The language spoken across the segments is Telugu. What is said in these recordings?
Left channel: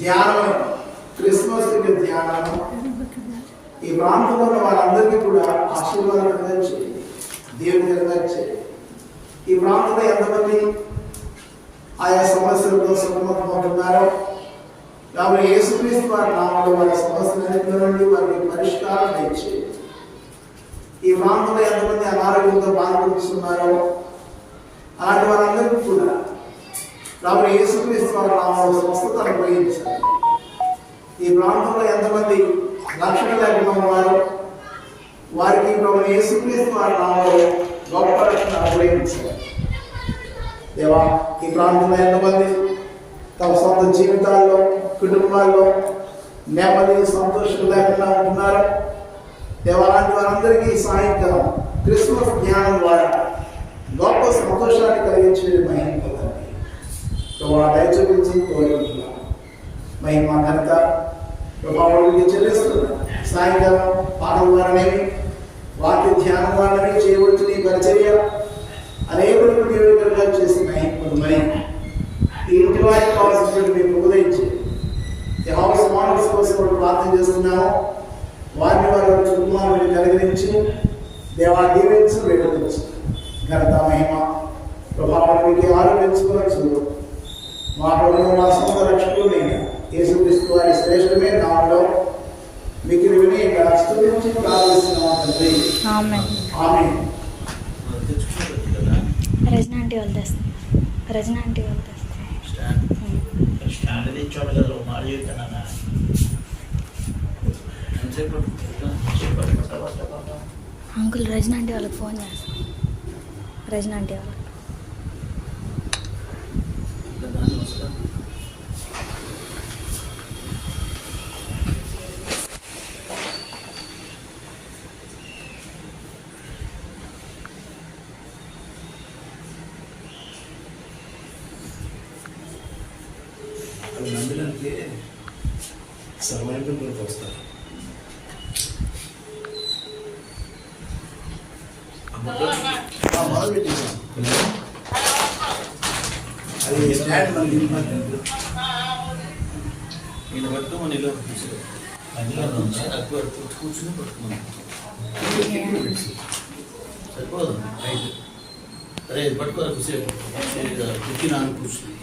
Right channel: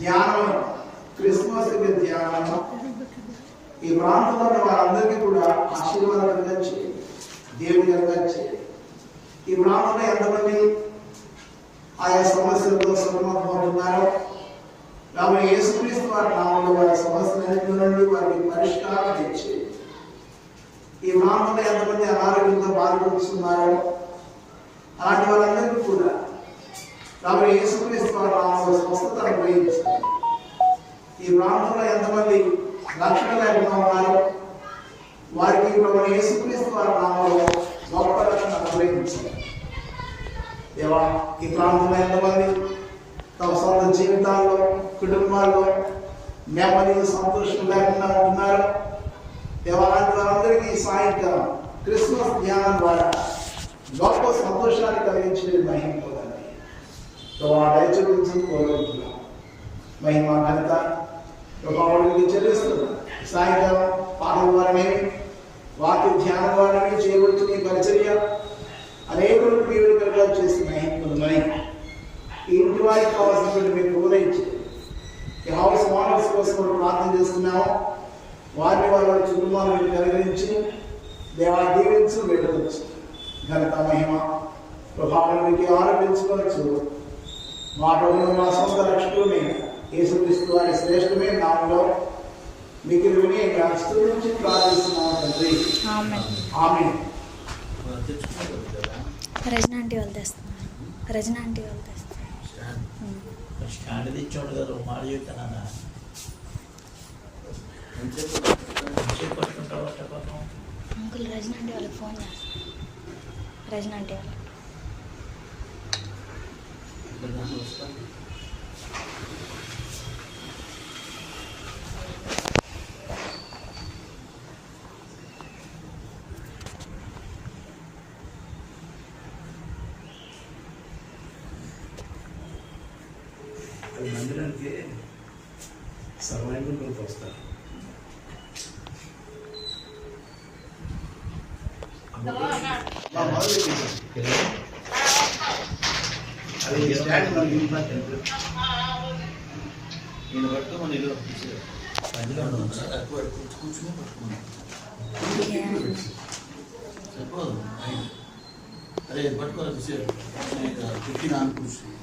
ధ్యానం, క్రిస్మస్ ధ్యానం ఈ ప్రాంతంలో ఉన్న వారందరికీ కూడా ఆశీర్వాదకరంగా చేయండి, దేవుడికరంగా చేయండి. ఈ ప్రాంతంలో ఎంతమంది ఆయా సమస్యలతో సతమతమవుతున్నారో కాబట్టి యేసుక్రీస్తు వారి నామంలో వారి సమస్యలన్నింటిలో నుండి వారికి పరిష్కారం చేయండి. ఈ ప్రాంతంలో ఎంతమంది అనారోగ్యంతో బాధపడుతున్నారో అలాంటి వారందరికీ కూడా కాబట్టి యేసుక్రీస్తు వారి నామంలో స్వస్థత అనుగ్రహించాలి. ఈ ప్రాంతంలో ఎంతమంది రక్షణ లేకుండా ఉన్నారో వారికి ప్రభువైన యేసుక్రీస్తు వారి నామంలో గొప్ప రక్షణ అనుగ్రహించాలి. దేవా, ఈ ప్రాంతంలో ఎంతమంది తమ సొంత జీవితాల్లో కుటుంబాల్లో నెమ్మది సంతోషం లేకుండా ఉంటున్నారు దేవా, అలాంటి వారందరికీ సాయంకాలం క్రిస్మస్ ధ్యానం ద్వారా గొప్ప సంతోషాన్ని కలిగించే మహిమ పొందండి. దయచూపించి కోరుకుంటున్నాం. మహిమ ఘనత ప్రభావానికి చెల్లిస్తున్నాం. సాయంకాలం పాటల ద్వారానేమి వాక్య ధ్యానం ద్వారానే చేయబడుతున్న ఈ పరిచర్య అనేకులకు దీవెనకరంగా చేసిన మహిమ పొందమని ఈ ఇంటి వారికి కావాల్సినటువంటి మీరు ఉపదేశించి యెహోవా సమానస్ కోసం ప్రార్థన చేస్తున్నాము. వారిని వారి కుటుంబాలను కలిగించి దేవా దీవించు వేడుకొచ్చు. ఘనత మహిమ ప్రభావానికి ఆరోపించుకోవచ్చు. మా ప్రభువు మా సొంత రక్షకుడు యేసుక్రీస్తు వారి శ్రేష్టమైన నామములో మీకు వినయంగా స్తుతించి ప్రార్థిస్తున్నాము తండ్రి. ఆమేన్. రజనా ఆంటీ వాళ్ళు తెస్తున్నారు. రజనా ఆంటీ వాళ్ళు తెస్తున్నారు. స్టాండ్ తెచ్చాడు కదా మాట చెప్తానా అంకుల్ రజనా ఆంటీ వాళ్ళకి ఫోన్ చేస్తాను. రజనా ఆంటీ వాళ్ళకి నమ్మినంటే సర్వైవల్లోకి వస్తారు. అది స్టాండ్ మనకి ఇంపార్టెంట్. నేను పట్టుకోమని ఇలా తక్కువ కూర్చుని పట్టుకున్నాను సరిపోదు. రైట్ అరే పట్టుకోవాలి కూర్చేపు పెట్టి నాన్న కూర్చుని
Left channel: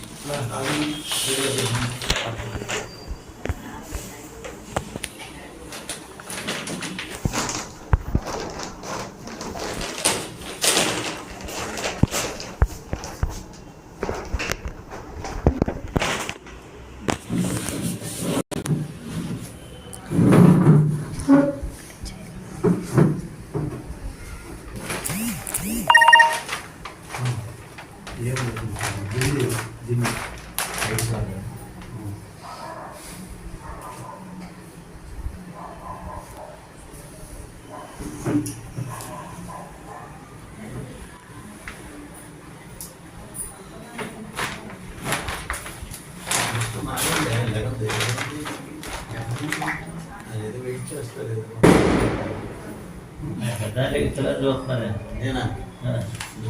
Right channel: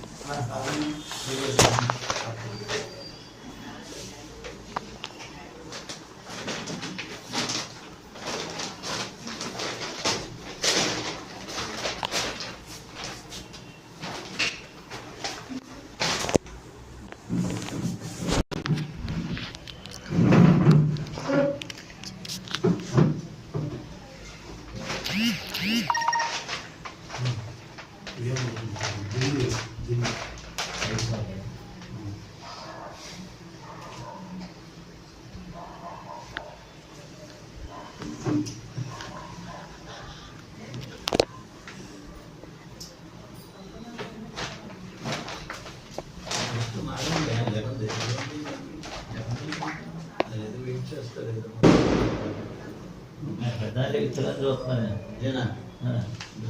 చూస్తున్నాను నేనా నన్ను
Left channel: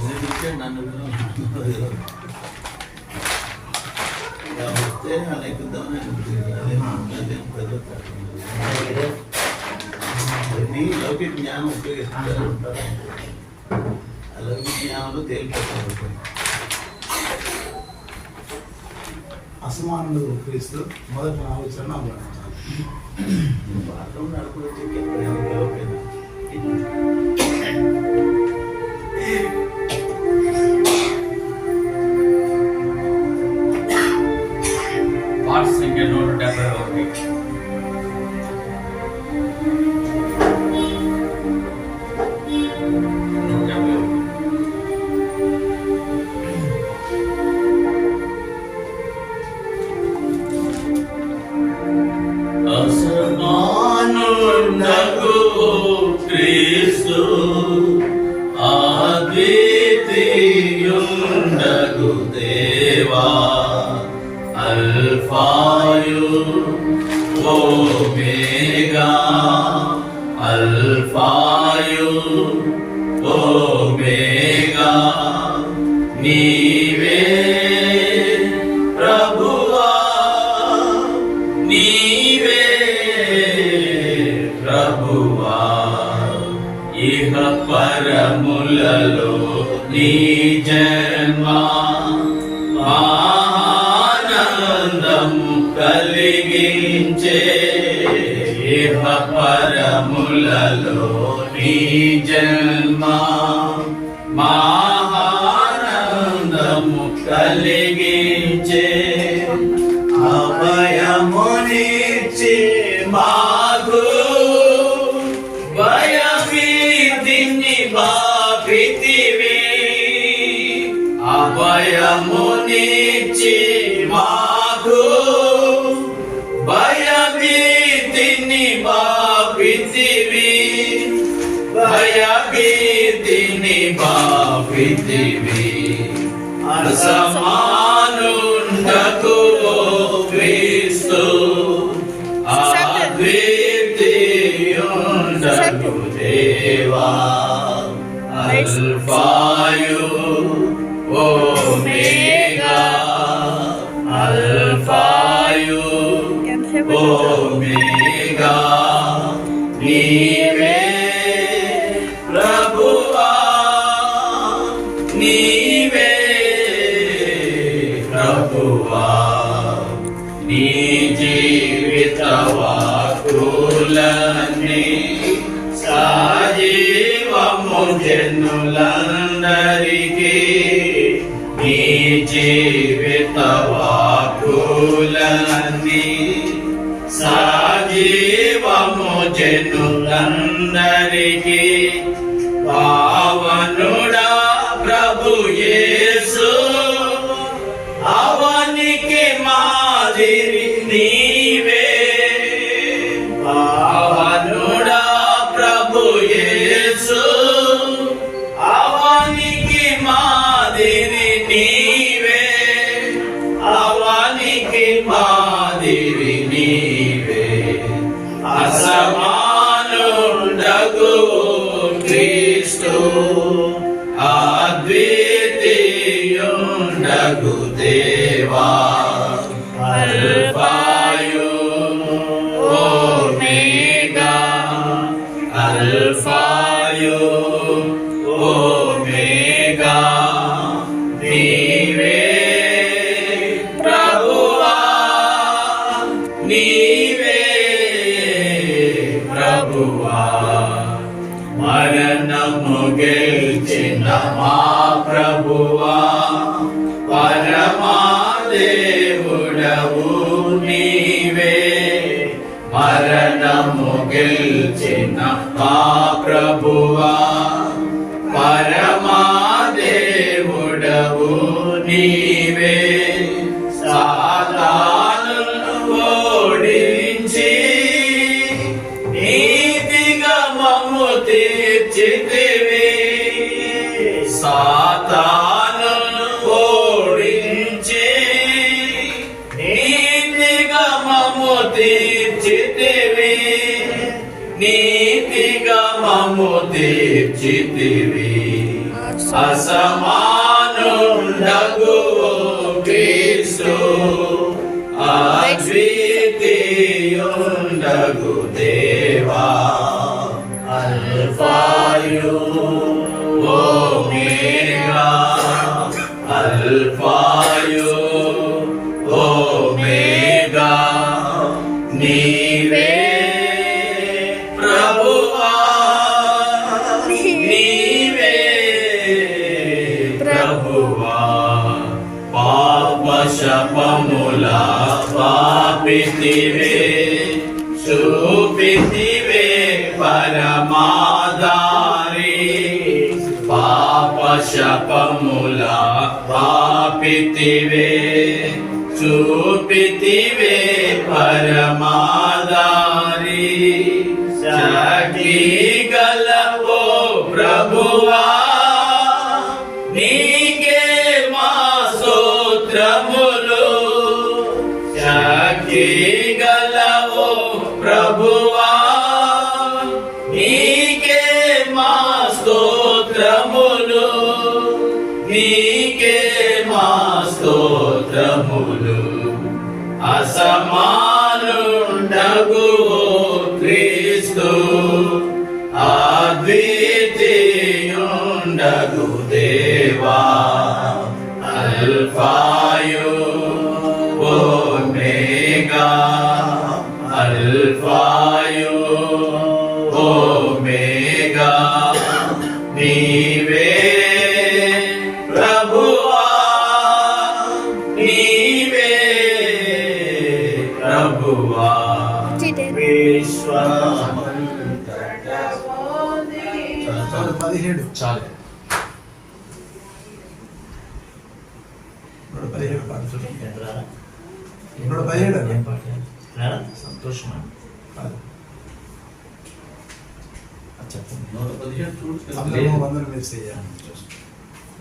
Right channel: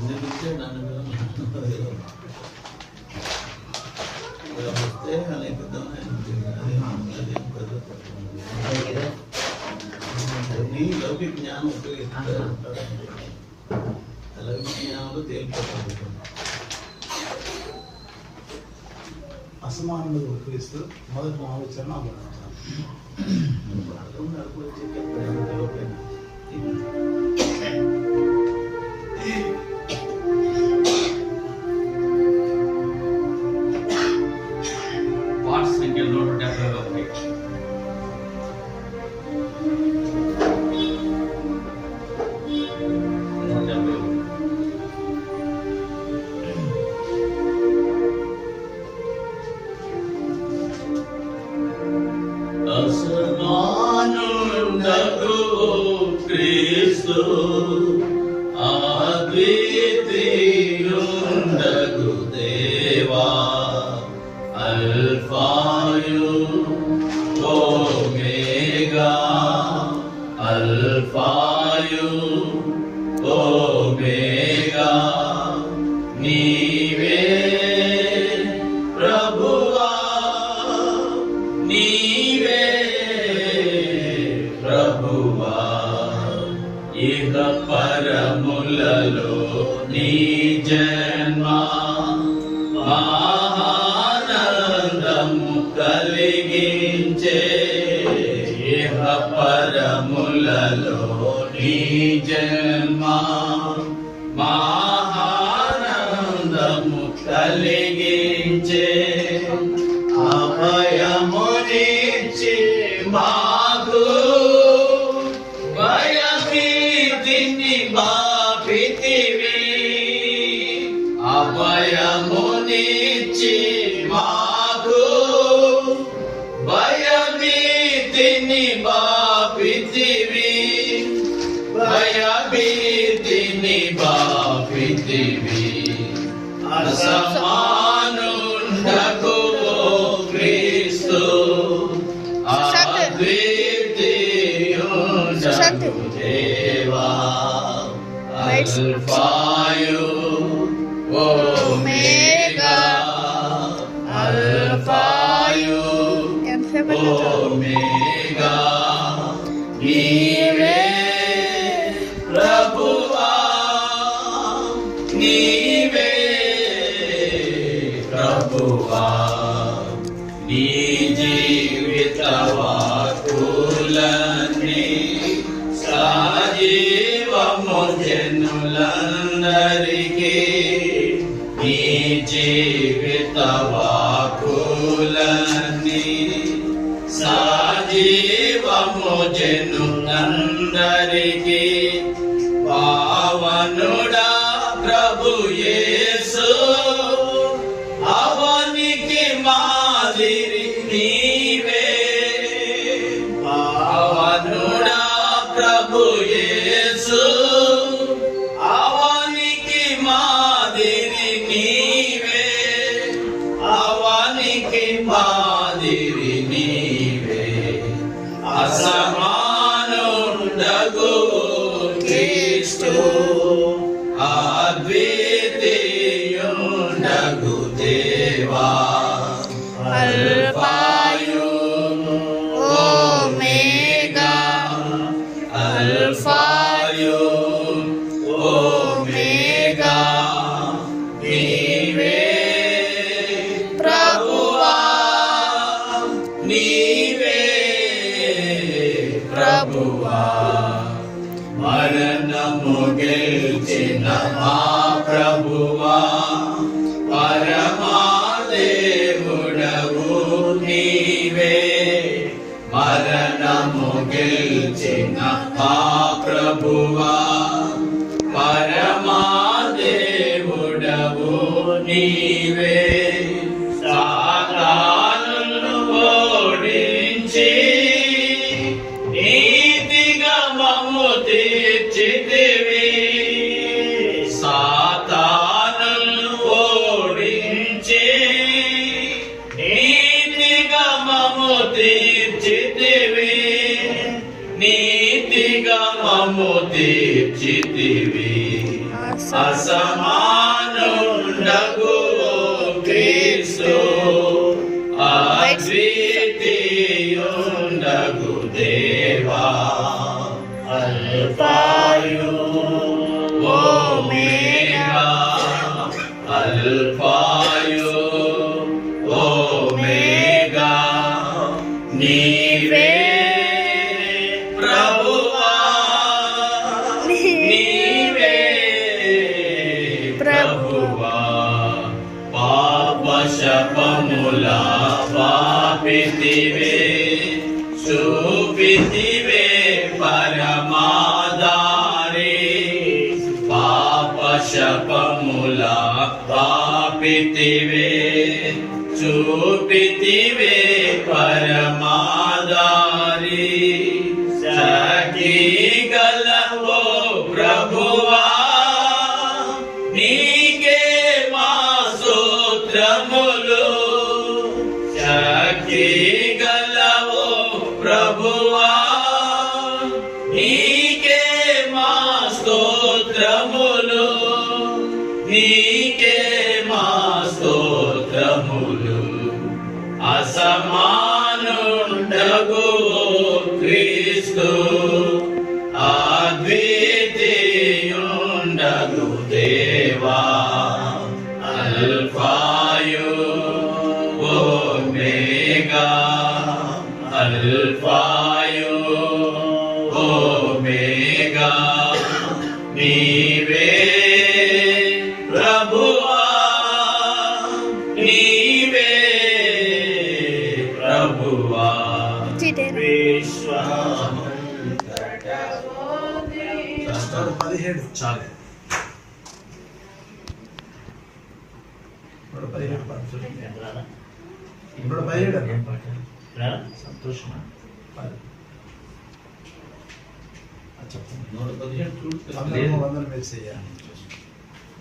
వస్తే అనేక లౌకిక జ్ఞానం ఉపయోగిస్తారు. లౌకిక జ్ఞానంలో తేలిపోతాను. అసమానంగా ఉపయోగిస్తూ మొదటి ఆలోచన బాత్రూమ్ నడుపులో చెప్పేది పాట సంఖ్య 171 అసమానుండగు క్రీస్తు అద్వితీయుండగు దేవా అల్ఫాయు ఓమేగా అల్ఫాయు ఓమేగా నీవే ప్రభువా నీవే ప్రభువా ఇహ పరములలో నీ జన్మ ఆనందము కలిగించే ఇహ పరములలో నీ జన్మ ఆనందము కలిగించే అభయమునిచ్చి మాకు భయభీతిని బాపితివి అభయమునిచ్చి మాకు భయభీతిని బాపితివి భయభీతిని బాపితివి అసమానుండకు క్రీస్తు అద్వితీయుండకు దేవా అల్ఫాయు ఓమేగా అల్ఫాయు ఓమేగా నీవే ప్రభువా నీవే ప్రభువా నీ జీవిత వాక్కులన్నీ సజీవము జనులందరికీ నీ జీవిత వాక్కులన్నీ సజీవము జనులందరికీ పావనుడా ప్రభు యేసు అవనికి మాదిరి నీవే పావనుడా ప్రభు యేసు అవనికి మాదిరి నీవే అవనికి మాదిరి నీవే అసమానుండగు క్రీస్తు అద్వితీయుండగు దేవా అల్ఫాయు ఓమేగా అల్ఫాయు ఓమేగా నీవే ప్రభువా నీవే ప్రభువా మరణము గెలిచిన మా ప్రభువా పరమా దేవుడవు నీవే మరణము గెలిచిన మా ప్రభువా పరమా దేవుడవు నీవే సాతానును ఓడించి నీతిగా మమ్ము తీర్చితివి సాతానును ఓడించి నీతిగా మమ్ము తీర్చితివి నీతిగా మమ్ము తీర్చితివి అసమానుండగు క్రీస్తు అద్వితీయుండగు దేవా అల్ఫాయు ఓమేగా అల్ఫాయు ఓమేగా నీవే ప్రభువా నీవే ప్రభువా పాప శపముల పాపితివే చూపితివే పరమాదారి పాప శపముల పాపితివే చూపితివే పరమాదారి సఖీ గలవో ప్రభువా నీకే మా స్తోత్రములు సఖీ గలవో ప్రభువా నీకే మా స్తోత్రములు నీకే మా స్తోత్రములు అసమాను అల్ఫాయు ఓమేగా నీవే ప్రభువా నీవే ప్రభువా విశ్వమంతటా 17 చాలు. 17 పాడుతుంది. 17 ఏం పాట? సంతోషమా? చెప్పు. 117 అందరూ వందలు మిస్ అయ్యాను.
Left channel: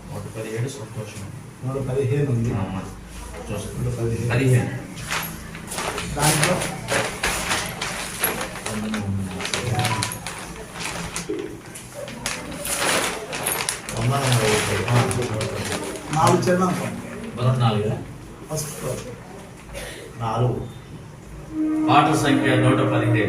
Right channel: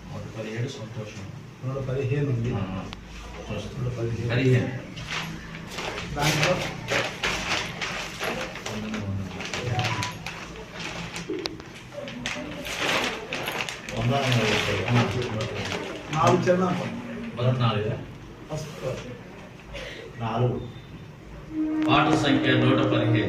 117 సంతోషం. 115 ఉంది. 15 దాంట్లో నాలుగు చిన్న ఫస్ట్ ఫ్లోర్ 4 పాట సంఖ్య 115.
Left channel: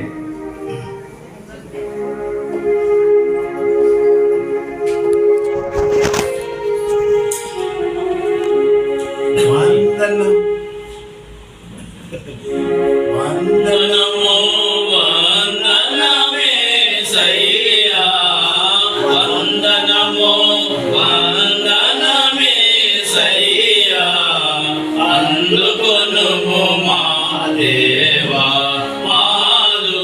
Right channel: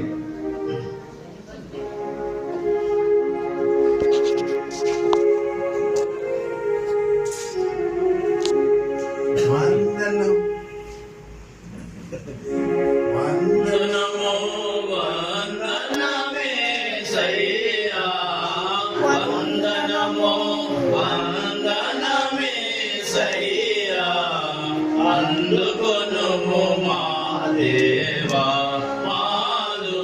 వందనం వందనము వందనమేసయ్యా వందనము వందనమేసయ్యా అందుకొనుము మా దేవా మాలు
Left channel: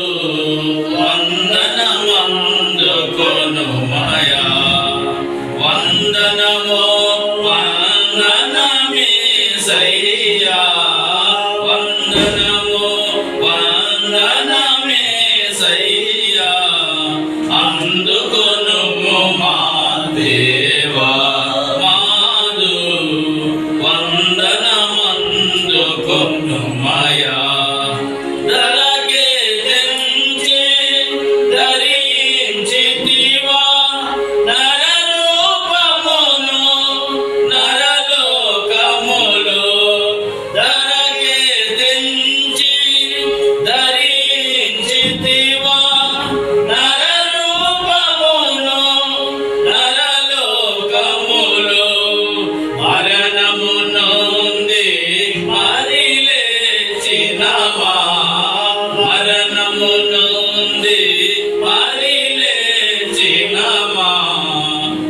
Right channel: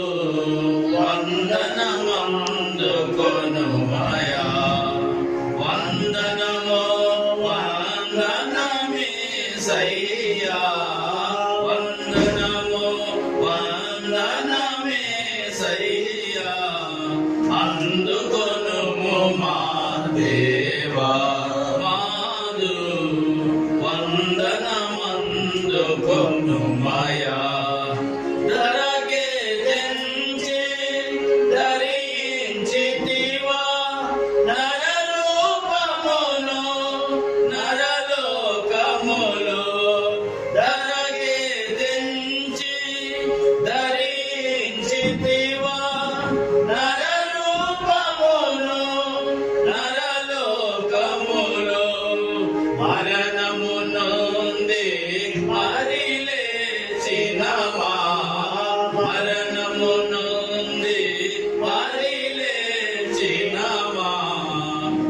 వందనమందుకొనుమయా వందనము వందనమేసయ్యా వందనము వందనమేసయ్యా అందుకొనుము మా దేవా మాలు వందనమందుకొనుమయా ధరకే తెంచి ధరించితివా నరరూపమును నరలోకములు ధరకే తెంచి ధరించితివా నరరూపమును నరలోకములు మరణము నుండి మరిలేచినవా మరణము నుండి మరిలేచినవా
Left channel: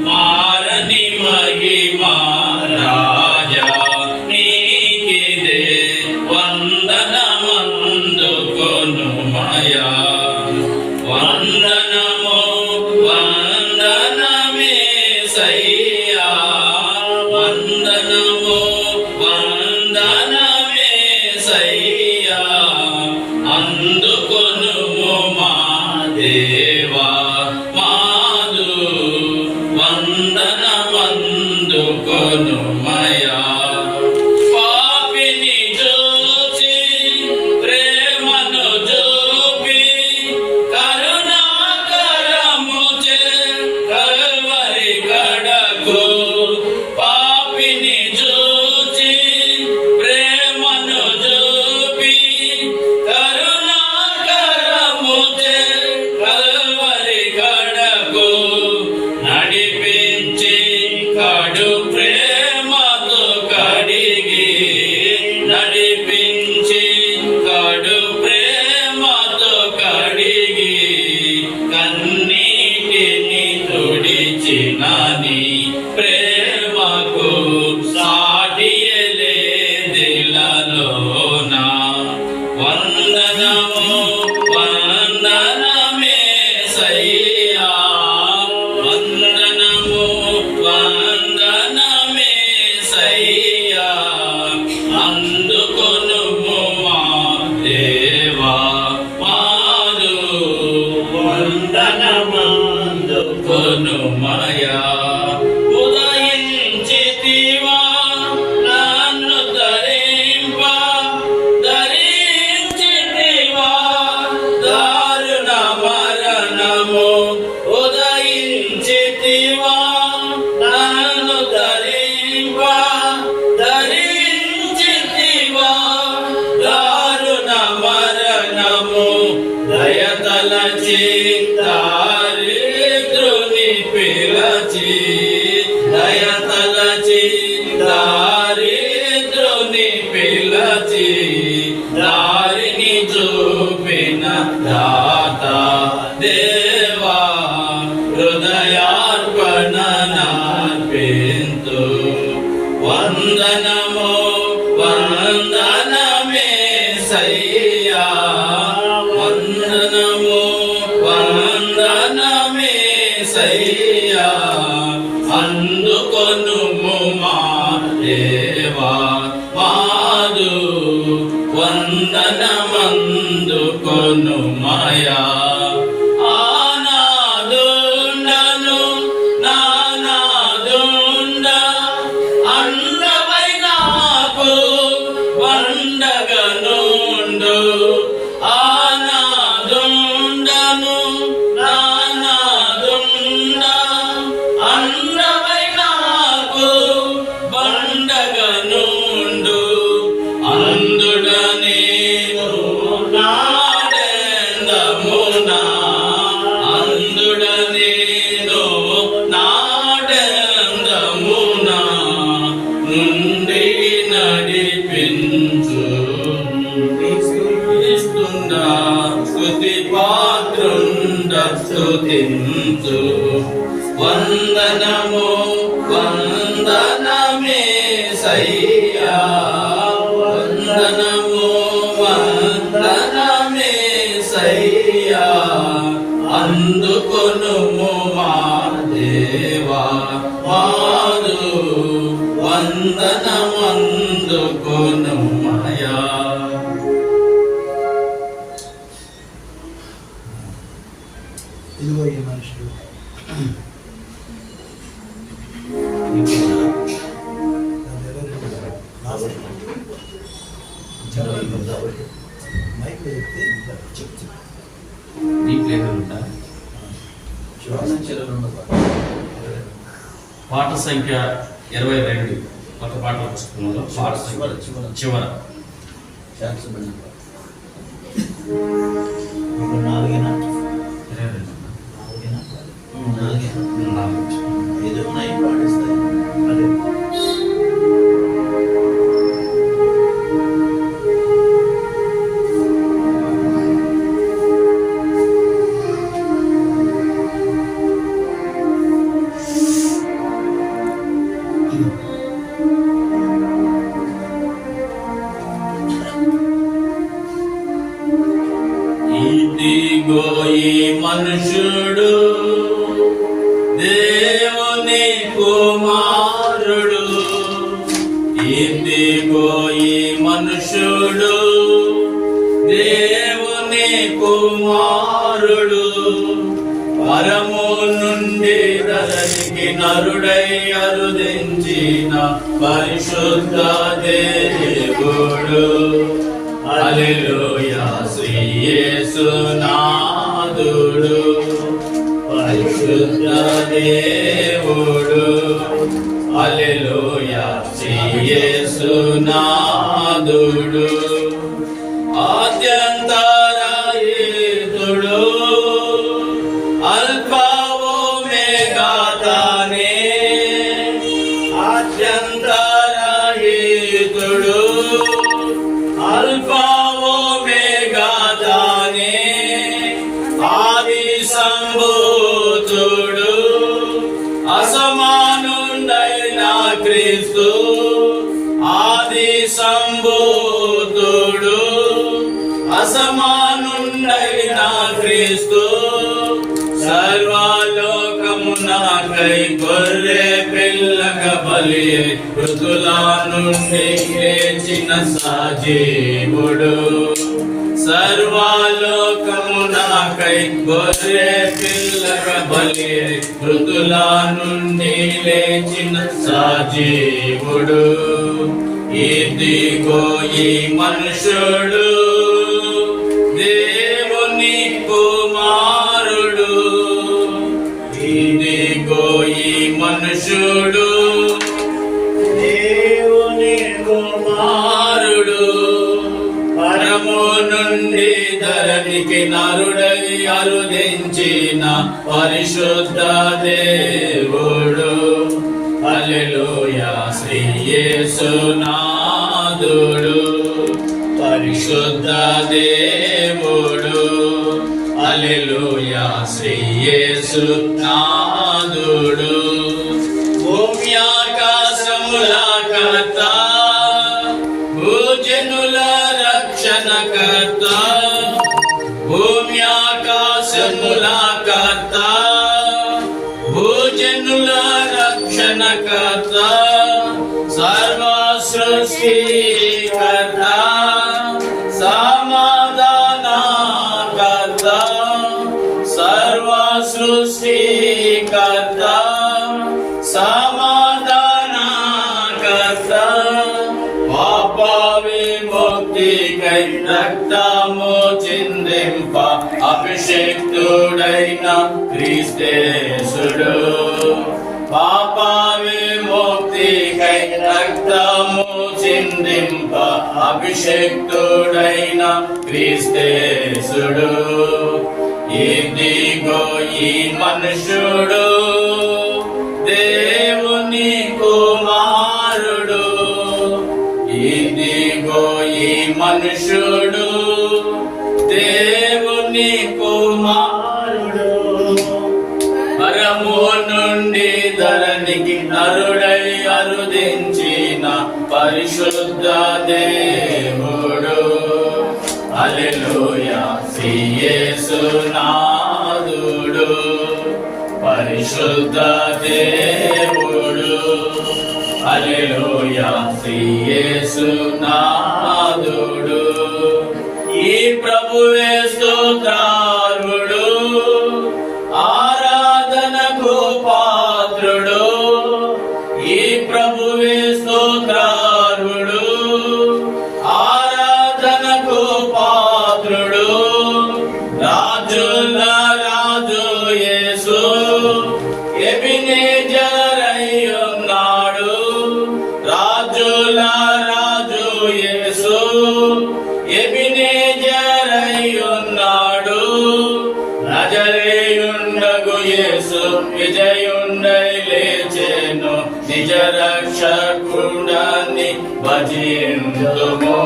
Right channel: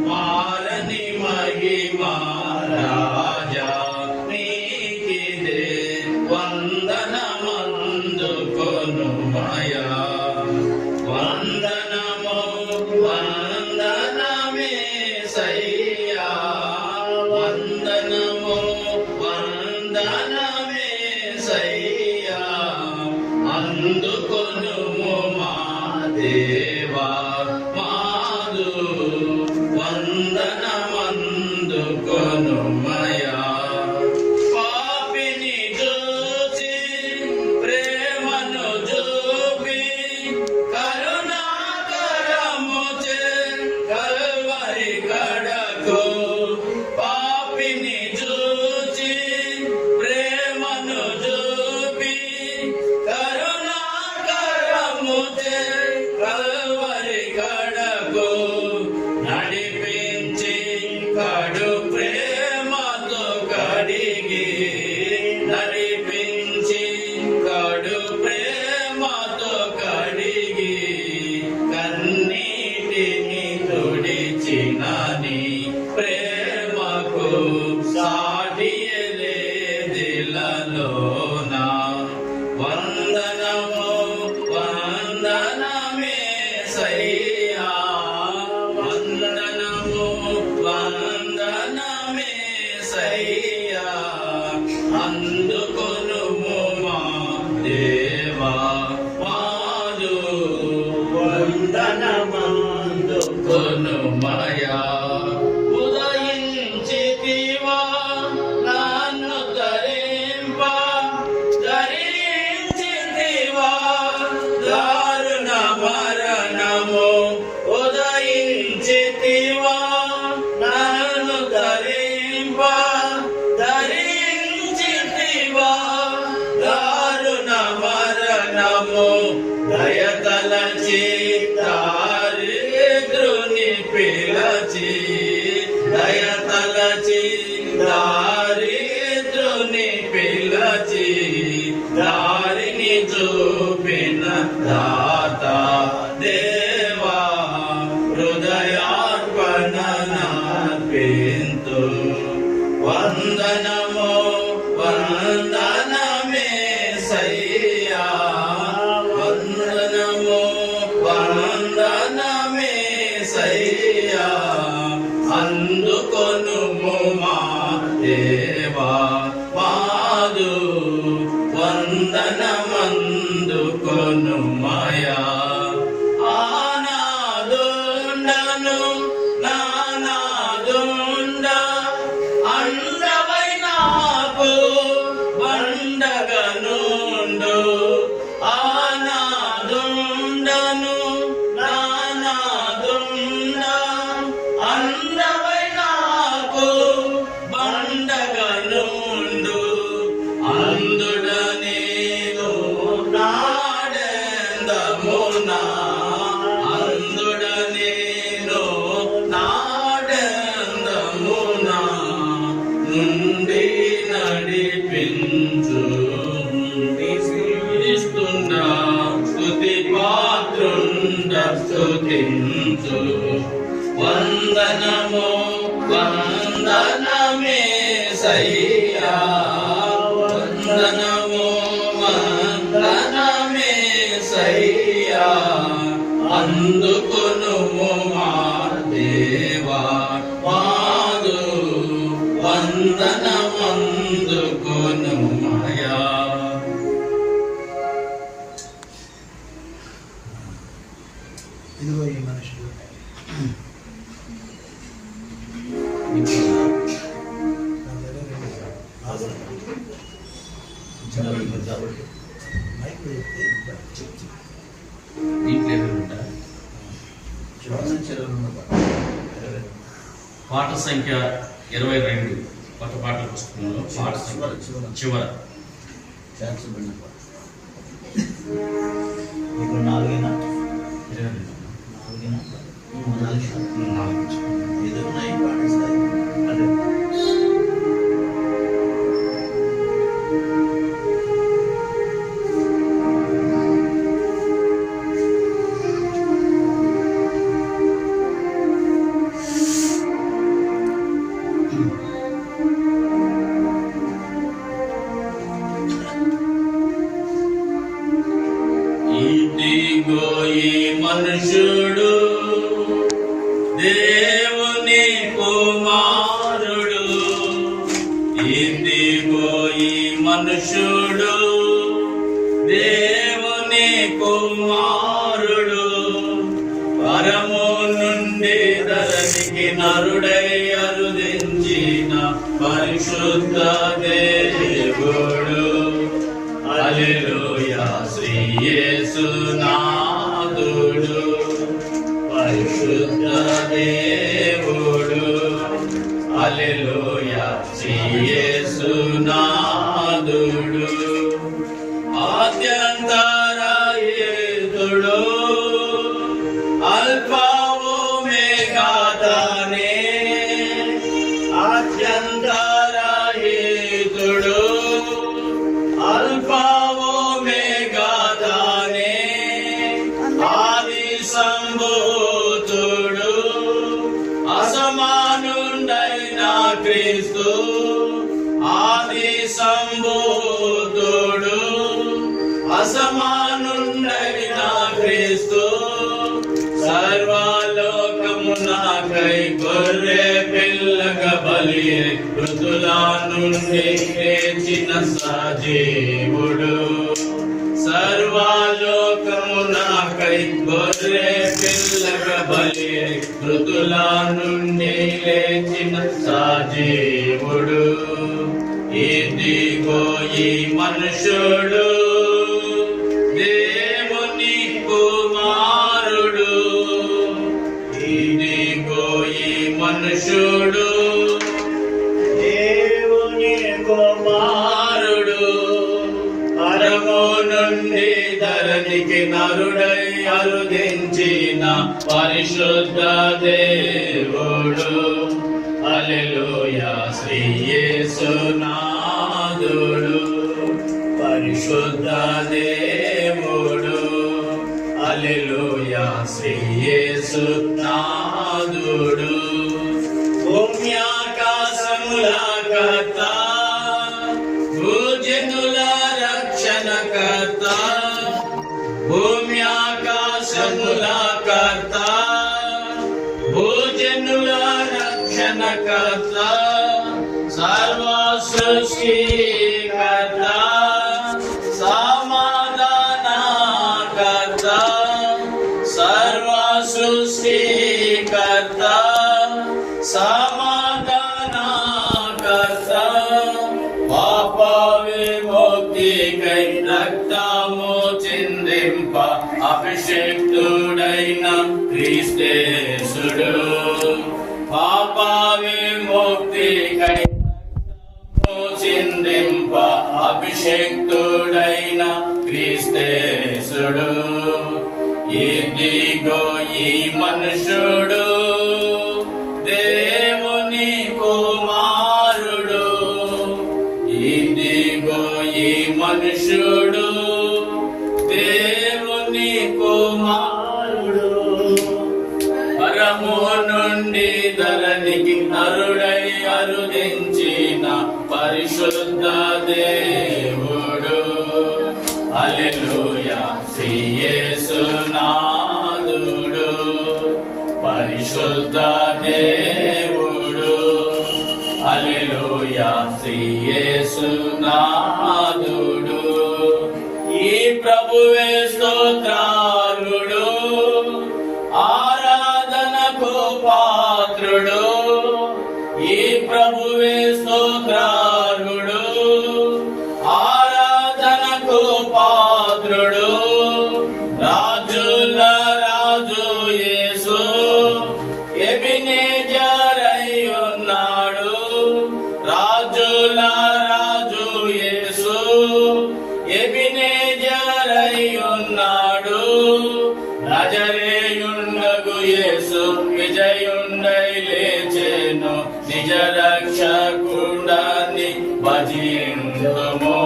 మారని మహిమా రాజా నీకిదే వందనమందుకొనుమయా వందనము వందనమేసయ్యా వందనము వందనమేసయ్యా అందుకొనుము మా దేవా మాలు వందనమందుకొనుమయా పాపిని చూచి ప్రేమను చూపి కరుణాకరముచే కల్వరి కడకు పాపిని చూచి ప్రేమను చూపి కరుణాకరముచే కల్వరి కడకు నడిపించి కడు ప్రేమతో కడిగి నడిపించి కడు ప్రేమతో కడిగి కన్నీటిని తుడిచిన నీ ప్రేమకు సాటియలేదిలలోనా వందనము వందనమేసయ్యా వందనము వందనమేసయ్యా అందుకొనుము మా దేవా మాలు వందనమందుకొనుమయా ఉదయించితివా నన్ను ధరింప ధరించితివా దారుణ మరణము ఉదయించితివా నన్ను ధరింప ధరించితివా దారుణ మరణము దయతలచి దారిద్రుని పిలచి దయతలచి దారిద్రుని పిలచి దారిని చూపిన సయ్యా వందనము వందనమే సయ్యా అందుకొనుము మా దేవా మాదు వందనమందుకొను మాయా ఆనాదుండను నానాదుండ అండవై నాకు వండగనుండు ఆనాదుండను నానాదుండ అండవై నాకు వండగనుండు అందుడనేను నాడెందమునా అందుడనేను నాడెందమునా నుండి నడిపించు ఇస్తుండా స్తుతి పాత్రుండ స్తుతించు వందనము వందనమే సయ్యా వందనము వందనమే సయ్యా అందుకొనుము మా దేవా మాదు వందనమందుకొను మాయా ఇదిగో ఈ మనుషులు మైక్లో చెప్తే నీ ప్లేయర్ ఉంటా పాట సంఖ్య 22 కొత్త పాటల పుస్తకంలో పాట సంఖ్య చివర నాలుగేనా 22 నాలుగేనా 4 ఐదు ఉన్నాయి పాటిస్తాయి అంటే ఇదిగో ఈ మనుషుడు దేవుని కుమారుడు ఇదిగో ఈ మనుషుడు దేవుని కుమారుడు పరము నుండి ధరణికి నరుడై అరుదించిన పరిశుద్ధ దేవుడు హల్లెలూయా శ్రీ యేసునాథుడు పరిశుద్ధ దేవుడు హల్లెలూయా శ్రీ యేసునాథుడు ఆద్యంతరహితుడు అల్ఫా ఓమెగా తానే ఆద్యంతరహితుడు అల్ఫా ఓమెగా తానే ఆది సంభూతుడు అసమానుండైన క్రీస్తు ఆది సంభూతుడు అసమానుండైన క్రీస్తు సర్వలోకమునకై గొర్రె పిల్లగ బలి మృతుల నుండి లేచిన సజీవుడు సర్వలోకమునకై గొర్రె పిల్లగ బలి మృతుల నుండి లేచిన సజీవుడు ఇదిగో ఈ మనుషుడు దేవుని కుమారుడు ఇదిగో ఈ మనుషుడు దేవుని కుమారుడు పరము నుండి ధరణికి నరుడై అరుదించిన పరిశుద్ధ దేవుడు హల్లెలూయా శ్రీ యేసునాథుడు పరిశుద్ధ దేవుడు హల్లెలూయా శ్రీ యేసునాథుడు భూమ్యాకాశముల కర్త భూజనుల రక్షణ రక్షణకర్త భూమి ఆకాశముల కర్త భూజనుల రక్షణకర్త సర్వ సృష్టికర్త సమాధానకర్త సర్వ సృష్టికర్త సమాధానకర్త పాప విముక్తికై రక్తము చిందింప అభిషేక్తుడైన క్రీస్తేసుడు పాప విముక్తికై రక్తము చిందింప అభిషేక్తుడైన క్రీస్తేసుడు ఇదిగో ఈ మనుషుడు దేవుని కుమారుడు ఇదిగో ఈ మనుషుడు దేవుని కుమారుడు పరము నుండి ధరణికి నరుడై అరుదించిన పరిశుద్ధ దేవుడు హల్లెలూయా యేసునాథుడు పరిశుద్ధ దేవుడు హల్లెలూయా యేసునాథుడు ఈ ప్రభువే స్తోత్రార్హుడు ఆరాధనకు పాత్రుడు ఈ ప్రభువే స్తోత్రార్హుడు ఆరాధనకు పాత్రుడు రాజుల రాజు యేసు ఎబినేజరై ఉన్నాడు రాజుల రాజు యేసు ఎబినేజరై ఉన్నాడు నజరేయుండగు యేసు విజయుండై లేచెను నిజ రక్షకుడని భజింతుము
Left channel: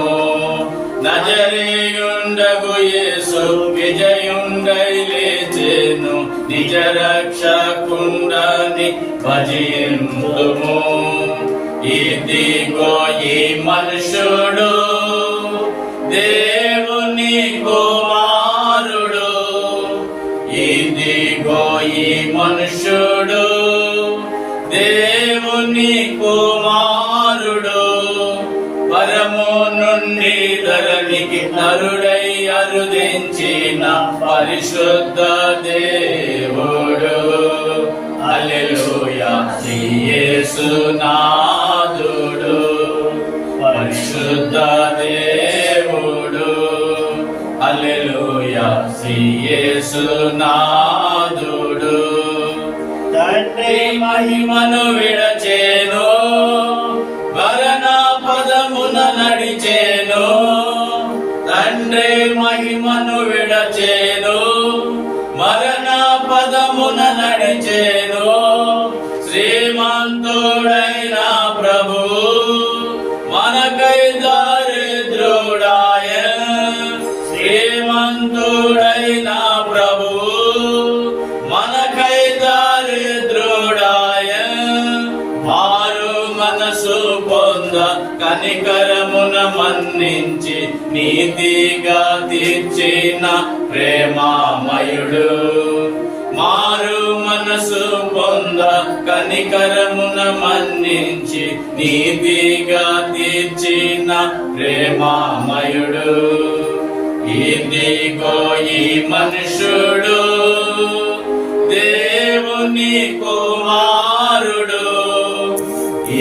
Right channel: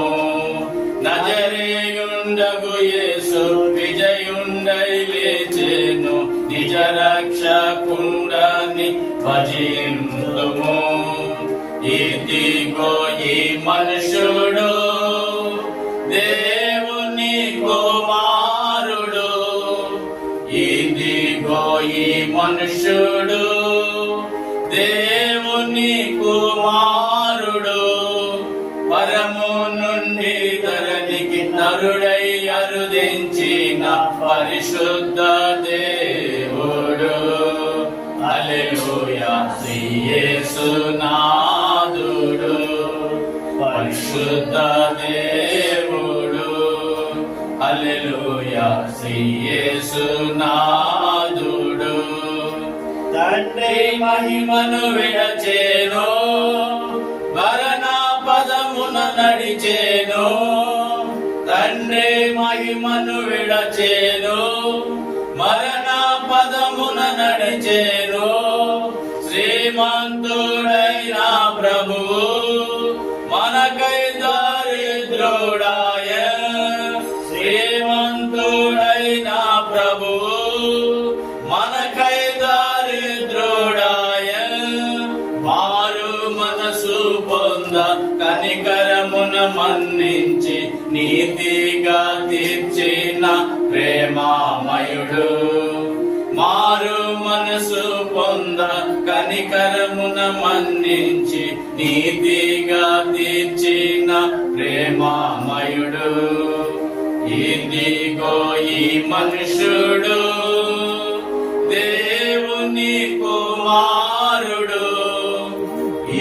నజరేయుండగు యేసు విజయుండై లేచెను నిజ రక్షకుండని భజింతుము ఇదిగో ఈ మనుషుడు దేవుని కుమారుడు ఇదిగో ఈ మనుషుడు దేవుని కుమారుడు పరము నుండి ధరణికి నరుడై అరుదించిన పరిశుద్ధ దేవుడు హల్లెలూయా యేసునాథుడు పరిశుద్ధ దేవుడు హల్లెలూయా యేసునాథుడు తండ్రి మహిమను విడచేను వరణ పదమున నడిచేను తండ్రి మహిమను విడచేను మరణ పదమున నడిచేను శ్రీమంతుడైన ప్రభు మనకై దారిద్రుడాయ శ్రీమంతుడైన ప్రభు మనకై దారిద్రుడాయ మారు మనసు పొంద కనికరమున మన్నించి నీతిగా తీర్చిన ప్రేమామయుడు మారు మనసు పొంద కనికరమున మన్నించి నీతిగా తీర్చిన ప్రేమామయుడు ఇదిగో ఈ మనుషుడు దేవుని కుమారుడు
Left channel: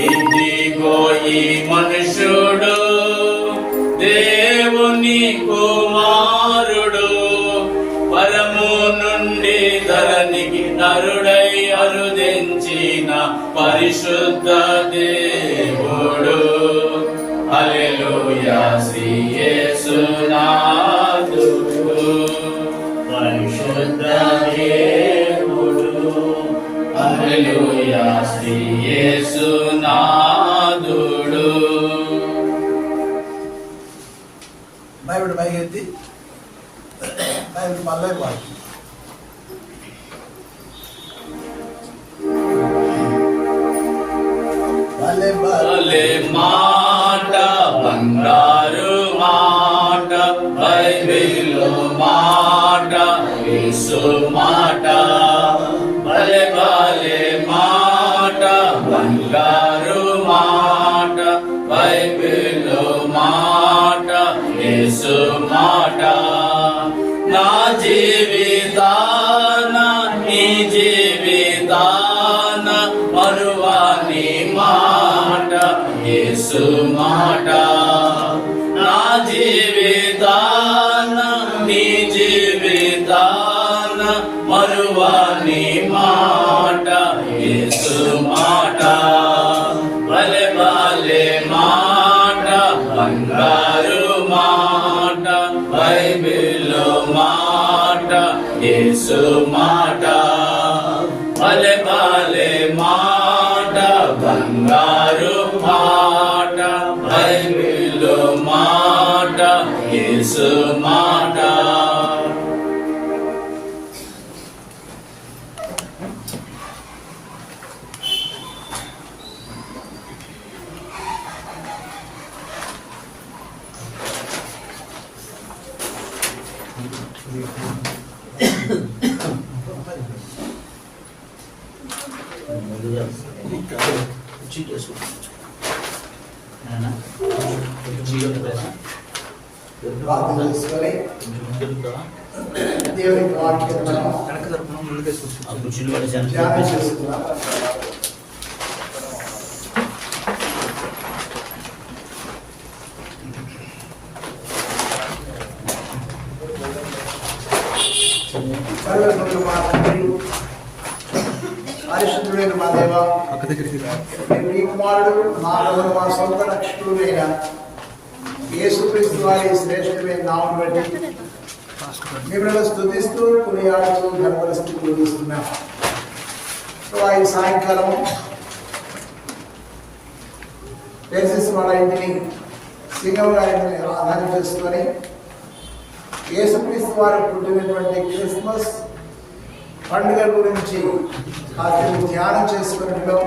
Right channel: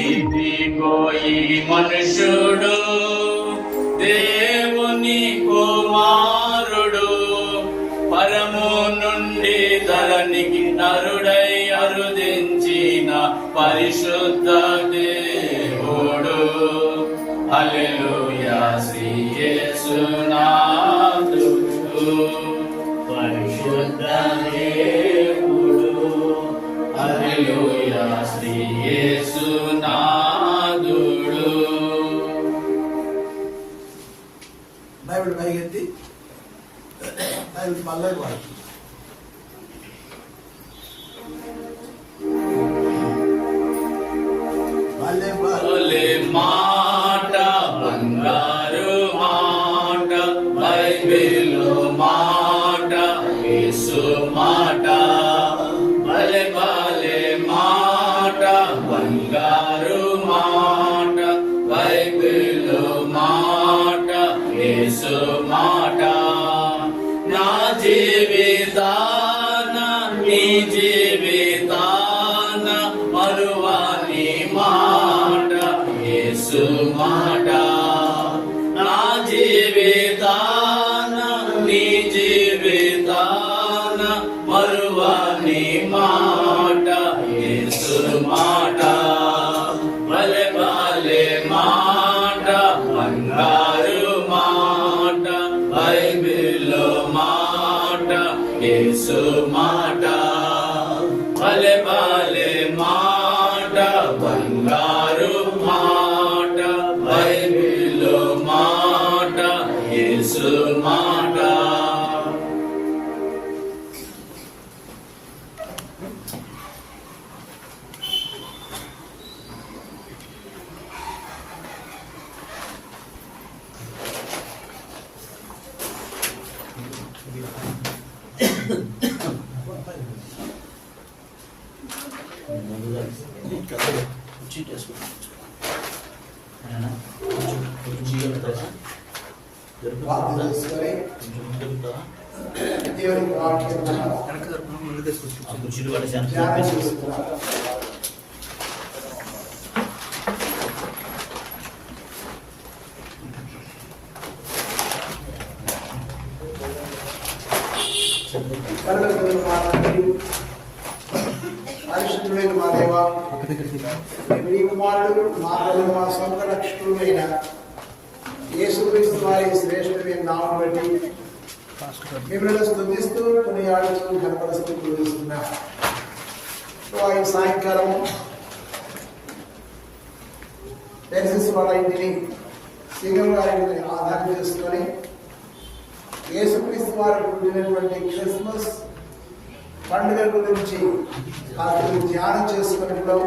ఇదిగో ఈ మనుషుడు దేవుని కుమారుడు పరము నుండి ధరణికి నరుడై అరుదించిన పరిశుద్ధ దేవుడు హల్లెలూయా యేసునాథుడు పరిశుద్ధ దేవుడు హల్లెలూయా యేసునాథుడు బైబిల్ పైకెత్తి బైబిల్ మళ్ళీ వాడు భలే మాట బంగారు మాట బైబిలు మాట యేసు మాట భలే భలే మాట బంగారు మాట బైబిలు మాట యేసు మాట నా జీవితాన నీ జీవితాన మరువాని మాట యేసు మాట నా జీవితాన నీ జీవితాన మరువాని మాట యేసు మాట భలే భలే మాట బంగారు మాట బైబిలు మాట యేసు మాట భలే భలే మాట బంగారు మాట బైబిలు మాట యేసు మాట. ముందుగా చీట్ వేసుకోవచ్చు. ప్రార్థన చేసుకొని దొరుకుతావా? దేవునికి వాక్యం మనం ఆ కుర్చీలు పడేసాను. ధ్యానం చేసుకుందాం. పరలోకమున మా తండ్రి, పరిశుద్ధుడైన మా దేవా, మీ ప్రియ కుమారుడు మా ప్రభువు మా సొంత రక్షకుడైన యేసుక్రీస్తు వారి శ్రేష్ఠమైన నామమును బట్టి మిమ్మల్ని స్తుతిస్తూ కొనియాడుతూ ఘనపరుస్తూ పూజిస్తున్నాం. ఈ సాయంకాలం టెక్సస్ వాళ్ళ ఇంటిని శ్రీరామ గారిని ఆధారం చేసుకొని యేసుక్రీస్తు వారు పుట్టినటువంటి క్రిస్మస్ పండుగ గురించి కాస్త ధ్యానం చేసుకున్నట్లో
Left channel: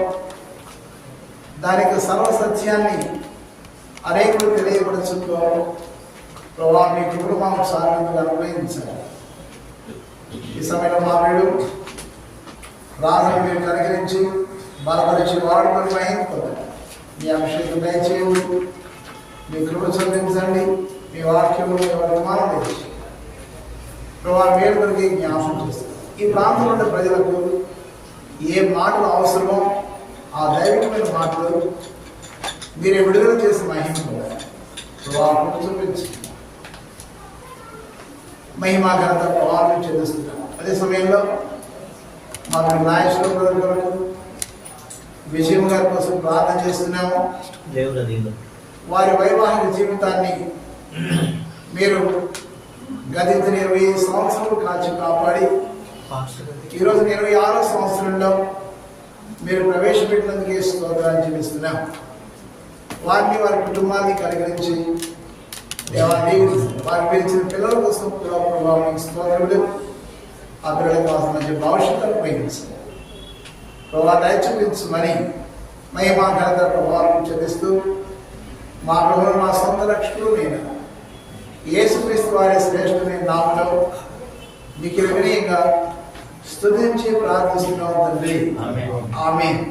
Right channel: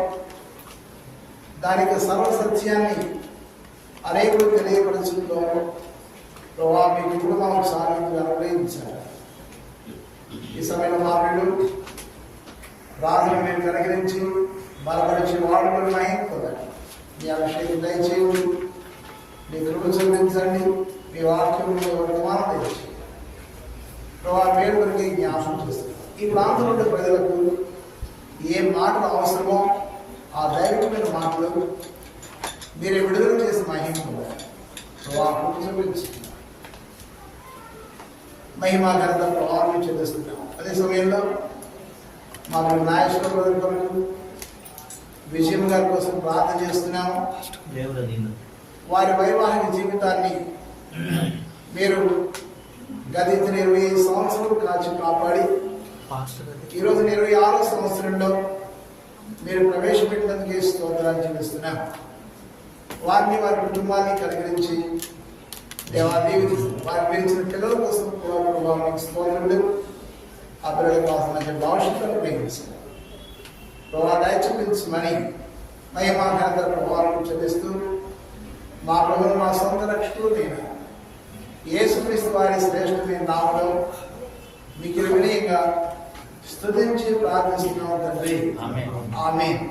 దానికి సర్వసత్యాన్ని అనేకులు తెలియపరచుతో ప్రభావ మీ ఇప్పుడు మాకు సాగుగా అనుగ్రహించాలి. ఈ సమయంలో మా వీడు రాజుని మేము కనుగరించి బలపరిచి వాడుకొని మహించుకోవాలి. మీ అభిషేకం దయచేయండి, మీ కృప చూపించండి, మీ వాక్యము వర్తమానం తెచ్చి ప్రభావ వేడుకలకి జ్ఞాపకం చేస్తారు. ఈ ప్రాంతంలో ఉన్న ప్రజలకు ఏ మాటలు అవసరమో ఆ దైవికమైన మాటలు మీరే విడుదల చేసి మహించుకోవాలి. ప్రభావం చూపించి మహిమా ఘనత ప్రభావం చెందిస్తున్నాం. అదే సమయంలో మాకు నాయకుల ప్రజల కొరకు విజయం గారి కోసం ప్రార్థన చేస్తున్నాము. దేవుడు అది వారి వైవాహిక జీవితాన్ని మీరు గతించిన 25 సంవత్సరాలు కాల్చి కాపాడి ఈరోజు 26వ సంవత్సరంలో మీరు ప్రవేశపెట్టినందుకే స్తోత్రాలు చెల్లిస్తున్నాం. వారిని వారి కుటుంబాన్ని కనుగరించి వారి పిలిచిన పిల్లల కోసం కూడా ప్రభావానికి స్తోత్రములు. ఆ పిల్లలకు కావాల్సిన మంచి భవిష్యత్తును ఉపయోగించాలి. ప్రభావం దయచూపించమని మహిమా ఘనత ప్రభావం చెల్లిస్తూ మా ప్రభువును మా సొంత రక్షకుడు నేను యేసుక్రీస్తు వారి శ్రేష్ఠమైన నామములో మీకు వినయంగా స్తుతించి ప్రార్థిస్తున్నాం తండ్రి. ఆమేన్.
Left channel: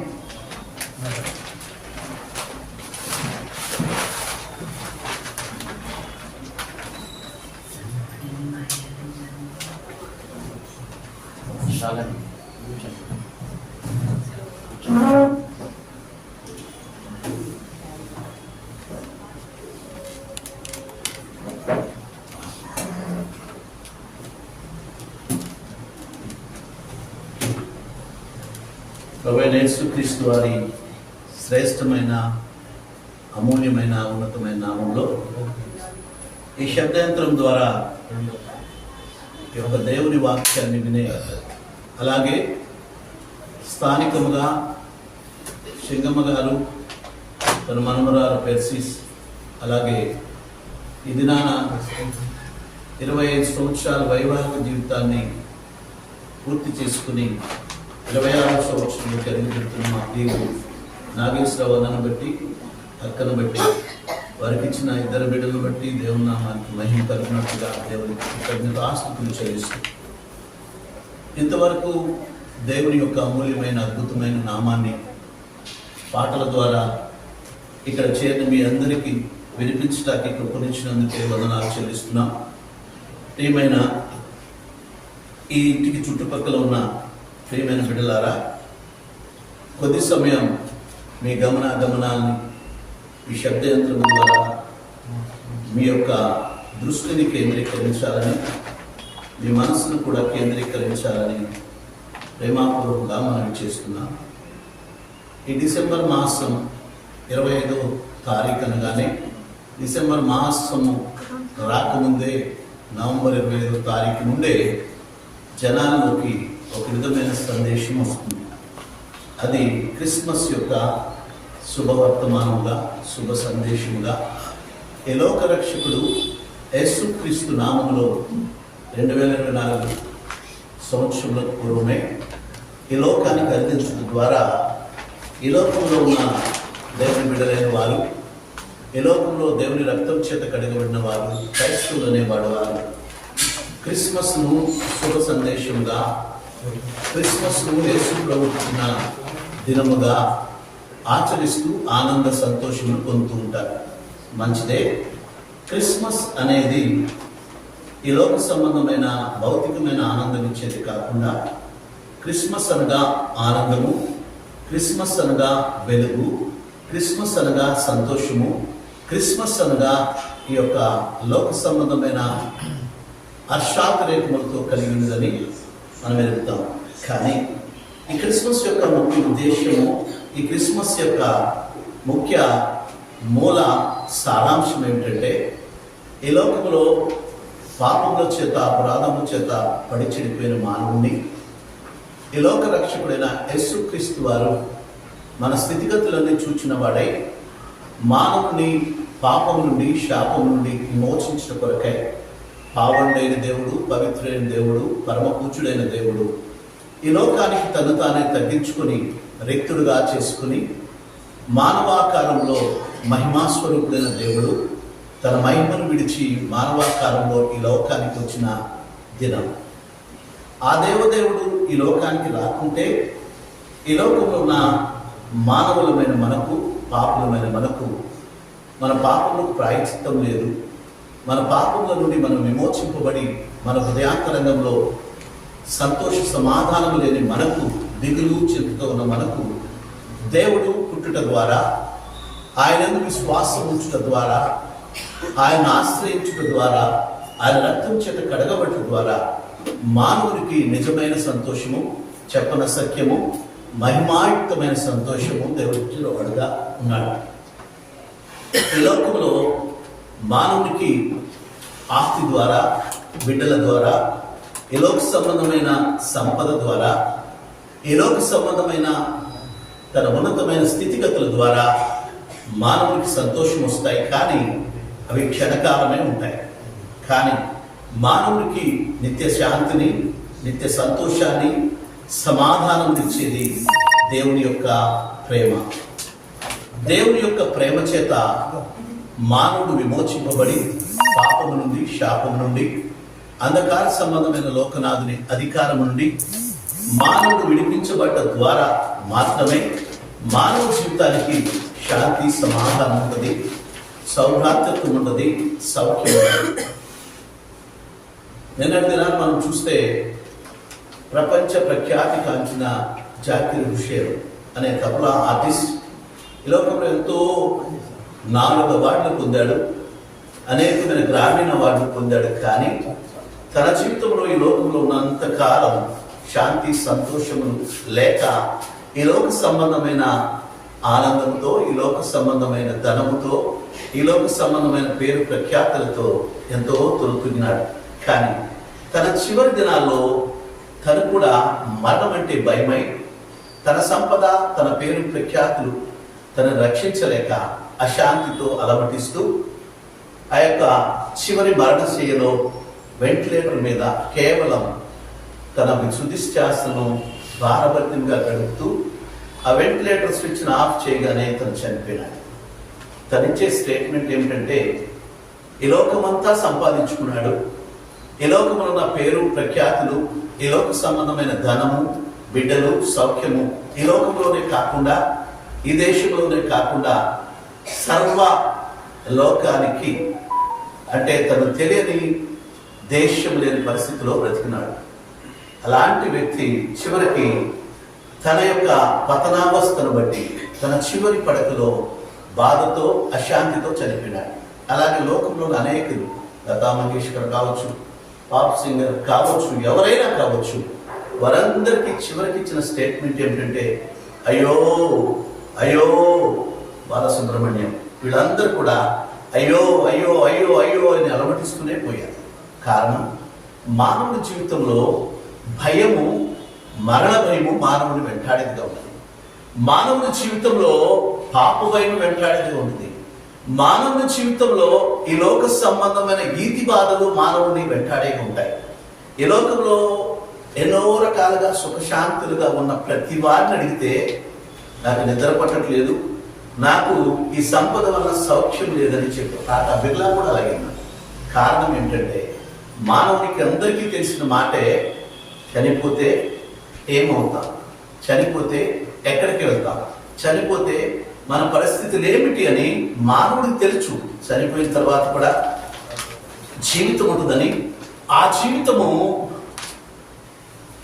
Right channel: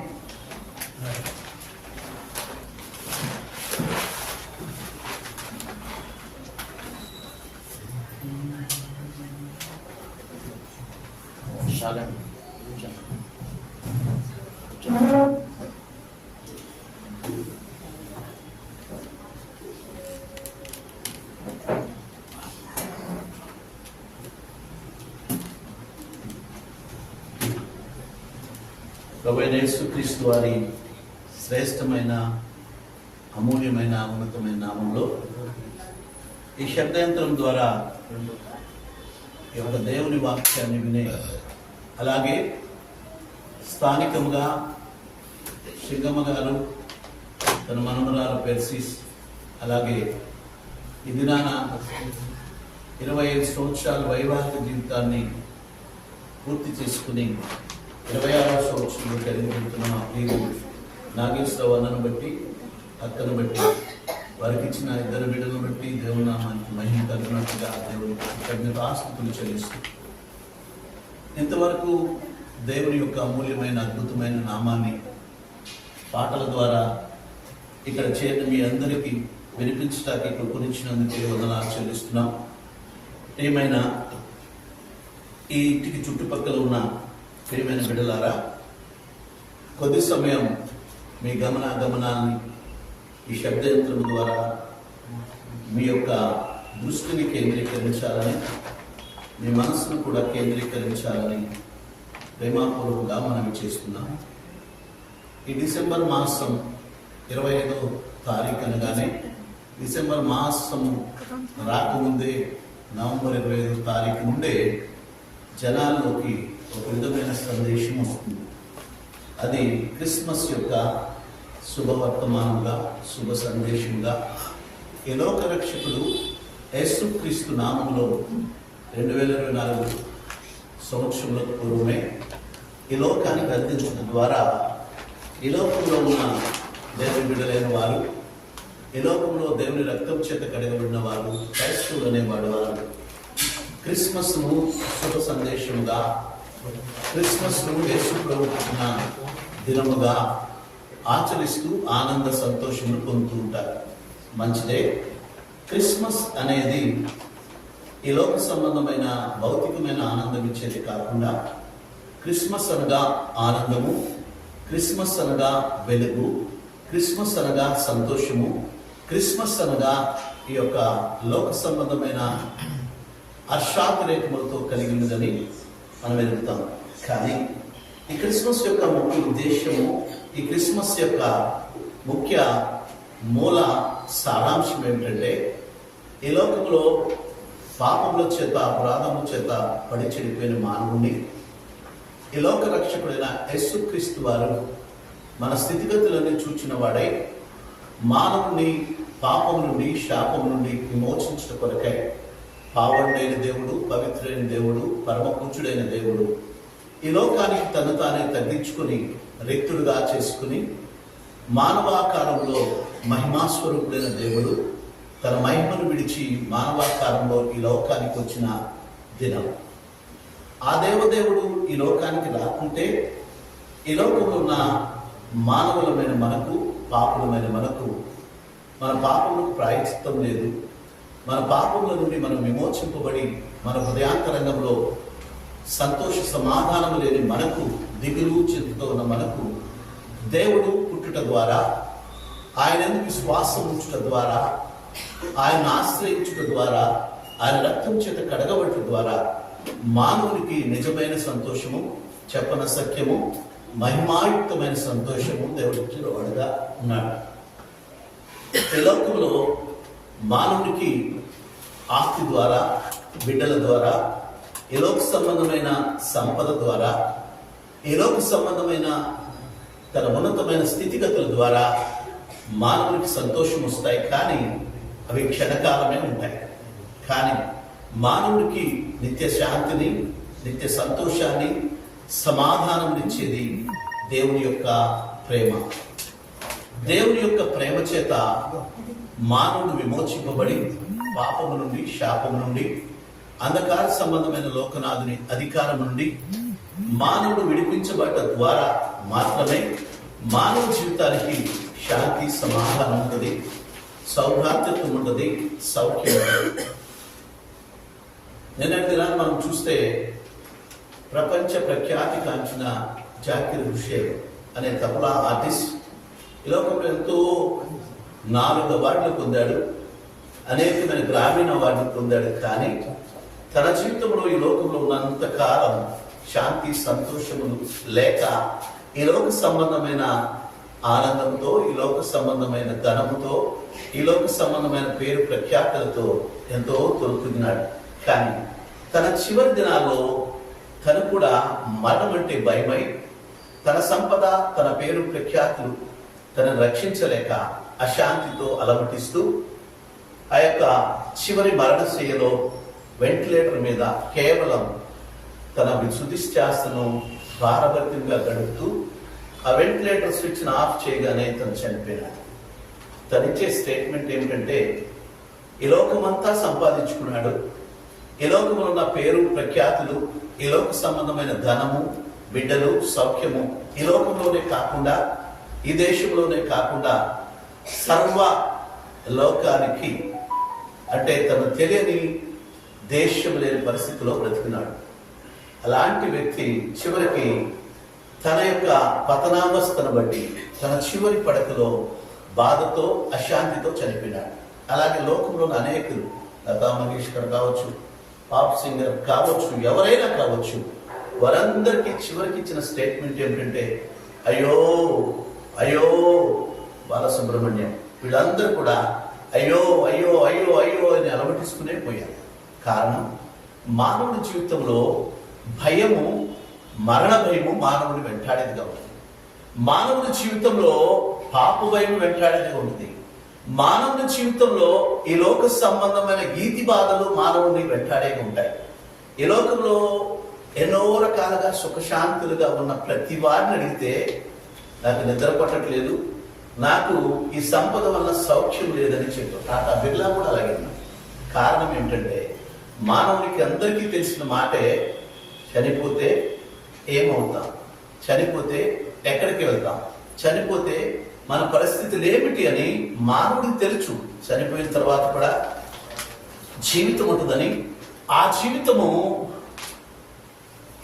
ప్రభువైన యేసుక్రీస్తు వారి శ్రేష్టమైన అమూల్యమైన ఉన్నతమైన నామంలో ఈ శబ్దయంత్రం ద్వారా ఈ ఒక దేవుని వాక్యాన్ని వినే, అలాగే స్థానికముగా సింగమ్మ గారు తన మనమరాలు పెర్సిస్, అలాగే ఈ దినాన 25 సంవత్సరాల వైవాహిక జీవితాన్ని పూర్తి చేసుకుని 26వ సంవత్సరంలో కలిగి చెప్తున్న మా ప్రియులు నాగేశ్వర వర్ణను బట్టి, అక్కను బట్టి వారికి ఇచ్చిన ఇద్దరు బిడ్డలను బట్టి దేవుని నామానికి మహిమ కలిగినట్టుగా దేవునికి కృతజ్ఞతాస్తుతులు చెల్లిస్తూ ఇంతవరకు దేవుని యొక్క అమూల్యమైన అద్భుతమైన నామాన్ని పాటల ద్వారా ఇక్కడ చేరిన మీ అందరికీ వినిపించడానికి కృపణించినందుకే వందనాలు చెల్లిస్తున్నాం. ప్రియమైన ఈ ఇంటికి చుట్టుపక్కల ఉన్న ప్రియమైన బిడ్డలారా, కొద్ది సమయం మీ గమనాల్ని ఈ శబ్దయంత్రం ద్వారా మీ యొక్క దృష్టిని కేంద్రీకరించాలని, మీ మనసును కూడా కేంద్రీకరించాలని ప్రేమపూర్వకంగా మనవి చేస్తున్నాం. ఈ డిసెంబర్ మాసం 25వ తారీఖు అనగానే డిసెంబర్ మాసము రాకముందే నవంబర్ 25వ తారీఖు నుండే జనాల్లోకి ఒక విధమైన సందేశం వస్తుంది. అది క్రిస్మస్ యొక్క శుభవర్తమానంగా, శుభ సందేశముగా ఈ లోక రక్షకుడు యేసుక్రీస్తు నామములో 2024 సంవత్సరములకు పూర్వమే ఈ లోకానికి అందించడం ద్వారా ఈ లోకంలో ఉన్న దేవుని బిడ్డలైన వారు, ఈ లోకంలో దేవుని రక్తం చేత కడగబడిన వారు, క్రైస్తవులు అనేవాడు వారు క్రిస్మస్ను శుభ సందేశంగా, క్రిస్మస్ను యేసు ప్రభువున్న దినముగా ఆచరిస్తూ ఆనంద సంతోషములు పొందుతూ ఉంటారు. మంచిదే. క్రిస్మస్ అనేది ఈ లోక సంబంధమైన భౌతికమైన ఆనందం ఇచ్చేది కాకుండా, క్రిస్మస్ అనగా ఆనందము, క్రిస్మస్ అనగా వెలుగు, క్రిస్మస్ అనగా సంతోషము, క్రిస్మస్ అనగా ఈ యొక్క లోక సంబంధమైన హర్షాతిరేకములతో కలిగి ఉన్నదని మనం ఎదుగుతాం. కానీ ఈ క్రిస్మస్ యొక్క ముఖ్య ఉద్దేశము, ఈ క్రిస్మస్ యొక్క ముఖ్య మూల సారాంశం ఏమిటంటే, ఈ లోకంలో పాపముల చేత, అపరాధముల చేత పడి చెడిపోయిన మానవుణ్ణి ఈ లోక రక్షకుడైన యేసుక్రీస్తు వారు మన స్థితిగతులన్నీ చూచిన వాడై మానవుని పాపం నుండి, శాపం నుండి విమోచించిన కొరకై పావనుడైన దేవుడు, పవిత్రుడైన దేవుడు, పరమపూజ్యుడైన దేవుడు ఈ లోకానికి తను తానే తగ్గించుకొని రిక్తుడుగా చేసుకుని మానవాకారంలో మహిమాస్వరూపుడైన దేవుడు తన మహిమను విడిచి మానవాకారంలో ఈ లోకానికి వచ్చిన దినం. ఆ దేవదేవుడు ఈ లోకానికి రాకుంటే ఈ లోకంలో ఉన్న మానవులమైన మనకు, పాపులమైన మనకు, మన పాపములకు ప్రాయశ్చిత్తం లేదు. మన పాపముల నుండి మనం విమోచింపబడి మన హృదయాంతరంగంలో సంతోష సమాధానం లేని మనకు, దిగులు చింతతో ఉన్న మనకు దేవుడు పుట్టుట ద్వారా, ఆయనందు విశ్వాసం ఉంచుట ద్వారా, ఆయన ఆశ్రయించుట ద్వారా, ఆయన రక్తం చేత కడగబట్టు ద్వారా మానవునికి నిజమైన సంతోషము, చెప్పన సత్యము, మహిమాయుక్తమైన సంతోషము దేవుడు ఇచ్చిన వాడుగా ఉన్నాడు. ఈ లోకంలో మానవునికి ఆస్తి ద్వారా, బిడ్డల ద్వారా, ఈ లోక సంబంధమైన సంపద ద్వారా, ఈ లోక సంబంధమైన తన ఉన్నతమైన స్థితిగతుల ద్వారా మానవునికి సంతోషం వస్తాయి. కానీ అవి క్షణకాలమే ఉంటాయి. కానీ మానవునికి నిత్య శాంతిని, నిత్య సంతోషాన్ని, సమాధానం ఇచ్చేది దేవుని యొక్క ప్రేమ. దేవుని యొక్క ప్రేమ చేత మానవుడు విమోచింపబడి పాపము నుండి, శాపము నుండి, అంధకార సంబంధమైన లోకనాథుని అధికారం నుండి మానవుడు విడిపించబడ్డ ద్వారా మాత్రమే మానవ జీవితానికి శాంతి, సమాధానం ఉంటుంది, సౌభ్రాతృత్వం ఉంటుంది, సౌఖ్యం ఉంటుంది. నిన్నటి దినాన్ని మనం చూస్తే ప్రపంచ ప్రఖ్యాతి కాంచిన జాకిర్ హుసేన్ అనే తబలా ఆర్టిస్ట్ ఈ లోకంలో ఎంతో 4 అవార్డులు పొందాడు, అనేకమైన గ్రామీణ అవార్డులు పొందాడు. కానీ తన జీవితంలో ఈ లోకంలో ఉన్నంత కాలం శాంతి, సంతోషములు లేక ఈ లోక సంబంధమైన ఆనందంతో, ఈ లోక సంబంధమైన ధనముతో, ఈ లోక సంబంధమైన పేరు ప్రఖ్యాతులతో ఎంతో తొలుకున్నాడు. కానీ తన చివరి దినాల్లో తను కూడా మరణం అంటే భయమై, తన సంపద, తన పేరు ప్రఖ్యాతులు తనను రక్షించలేక అశాంతితో అలమటిస్తూ ఆ యొక్క చివరి మరణశయ్యలో వెంటిలేటర్ మీద కేవలం తన సుధిశ్వాసను భారభరితంగా గడుపుతూ ఆ వెంటిలేటర్ స్విచ్ను ఆఫ్ చేయగానే తను చనిపోయినాడు. తనిచ్చే స్టేట్మెంట్ ఏమిటంటే, ఈ లోకమంతా సంపాదించుకున్నాడు, ఈ లోకంలో ఉన్న పేరు ప్రఖ్యాతులు, ఈ లోక సంబంధమైన ధనము, బిడ్డలు, సౌఖ్యము ఈ లోకంలోనే కాకుండా, ఈ దేశంలోనే కాకుండా సర్వ లోకానికి, అంటే తను తెలియని దేశం లేని పరిస్థితిలో బ్రతికినాడు. అలాంటి వ్యక్తి చివరికి తన యొక్క పతనావస్థను బట్టి తన చివరి పడకలో బాధతో, అశాంతితో చనిపోయినాడు. అలాగే లోకంలో అనేకులు, లతా మంగేష్కర్ కావచ్చు, పాప్ సింగర్ కావచ్చు, ఎవరైనా కావచ్చు, వారందరికీ చివరికి ఇచ్చిన స్టేట్మెంట్ ఏమిటంటే, అయ్యో అయ్యో బాలసుబ్రహ్మణ్యం. వీళ్ళందరూ కూడా అయ్యో అయ్యో అయ్యో అయ్యో అని అలమటిస్తూనే పోయారు. కారణం, మానవుడి జీవితంలో భయము, మరణ భయము మానవుని వెంటాడేదిగా ఉంటుంది. మానవుని జీవితంలో పాప భయం వెంటాడేదిగా ఉంటుంది. మానవుని జీవితంలో ఈ లోక సంబంధమైన ఈతి బాధలు మానవుని వెంటాడేగా ఉంటాయి. ఈ లోకంలో ఎన్నో రకాలుగా సుఖశాంతులుగా ఉన్న ప్రతి వారిని అడిగితే, నాకు నిద్ర పట్టట్లేదు, నాకు ఈ సంపద వల్ల సౌఖ్యం లేదని చెప్పి టాటా బిర్లా కూడా అలాగే. కారణం ఏంటంటే, మానవునికి అందరికీ తెలిసిన మాటే, చనిపోతే ఏమవుతాం, చనిపోతే ఎక్కడికి వెళ్తాం, చనిపోతే మన పరిస్థితులు ఏమిటి అని మానవుడికి తెలుసు. చనిపోయిన తర్వాత కూడా జీవితం ఉంటుందని, ఆ జీవితము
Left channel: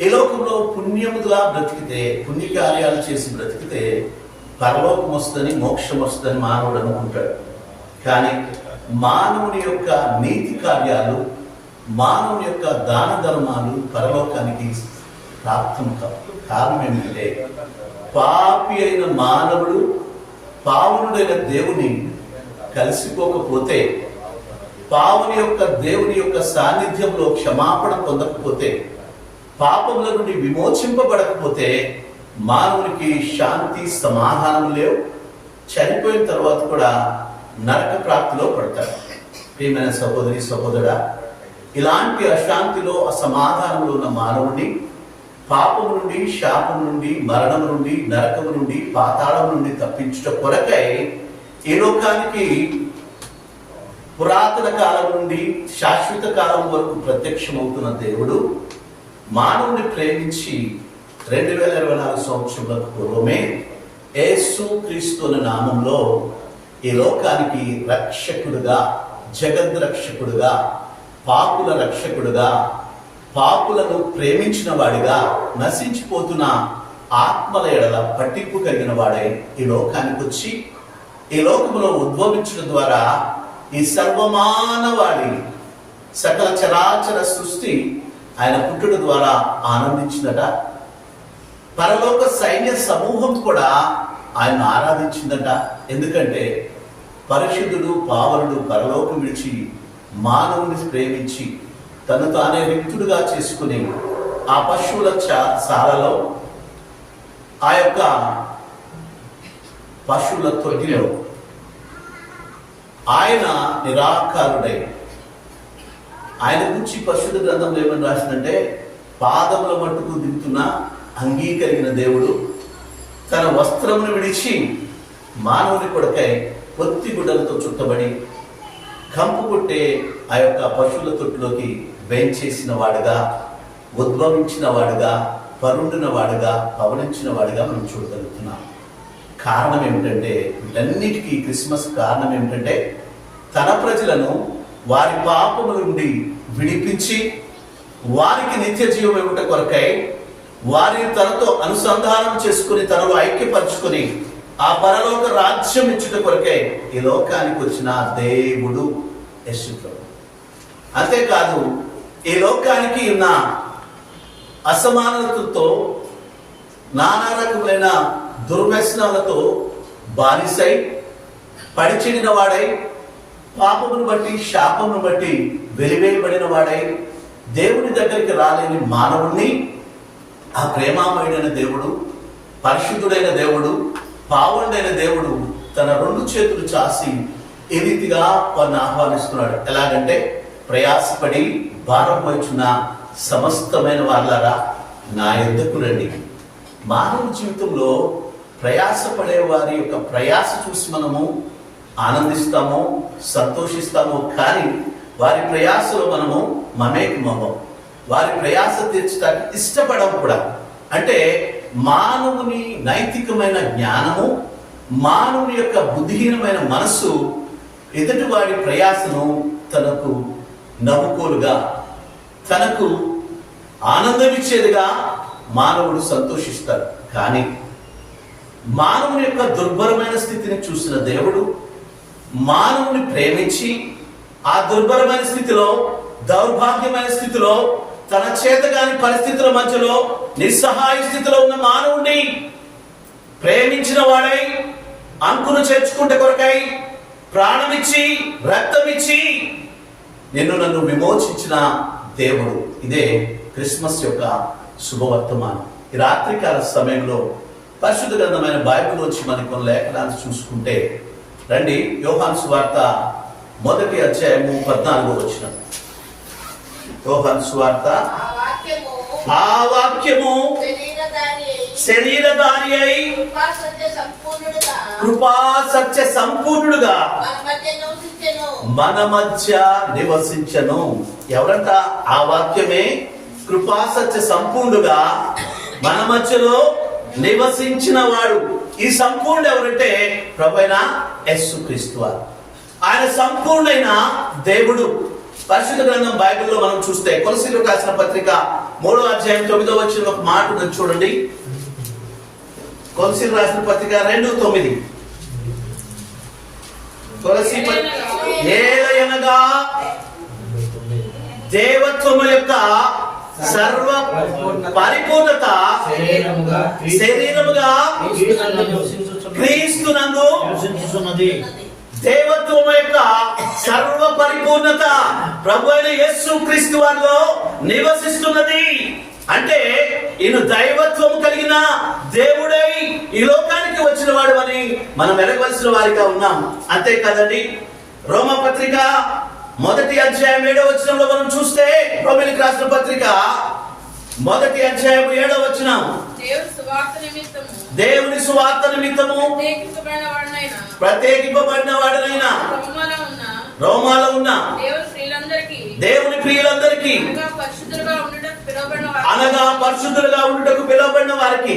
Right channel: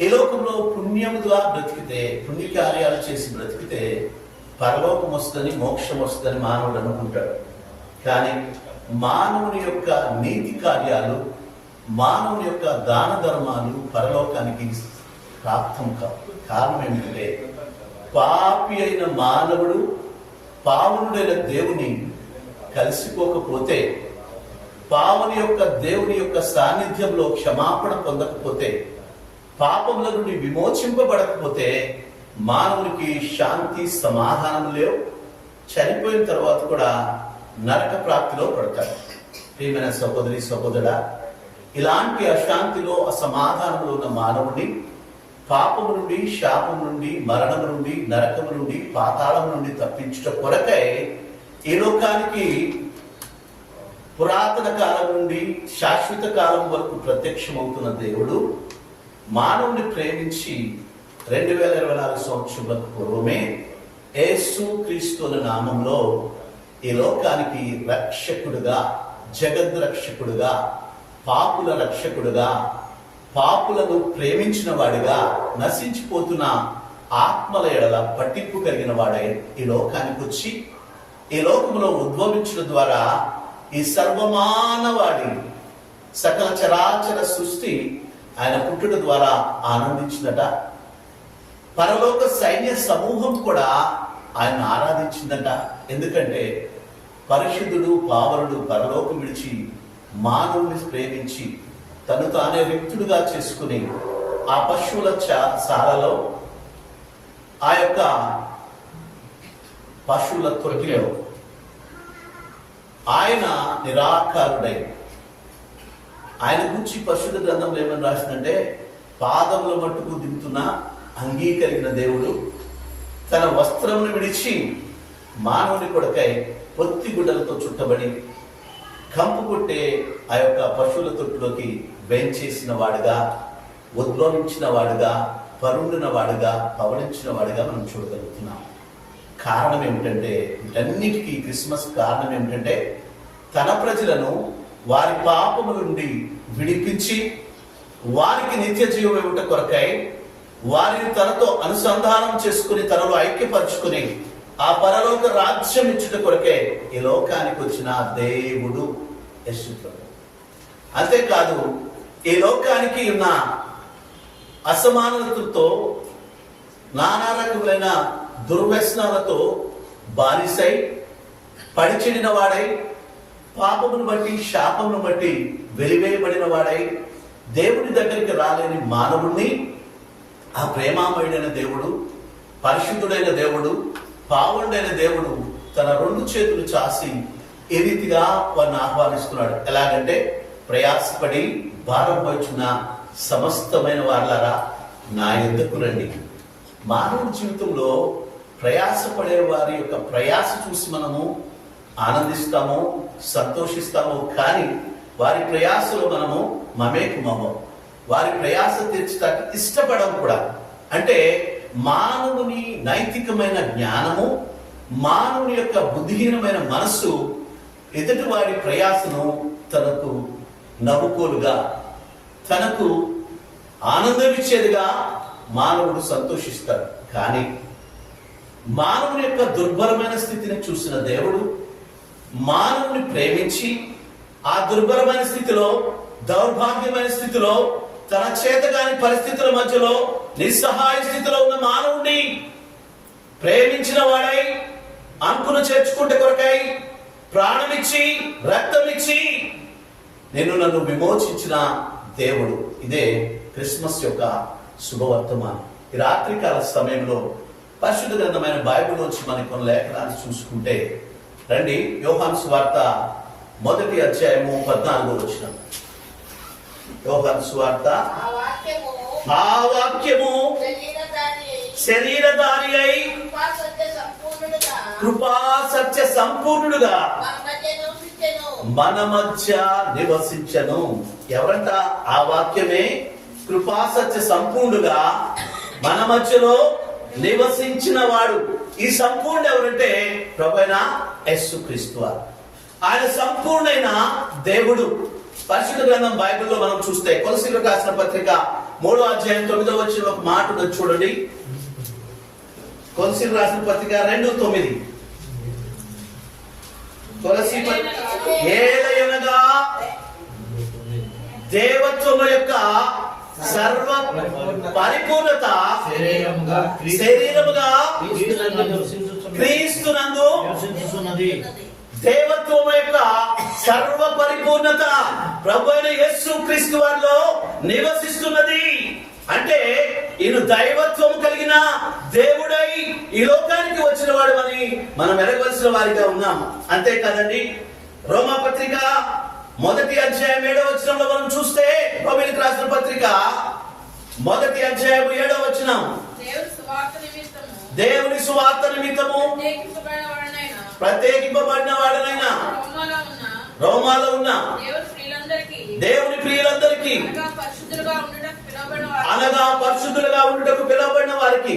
ఈ లోకంలో పుణ్యముగా బ్రతికితే, పుణ్యకార్యాలు చేసి బ్రతికితే పరలోకం వస్తుందని, మోక్షం వస్తుందని మానవుడు అనుకుంటాడు. కానీ మానవుని యొక్క నీతి కార్యాలు, మానవుని యొక్క దాన ధర్మాలు పరలోకానికి ప్రాప్తం కావు. కారణం ఏమిటంటే, పాపి అయిన మానవుడు పావనుడైన దేవుని కలిసిపోకపోతే, పావుని యొక్క దేవుని యొక్క సాన్నిధ్యంలో క్షమాపణ పొందకపోతే, పాపముల నుండి విమోచింపబడకపోతే మానవునికి శాంతి, సమాధానం లేవు. చనిపోయిన తర్వాత కూడా నరక ప్రాప్తిలో పడతాడు. ప్రియమైన సహోదరి, సహోదరా, ఇలాంటి అశాంతిలో, అసమాధానంలో ఉన్న మానవుని పాపం నుండి, శాపం నుండి, మరణం నుండి, నరకం నుండి, పాతాళం నుండి తప్పించుట కొరకై ఈ లోకానికి పురాతన కాలం నుండి శాశ్వత కాలం వరకు ప్రత్యక్షమవుతున్న దేవుడు మానవుని ప్రేమించి 2024 సంవత్సరంలకు పూర్వమే యేసు క్రీస్తు అనే నామంలో ఈ లోకానికి రక్షకుడుగా, జగద్రక్షకుడుగా, పాపుల రక్షకుడుగా, పాపులను ప్రేమించిన వాడిగా, నశించిపోతున్న ఆత్మల ఎడల పట్టింపు కలిగిన వాడై ఈ లోకానికి వచ్చి, ఈ లోకంలో ఉద్భవించడం ద్వారా ఈ సర్వమానవాడి, సకల చరాచర సృష్టి ఆయన పుట్టుట ద్వారా ఆనందించిందట. పరలోక సైన్య సమూహం కూడా ఆయన ఆరాధించిందట. ఎందుకంటే పరిశుద్ధుడు, పావనుడు పరలోకం విడిచి మానవుని ప్రేమించి తను తానే వ్యక్తుడుగా చేసుకుని ఆ పశువుల శాలలో, ఆ యొక్క పశువుల తొట్టిలో ఆయన నిరాకారుడై, ఆయన గురించి పరిశుద్ధ గ్రంథంలో ఏమని రాసిందంటే, పాదముల మట్టుకు దిగుతున్న అంగీకరిగిన దేవుడు తన వస్త్రమును విడిచి మానవుని కొడుకై పొత్తి గుడ్డలతో చుట్టబడి కంపు కొట్టే ఆ యొక్క పశువుల తొట్టులోకి వేంచేసిన వాడుగా, ఉద్భవించిన వాడుగా, పరుండిన వాడుగా, పవనించిన వాడుగా మనం చూడగలుగుతున్నాం. కారణం ఏమిటంటే, వీటన్నిటికీ క్రిస్మస్ కారణం ఏమిటంటే, తన ప్రజలను వారి పాపముల నుండి విడిపించి వారికి నిత్య జీవం ఇవ్వట కొరకై, వారిని తనతో అనుసంధానం చేసుకుని, తనలో ఐక్యపరచుకుని ఆ పరలోక రాజ్యం ఇచ్చుట కొరకై ఈ లోకానికి వచ్చిన దేవుడు యేసు ప్రభువు. అంతేకాదు, ఈ లోకానికి ఉన్న అసమానతలతో, నానా రకములైన దుర్వ్యసనాలతో బానిసై పడిచెడిన వాడై, పాపమును బట్టి, శాపమును బట్టి వెలివేయబడిన వాడై, దేవుని దగ్గరికి రాలేని మానవుణ్ణి ఆ ప్రేమామయుడైన దేవుడు, పరిశుద్ధుడైన దేవుడు, పావుండైన దేవుడు తన 2 చేతులు చాసి ఏ రీతిగా వారిని ఆహ్వానిస్తున్నాడు. ఎలాగంటే, ప్రయాసపడి భారం మోయుచున్న సమస్తమైన వాళ్ళారా నా యొద్దకు రండి. మానవ జీవితంలో ప్రయాసపడే వారి యొక్క ప్రయాస చూసి మనము ఆనందిస్తాము, సంతోషిస్తాము. కానీ వారి ప్రయాసలో మనము మమేకమవ్వం. వారి ప్రయాస తీర్చడానికి ఇష్టపడం కూడా. అంటే మానవుని నైతికమైన జ్ఞానము, మానవుని యొక్క బుద్ధిహీనమైన మనస్సు ఎదుటి వాడి ప్రయాసను తనకు నవ్వుకోలుగా, తనకు ఆనందమిచ్చేదిగా మానవుడు సంతోషిస్తాడు. కానీ మానవుని యొక్క దుర్భరమైన స్థితిని చూసిన దేవుడు మానవుని ప్రేమించి ఆ దుర్భరమైన స్థితిలో, దౌర్భాగ్యమైన స్థితిలో, తన చేతగాని పరిస్థితుల మధ్యలో నిస్సహాయ స్థితిలో ఉన్న మానవుణ్ణి ప్రేమించిన వాడై, అంకును చేర్చుకుంటే కొరకై ప్రాణమిచ్చి రక్తమిచ్చి నన్ను విమోచించిన దేవుడు. ఇదే క్రిస్మస్ యొక్క శుభవర్తమానం. ఈ రాత్రికాల సమయంలో పరిశుద్ధ గ్రంథమైన బైబిల్లోంచి మనం కొన్ని లేఖనాలు చూసుకుంటే రండి. యోహాను సువార్త 1వ అధ్యాయము 14వ వచనం. యోహాను సువార్త ఆ వాక్యము శరీరధారి అయి కృపా సత్య సంపూర్ణుడుగా మన మధ్య నివసించను. ఎవరంట? ఆ వాక్యమే కృపా సత్య సంపూర్ణుడుగా మన మధ్యలో నివసించిన వాడు. ఈ సంపూర్ణ ఎవరంటే ప్రభువైన యేసుక్రీస్తు వారు. ఆయన సంపూర్ణైన దేవుడు. పరిశుద్ధ గ్రంథం బైబిల్లో మనం చూస్తే కొలసీలకు రాసిన పత్రిక 3వ అధ్యాయం 9వ వచనంలో ఒక మాట ఉన్నది చూడండి. కొలసీలకు రాసిన పత్రిక 2:9. కొలసీ ఏలయనగా దేవత్వము యొక్క సర్వ పరిపూర్ణత శరీరముగా క్రీస్తునందు దేవత్వము యొక్క సర్వ పరిపూర్ణత ప్రభువైన యేసుక్రీస్తు వారిలో నివసిస్తున్నది. అంటే ఈయన దైవత్వము కలిగిన దేవుడై ఈ లోకానికి వచ్చిన వాడు అని మనం ఎరగవలసిన వారిగా ఉన్నాం. అంతే కదండి. రోమా పత్రిక 1వ అధ్యాయం 7వ వచనంలో మనం చూస్తే, రోమీయులకు రాసిన పత్రిక 1వ అధ్యాయం 7వ వచనం, దేవుని సువార్త నిమిత్తము ప్రత్యేకింపబడిన వాడనైనా రోమాలో ఉన్న దేవుని ప్రియులందరికీ అనగా పరిశుద్ధులుగా ఉండుటకు పిలువబడిన వారికి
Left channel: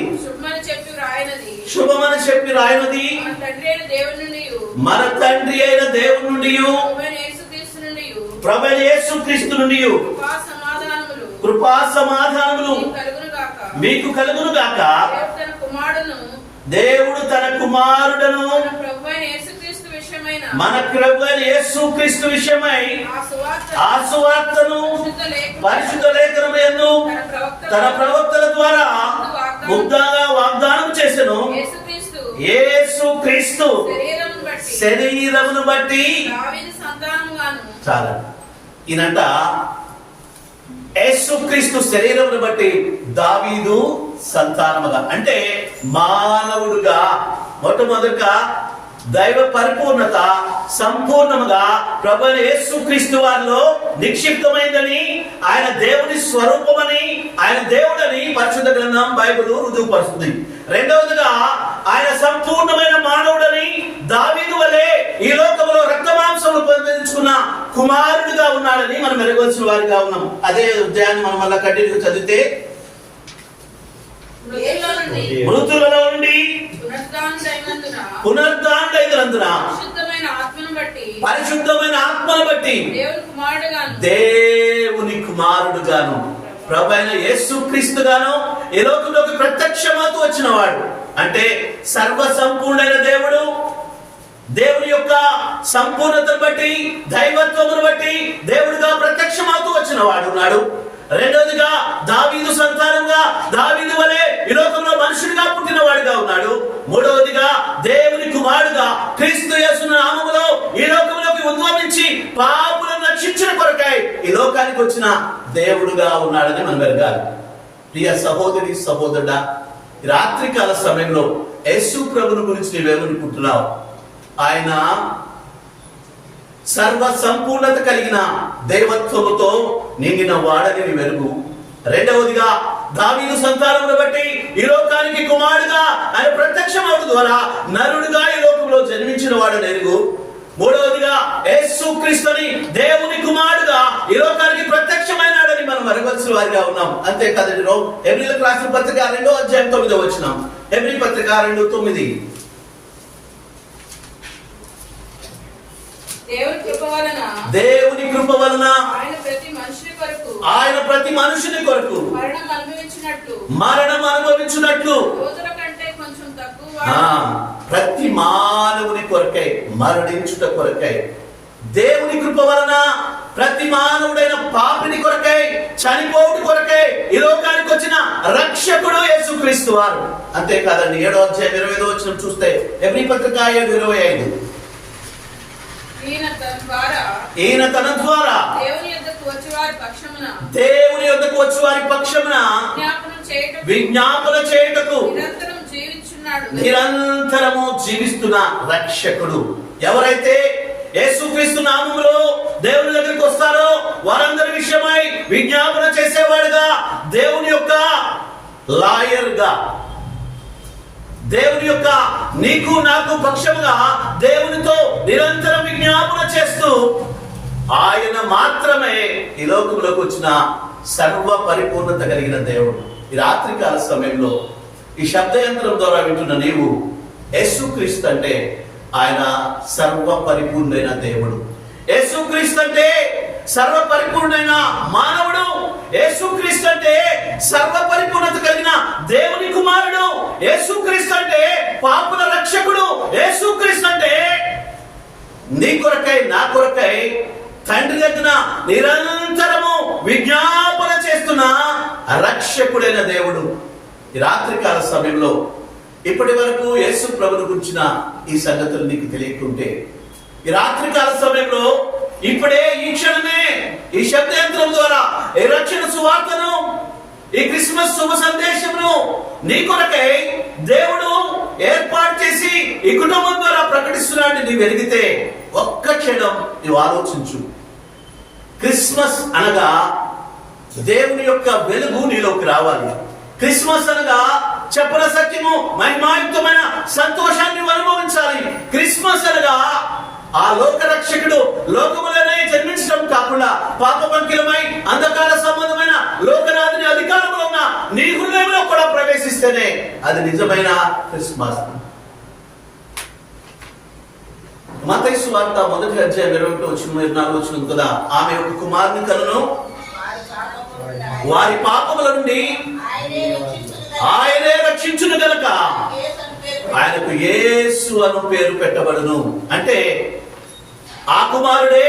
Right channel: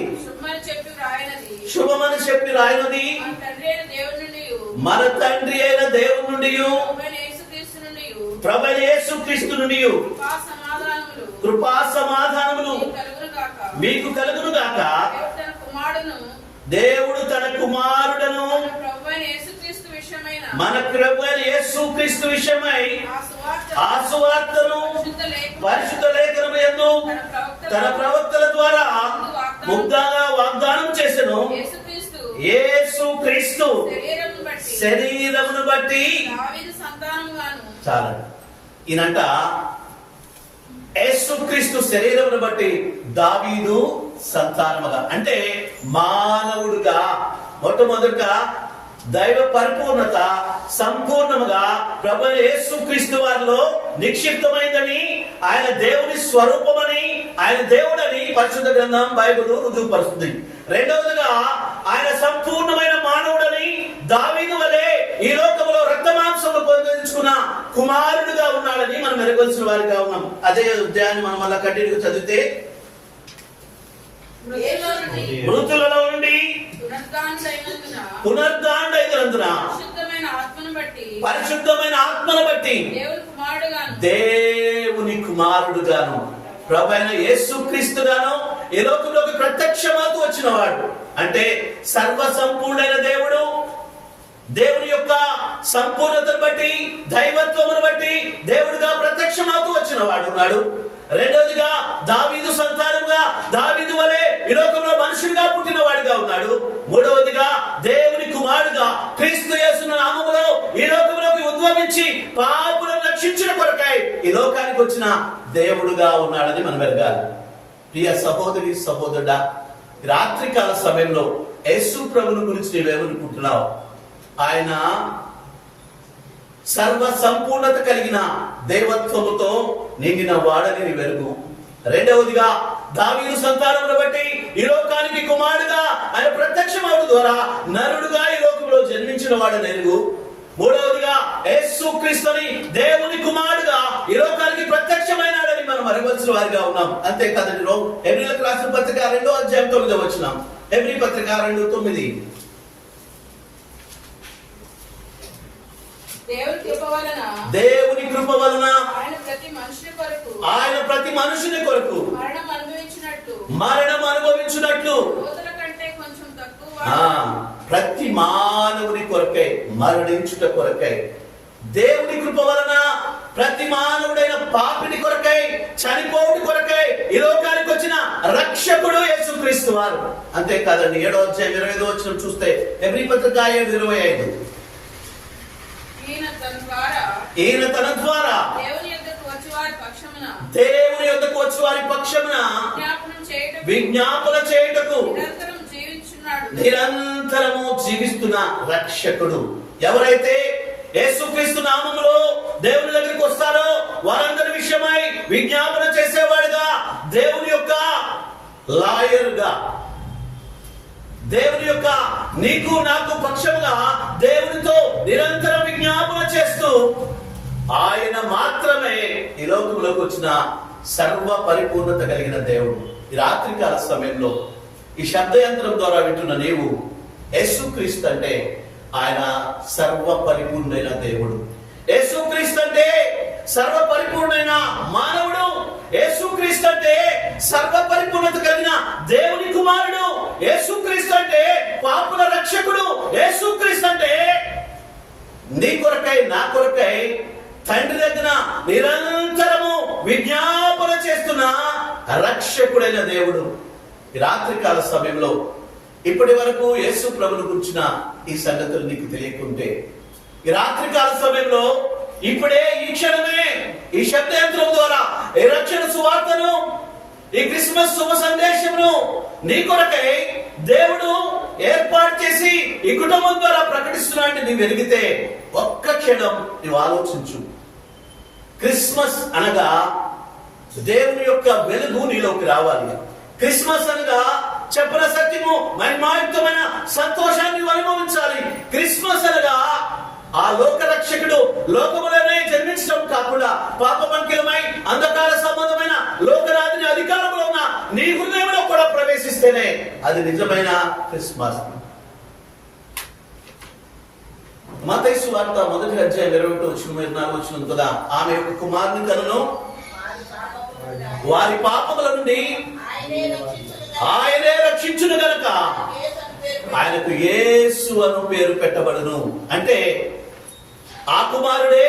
శుభమని చెప్పి రాయనది మన తండ్రి అయిన దేవుని నుండి ప్రభువైన యేసుక్రీస్తు నుండి కృపా సమాధానములు మీకు కలుగును గాక. దేవుడు తన కుమారుడను మన ప్రభువైన యేసుక్రీస్తు విషయమై ఆ సువార్తను పరిశుద్ధ లేఖనము యందు తన ప్రవక్తల ద్వారా ముద్దాగా వాగ్దానం చేసెను. యేసుక్రీస్తు శరీరమును బట్టి చాలా ఈయనంట యేసుక్రీస్తు శరీరమును బట్టి దావీదు సంతానముగా, అంటే మానవుడుగా మొట్టమొదటిగా దైవ పరిపూర్ణత సంపూర్ణముగా ప్రభువైన యేసుక్రీస్తు వారిలో నిక్షిప్తమైందని, ఆయన దేవుని స్వరూపమని, ఆయన దేవుడని పరిశుద్ధ గ్రంథం బైబిల్ రుజువుపరుస్తుంది. రెండవదిగా ఆయన సంపూర్ణమైన మానవుడని, దావీదు వలె ఈ లోకంలో రక్తమాంసములు పొందించుకున్న కుమారుడుగా ఉన్నాడని మనం ఎరగవలసిన వారిగా ఉన్నాం. అదే అధ్యాయాన్ని మనం మళ్ళా కంటిన్యూ చదివితే, మృతులలో నుండి పునరుద్ధానుడైనందున పరిశుద్ధమైన ఆత్మను బట్టి దేవుని కుమారుడుగాను ప్రభువైన యేసుక్రీస్తుగాను ఈ లోకంలోకి ప్రత్యక్షమవుతూ వచ్చిన వాడు. అంటే సర్వ సంపూర్ణైన దేవుడు, దేవుని యొక్క సంపూర్ణతను బట్టి, దైవత్వమును బట్టి దేవుడిగా ప్రత్యక్షమవుతూ వచ్చిన వాడు ఉన్నాడు. రెండోదిగా దావీదు సంతానంగా, దావీదు వలె ఈ లోకంలో మనుషుడిగా పుట్టిన వాడిగా ఉన్నాడు. మూడవదిగా దేవుని కుమారుడుగా క్రీస్తు యేసు నామములో ఈ లోకంలోకి ఉద్భవించి పాపులను రక్షించిన కొరకై ఈ లోకానికి వచ్చిన దేవుడుగా ఉన్నాడని మనం ఎరగాలి. ప్రియ సహోదరి సహోదరుడా, రాత్రికాల సమయంలో యేసు ప్రభుని గురించి నీవేమనుకుంటున్నావు? ఆయన సర్వ సంపూర్ణత కలిగిన దైవత్వముతో నిండిన వాడని వెలుగు. రెండవదిగా దావీదు సంతానమును బట్టి ఈ లోకానికి కుమారుడుగా ఆయన ప్రత్యక్షమవుట ద్వారా నరుడుగా ఈ లోకంలో జన్మించిన వాడని వెలుగు. మూడవదిగా యేసుక్రీస్తుని దేవుని కుమారుడుగా ఈ లోకానికి ప్రత్యక్షమైనాడని మనం అరవలసిన వారిగా ఉన్నాం. అంతే కదండి. హెబ్రీయులకు రాసిన పత్రిక 2వ అధ్యాయం 9వ వచనం. హెబ్రీ పత్రిక 2:9. దేవుని కృప వలన ఆయన ప్రతి మనుషుని కొరకు మరణం అనుభవించినట్లు ప్రతి మానవుని కొరకై మరణించుట కొరకై దేవుని కృప వలన ప్రతి మానవుడైన పాపిని కొరకై చనిపోవుట కొరకై ఈ లోకానికి వచ్చిన రక్షకుడు యేసుక్రీస్తు వారు. అంతేకాదండి. 7వ అధ్యాయం 25వ వచనం చూస్తే హెబ్రీ పత్రిక 7:25. ఈయన తన ద్వారా దేవుని యొద్దకు వచ్చి వారి పక్షమున విజ్ఞాపన చేయుటకు నిరంతరము జీవిస్తున్న రక్షకుడు. ఎవరైతే యేసుక్రీస్తు నామములో దేవుని దగ్గరికి వస్తారో వారందరి విషయమై విజ్ఞాపన చేసేవాడుగా, దేవుని యొక్క లాయర్ గా, దేవుని యొక్క నీకు నాకు పక్షముగా దేవునితో నిరంతరం విజ్ఞాపన చేస్తూ ఆయన మాత్రమే ఈ లోకంలోకి వచ్చిన సర్వ పరిపూర్ణత కలిగిన దేవుడు. ఈ రాత్రికాల సమయంలో ఈ శబ్దయంత్రం ద్వారా వింటున్న నీవు యేసుక్రీస్తు అంటే ఆయన సర్వ పరిపూర్ణైన దేవుడు. యేసుక్రీస్తు అంటే సర్వ పరిపూర్ణైన మానవుడు. యేసుక్రీస్తు అంటే సర్వ పరిపూర్ణత కలిగిన దేవుని కుమారుడు. యేసుక్రీస్తు అంటే పాపుల రక్షకుడు. యేసుక్రీస్తు అంటే నీ కొరకై నా కొరకై తండ్రి దగ్గర నిరంతరము విజ్ఞాపన చేస్తున్న రక్షకుడైన దేవుడు. ఈ రాత్రికాల సమయంలో ఇప్పటి వరకు యేసు ప్రభువును గురించిన ఈ సంగతులు నీకు తెలియకుంటే, ఈ రాత్రికాల సమయంలో ఇప్పుడే ఈ క్షణమే ఈ శబ్దయంత్రం ద్వారా ఈ రక్షణ సువార్తను, ఈ క్రిస్మస్ శుభ సందేశమును నీ కొరకై దేవుడు ఏర్పాటు చేసి ఈ కుటుంబం ద్వారా ప్రకటిస్తున్నాడని నీవు ఎరిగితే ఒక్క క్షణం నీవు ఆలోచించు. క్రిస్మస్ అనగా దేవుని యొక్క వెలుగు నీలోకి రావాలి. క్రిస్మస్ అనగా చెప్పన సత్యము మహిమాయుక్తమైన సంతోషాన్ని అనుభవించాలి. క్రిస్మస్ అనగా ఆ లోక రక్షకుడు లోకములోనే జన్మించడం కాకుండా పాపమంకిలమై అంధకార సంబంధమైన లోకరాజుని అధికారంలో ఉన్న నీ హృదయంలో కూడా ప్రవేశిస్తేనే అది నిజమైన క్రిస్మస్. మత్తయి సువార్త 1వ అధ్యాయం 21-24 వచనం కదా, ఆమె ఒక కుమారుని కనును వారి పాపముల నుండి ఆయనే రక్షించును గనుక ఆయనకు యేసు అను పేరు పెట్టబడును. అంటే ఆ కుమారుడే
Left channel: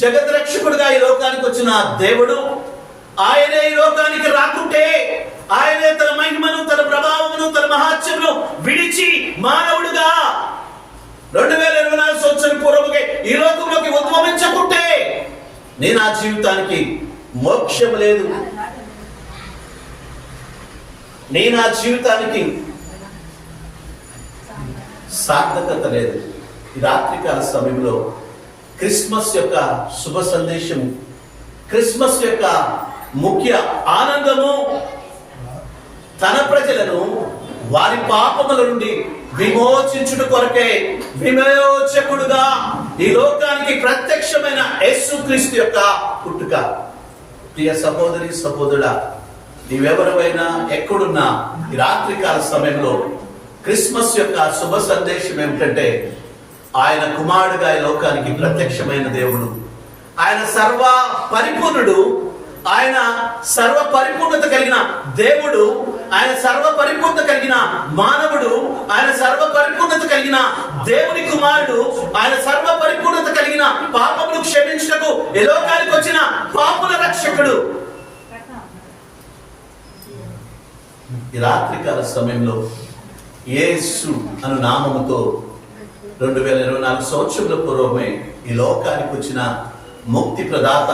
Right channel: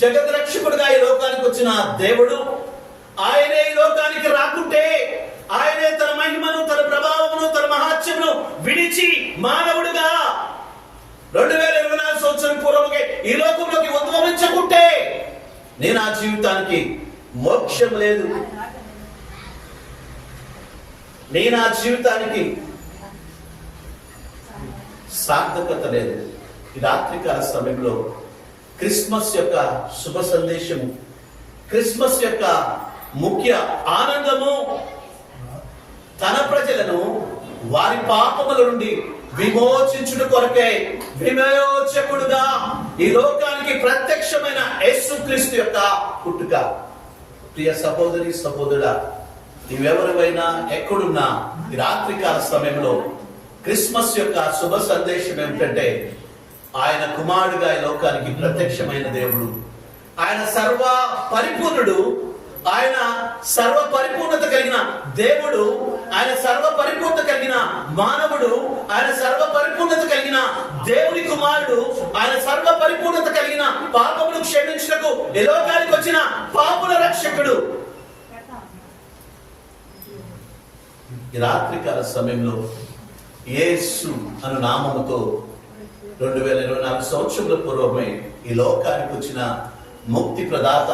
జగత్ రక్షకుడుగా ఈ లోకానికి వచ్చిన దేవుడు. ఆయనే ఈ లోకానికి రాకుంటే ఆయనే తన మహిమను, తన ప్రభావమును, తన మహాత్మ్యమును విడిచి మానవుడుగా 2024 సంవత్సరం పూర్వముగా ఈ లోకంలోకి ఉద్భవించకుంటే నీ నా జీవితానికి మోక్షం లేదు. నీ నా జీవితానికి సార్థకత లేదు. ఈ రాత్రికాల సమయంలో క్రిస్మస్ యొక్క శుభ సందేశం, క్రిస్మస్ యొక్క ముఖ్య ఆనందము తన ప్రజలను వారి పాపముల నుండి విమోచించుట కొరకే విమోచకుడుగా ఈ లోకానికి ప్రత్యక్షమైన యేసుక్రీస్తు యొక్క పుట్టుక. ప్రియ సహోదరి సహోదరుడా, నీవెవరైనా ఎక్కడున్నా ఈ రాత్రికాల సమయంలో క్రిస్మస్ యొక్క శుభ సందేశం ఏమిటంటే ఆయన కుమారుడుగా ఈ లోకానికి ప్రత్యక్షమైన దేవుడు. ఆయన సర్వ పరిపూర్ణుడు. ఆయన సర్వ పరిపూర్ణత కలిగిన దేవుడు. ఆయన సర్వ పరిపూర్ణత కలిగిన మానవుడు. ఆయన సర్వ పరిపూర్ణత కలిగిన దేవుని కుమారుడు. ఆయన సర్వ పరిపూర్ణత కలిగిన పాపమును క్షమించుటకు ఈ లోకానికి వచ్చిన పాపుల రక్షకుడు. ఈ రాత్రికాల సమయంలో యేసు అను నామముతో 2024 సంవత్సరాల పూర్వమే ఈ లోకానికి వచ్చిన ముక్తి ప్రదాత,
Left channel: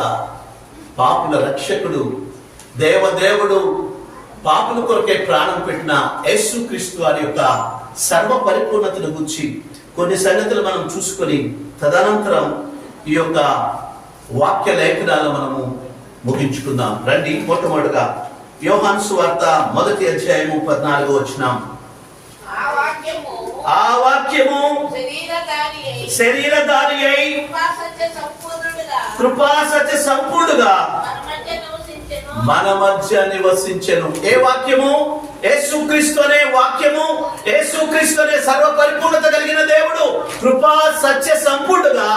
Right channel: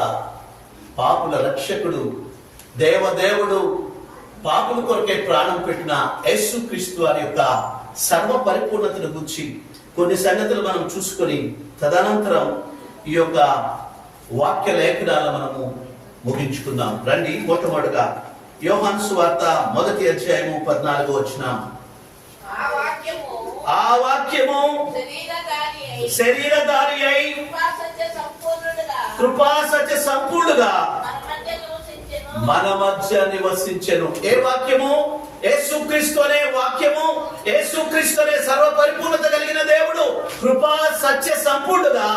పాపుల రక్షకుడు, దేవదేవుడు, పాపుల కొరకే ప్రాణం పెట్టిన యేసుక్రీస్తు వారి యొక్క సర్వ పరిపూర్ణతను గురించి కొన్ని సంగతులు మనం చూసుకొని తదనంతరం ఈ యొక్క వాక్య లేఖనాలను మనము ముగించుకుందాం. రండి. మొట్టమొదటిగా యోహాను సువార్త 1వ అధ్యాయము 14వ వచనం. ఆ వాక్యము శరీరధారి అయి కృపా సత్య సంపూర్ణుగా మన మధ్య నివసించెను. ఏ వాక్యము? యేసుక్రీస్తు అనే వాక్యము. యేసుక్రీస్తు అనే సర్వ పరిపూర్ణత కలిగిన దేవుడు కృపా సత్య సంపూర్ణుగా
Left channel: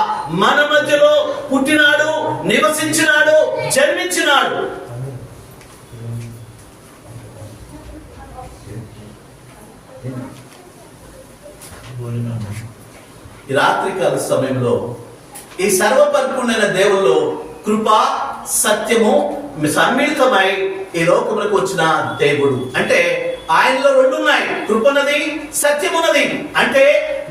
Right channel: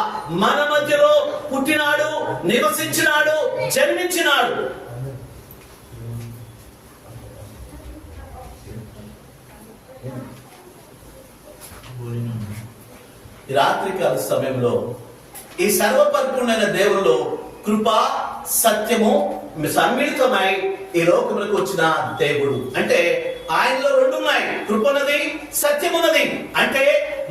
మన మధ్యలో పుట్టినాడు, నివసించినాడు, జన్మించినాడు. ఈ రాత్రికాల సమయంలో ఈ సర్వపరిపూర్ణమైన దేవుల్లో కృప సత్యము సమ్మిళితమై ఈ లోకములకు వచ్చిన దేవుడు. అంటే ఆయనలో రెండు ఉన్నాయి, కృపన్నది సత్యమున్నది. అంటే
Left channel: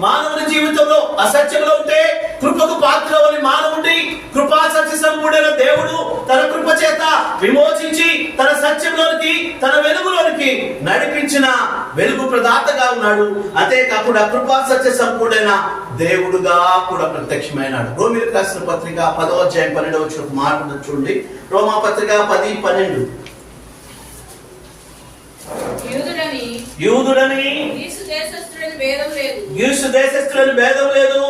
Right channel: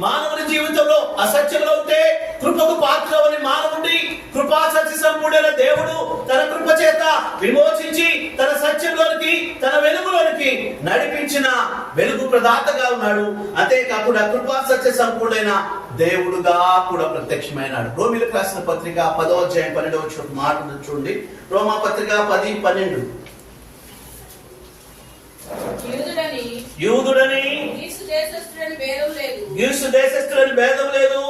మానవుని జీవితంలో అసత్యంలో ఉంటే కృపకు పాత్రవని మానవుడి కృపా సత్య సంపూర్ణమైన దేవుడు తన కృప చేత విమోచించి తన సత్యంలోనికి, తన వెలుగులోనికి నడిపించిన వెలుగు ప్రదాతగా ఉన్నాడు. అంతే కాకుండా కృపా సత్య సంపూర్ణమైన దేవుడుగా కూడా ప్రత్యక్షమైనాడు. రోమీయులకు రాసిన పత్రిక 10వ అధ్యాయం 12వ వచనం మాట చూడండి. రోమా పత్రిక 10:12. యూదుడని గ్రీసు దేశస్థులని భేదం లేదు,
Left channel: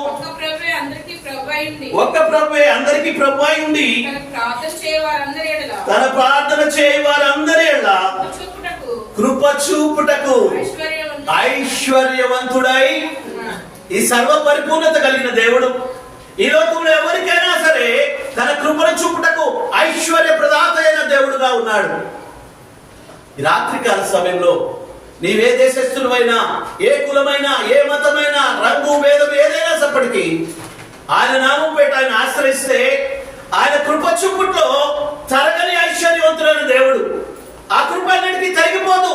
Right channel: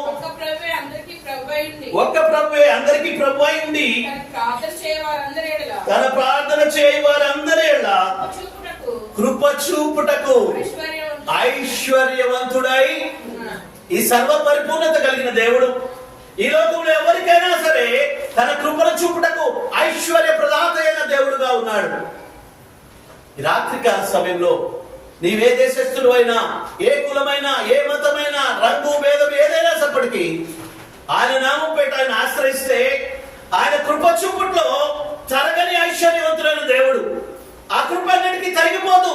ఒక్క ప్రభువే అందరికీ ప్రభు అయి ఉండి తన ప్రార్థన చేయ వారందరి ఎడల కృప చూపుటకు ఐశ్వర్యవంతుడై ఈ సర్వ పరిపూర్ణత కలిగిన దేవుడు ఈ లోకంలో ఎవరికైనా సరే తన కృపను చూపుటకు ఐశ్వర్య ప్రదాత అయిన దేవుడుగా ఉన్నాడు. ఈ రాత్రికాల సమయంలో నీవే దేశస్థులు అయినా, ఏ కులమైనా, ఏ మతమైనా, రంగు భేదం ఏదైనా సప్పటికి ఆయన నామం పేట ఆయన ఆశ్రయిస్తే ఆయన కృప చూపుట్లో తరగని ఐశ్వర్యవంతుడైన దేవుడు. ఆ కృప అన్నిటికీ తరిగిపోదు.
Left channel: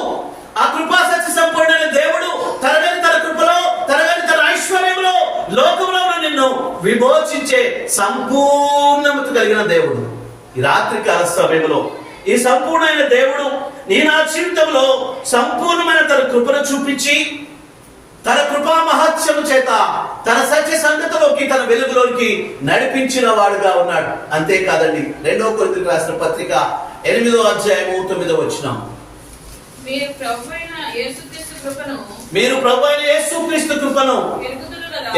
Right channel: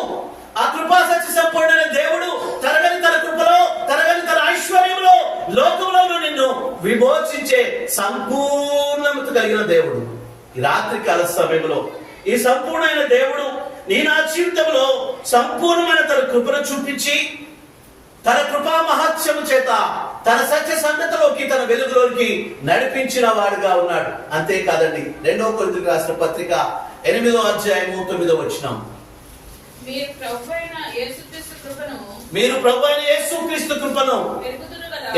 ఆ కృపా సత్య సంపూర్ణమైన దేవుడు తరగని తన కృపలో, తరగని తన ఐశ్వర్యంలో లోకంలో నిన్ను విమోచించే సంపూర్ణత కలిగిన దేవుడు. ఈ రాత్రికాల సమయంలో ఈ సంపూర్ణమైన దేవుడు నీ నా జీవితంలో సంపూర్ణమైన తన కృపను చూపించి తన కృపా మహత్యము చేత తన సత్య సంగతిలోకి, తన వెలుగులోకి నడిపించిన వాడుగా ఉన్నాడు. అంతేకాదండి, 2వ కొరింథీయులకు రాసిన పత్రిక 8వ అధ్యాయము 9వ వచనం. మీరు ప్రభు అయిన యేసుక్రీస్తు కృపను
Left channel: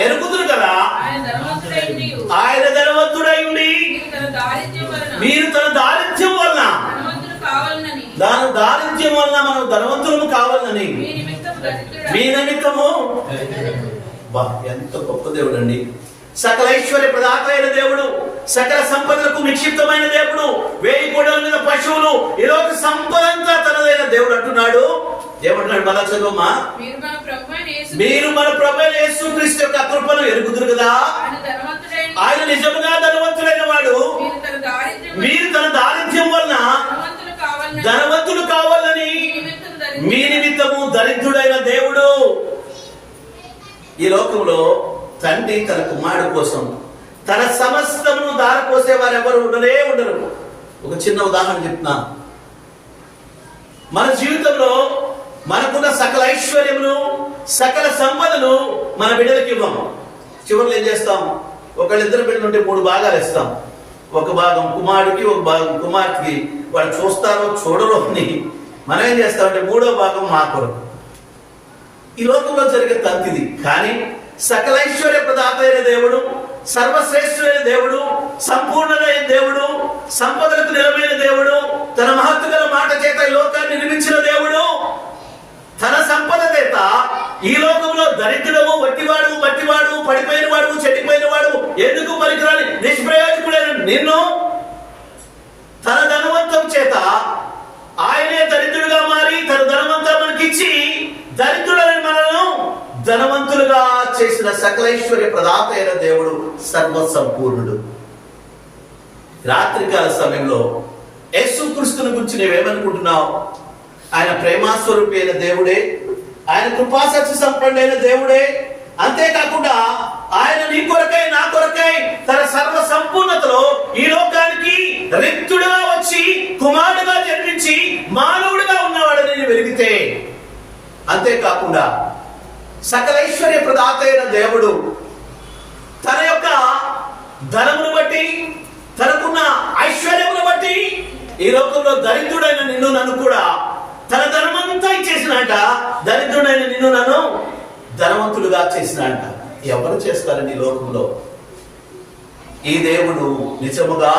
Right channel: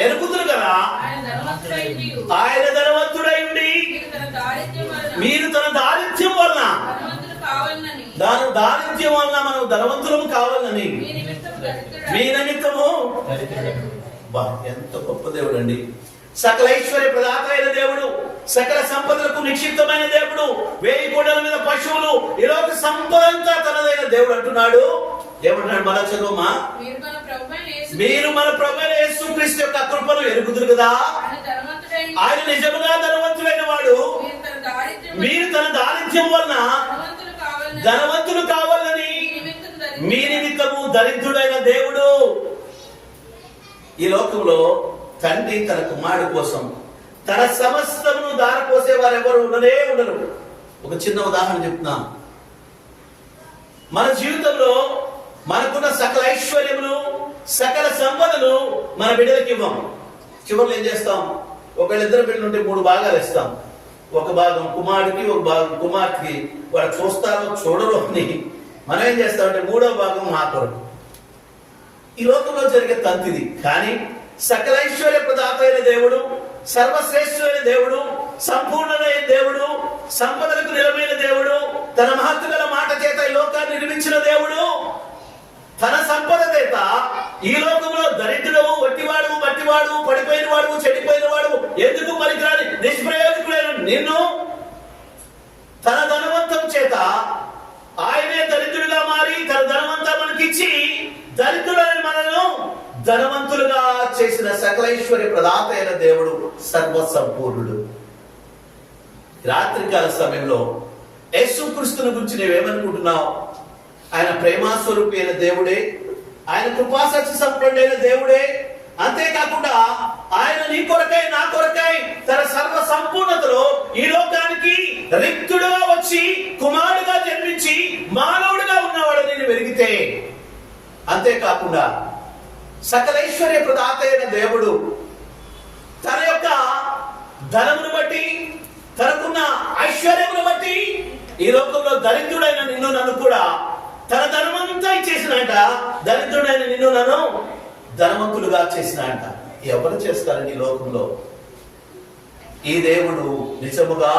ఎరుగుదురు కదా, ఆయన ధనవంతుడై ఉండి మీరు తన దారిద్ర్యం వలన మనం ధనవంతులను కావాలని మీ నిమిత్తము. ఎంత గొప్ప దేవుడు అండి! సకల ఐశ్వర్య ప్రదాత అయిన దేవుడు, సకల సంపదలకు నిక్షిప్తమైన దేవుడు, 1000 కోడల మీద పశువులు, ఈరోజు సంపద అంతా తనదైన దేవుడు అంటున్నాడు. ఏమంటున్నాడు? మన చదువుమా, మీరు మన ప్రభువైన యేసుక్రీస్తు యొక్క కృపను ఎరుగుదురు కదా, ఆయన నిజముగా ధనవంతుడైన వాడు, మీరు తన దారిద్ర్యం వలన ధనవంతులు కావాలని మీ నిమిత్తము దరిద్రుడైన దేవుడు. ఈ లోకంలో తండ్రి తన కుమారుడు కోసం తన సమస్తమును దారపోసే వారు ఎవరు ఉండరు. ఒక చిన్న ఉదాహరణ చెప్తున్నాను. మన జీవితంలో మనకున్న సకల ఐశ్వర్యమును, సకల సంపదను మన బిడ్డలకు ఇవ్వం. చివరిలో ఏం చేస్తాం? ఒకళ్ళిద్దరు బిడ్డలు ఉంటే 3 భాగాలు ఇస్తాం. ఒక భాగం కుమారుడికి, ఒక భాగం కుమార్తెకి. వాళ్ళు చూస్తారో చూడరో అని మనం ఏం చేస్తామంటే 3వ భాగం మా కొరకు. ఈ లోకంలో జరిగే తంతిది. కానీ సకల ఐశ్వర్య ప్రదాత అయిన దేవుడు, సర్వశ్రేష్ఠుడైన దేవుడు, సంపూర్ణమైన దేవుడు, సంపదలకు నిలమైన దేవుడు, తన మహత్తుగల మాట చేత ఈ లోకాన్ని నిర్మించిన దేవుడు, తన సంపద చేత ఈ లోకంలో దరిద్రము, వట్టివాడు, మట్టివాడు, పడిపోయిన వాడు, చెడిపోయిన వాడు, ఎందుకు పనికిరాని నిష్ప్రయోజకుడైన నిన్ను తన ధనవంతం చేత ఆయనే దరిద్రుడుగా మారి తన ధనవంతా మనకిచ్చి దరిద్రుడైన మనను ధనవంతులుగా చేసిన సకలైశ్వర్య ప్రదాత అయిన దేవుడు సర్వసంపూర్ణుడు. రాత్రికాల సమయంలో యేసుక్రీస్తుని గురించి నీవేమనుకుంటున్నావు? ఆయన ప్రేమాస్వరూపి అయిన దేవుడే, ఆయన కృపాసత్య సంపన్నుడైన దేవుడే. అంతేకాకుండా ఆయన నీ కొరకై, నా కొరకై తన సర్వ సంపూర్ణతలో ఈ లోకానికి రిక్తుడుగా వచ్చి కుమారుడుగా జన్మించి మానవుడిగా ఉన్నవాడని వెలిగితే, అంతేకాకుండా సకలైశ్వర్య ప్రదాత అయిన దేవుడు తన యొక్క ధనమును బట్టి, తనకున్న ఐశ్వర్యమును బట్టి ఈ లోకంలో దరిద్రుడైన నిన్ను నన్ను కూడా తన ధనమంతా ఇచ్చేసినట. దరిద్రుడైన నిన్ను నన్ను ధనవంతుడుగా చేసినాడంట. ఎవరు చేస్తారండి ఈ లోకంలో? ఈ దేవుడు నిజముగా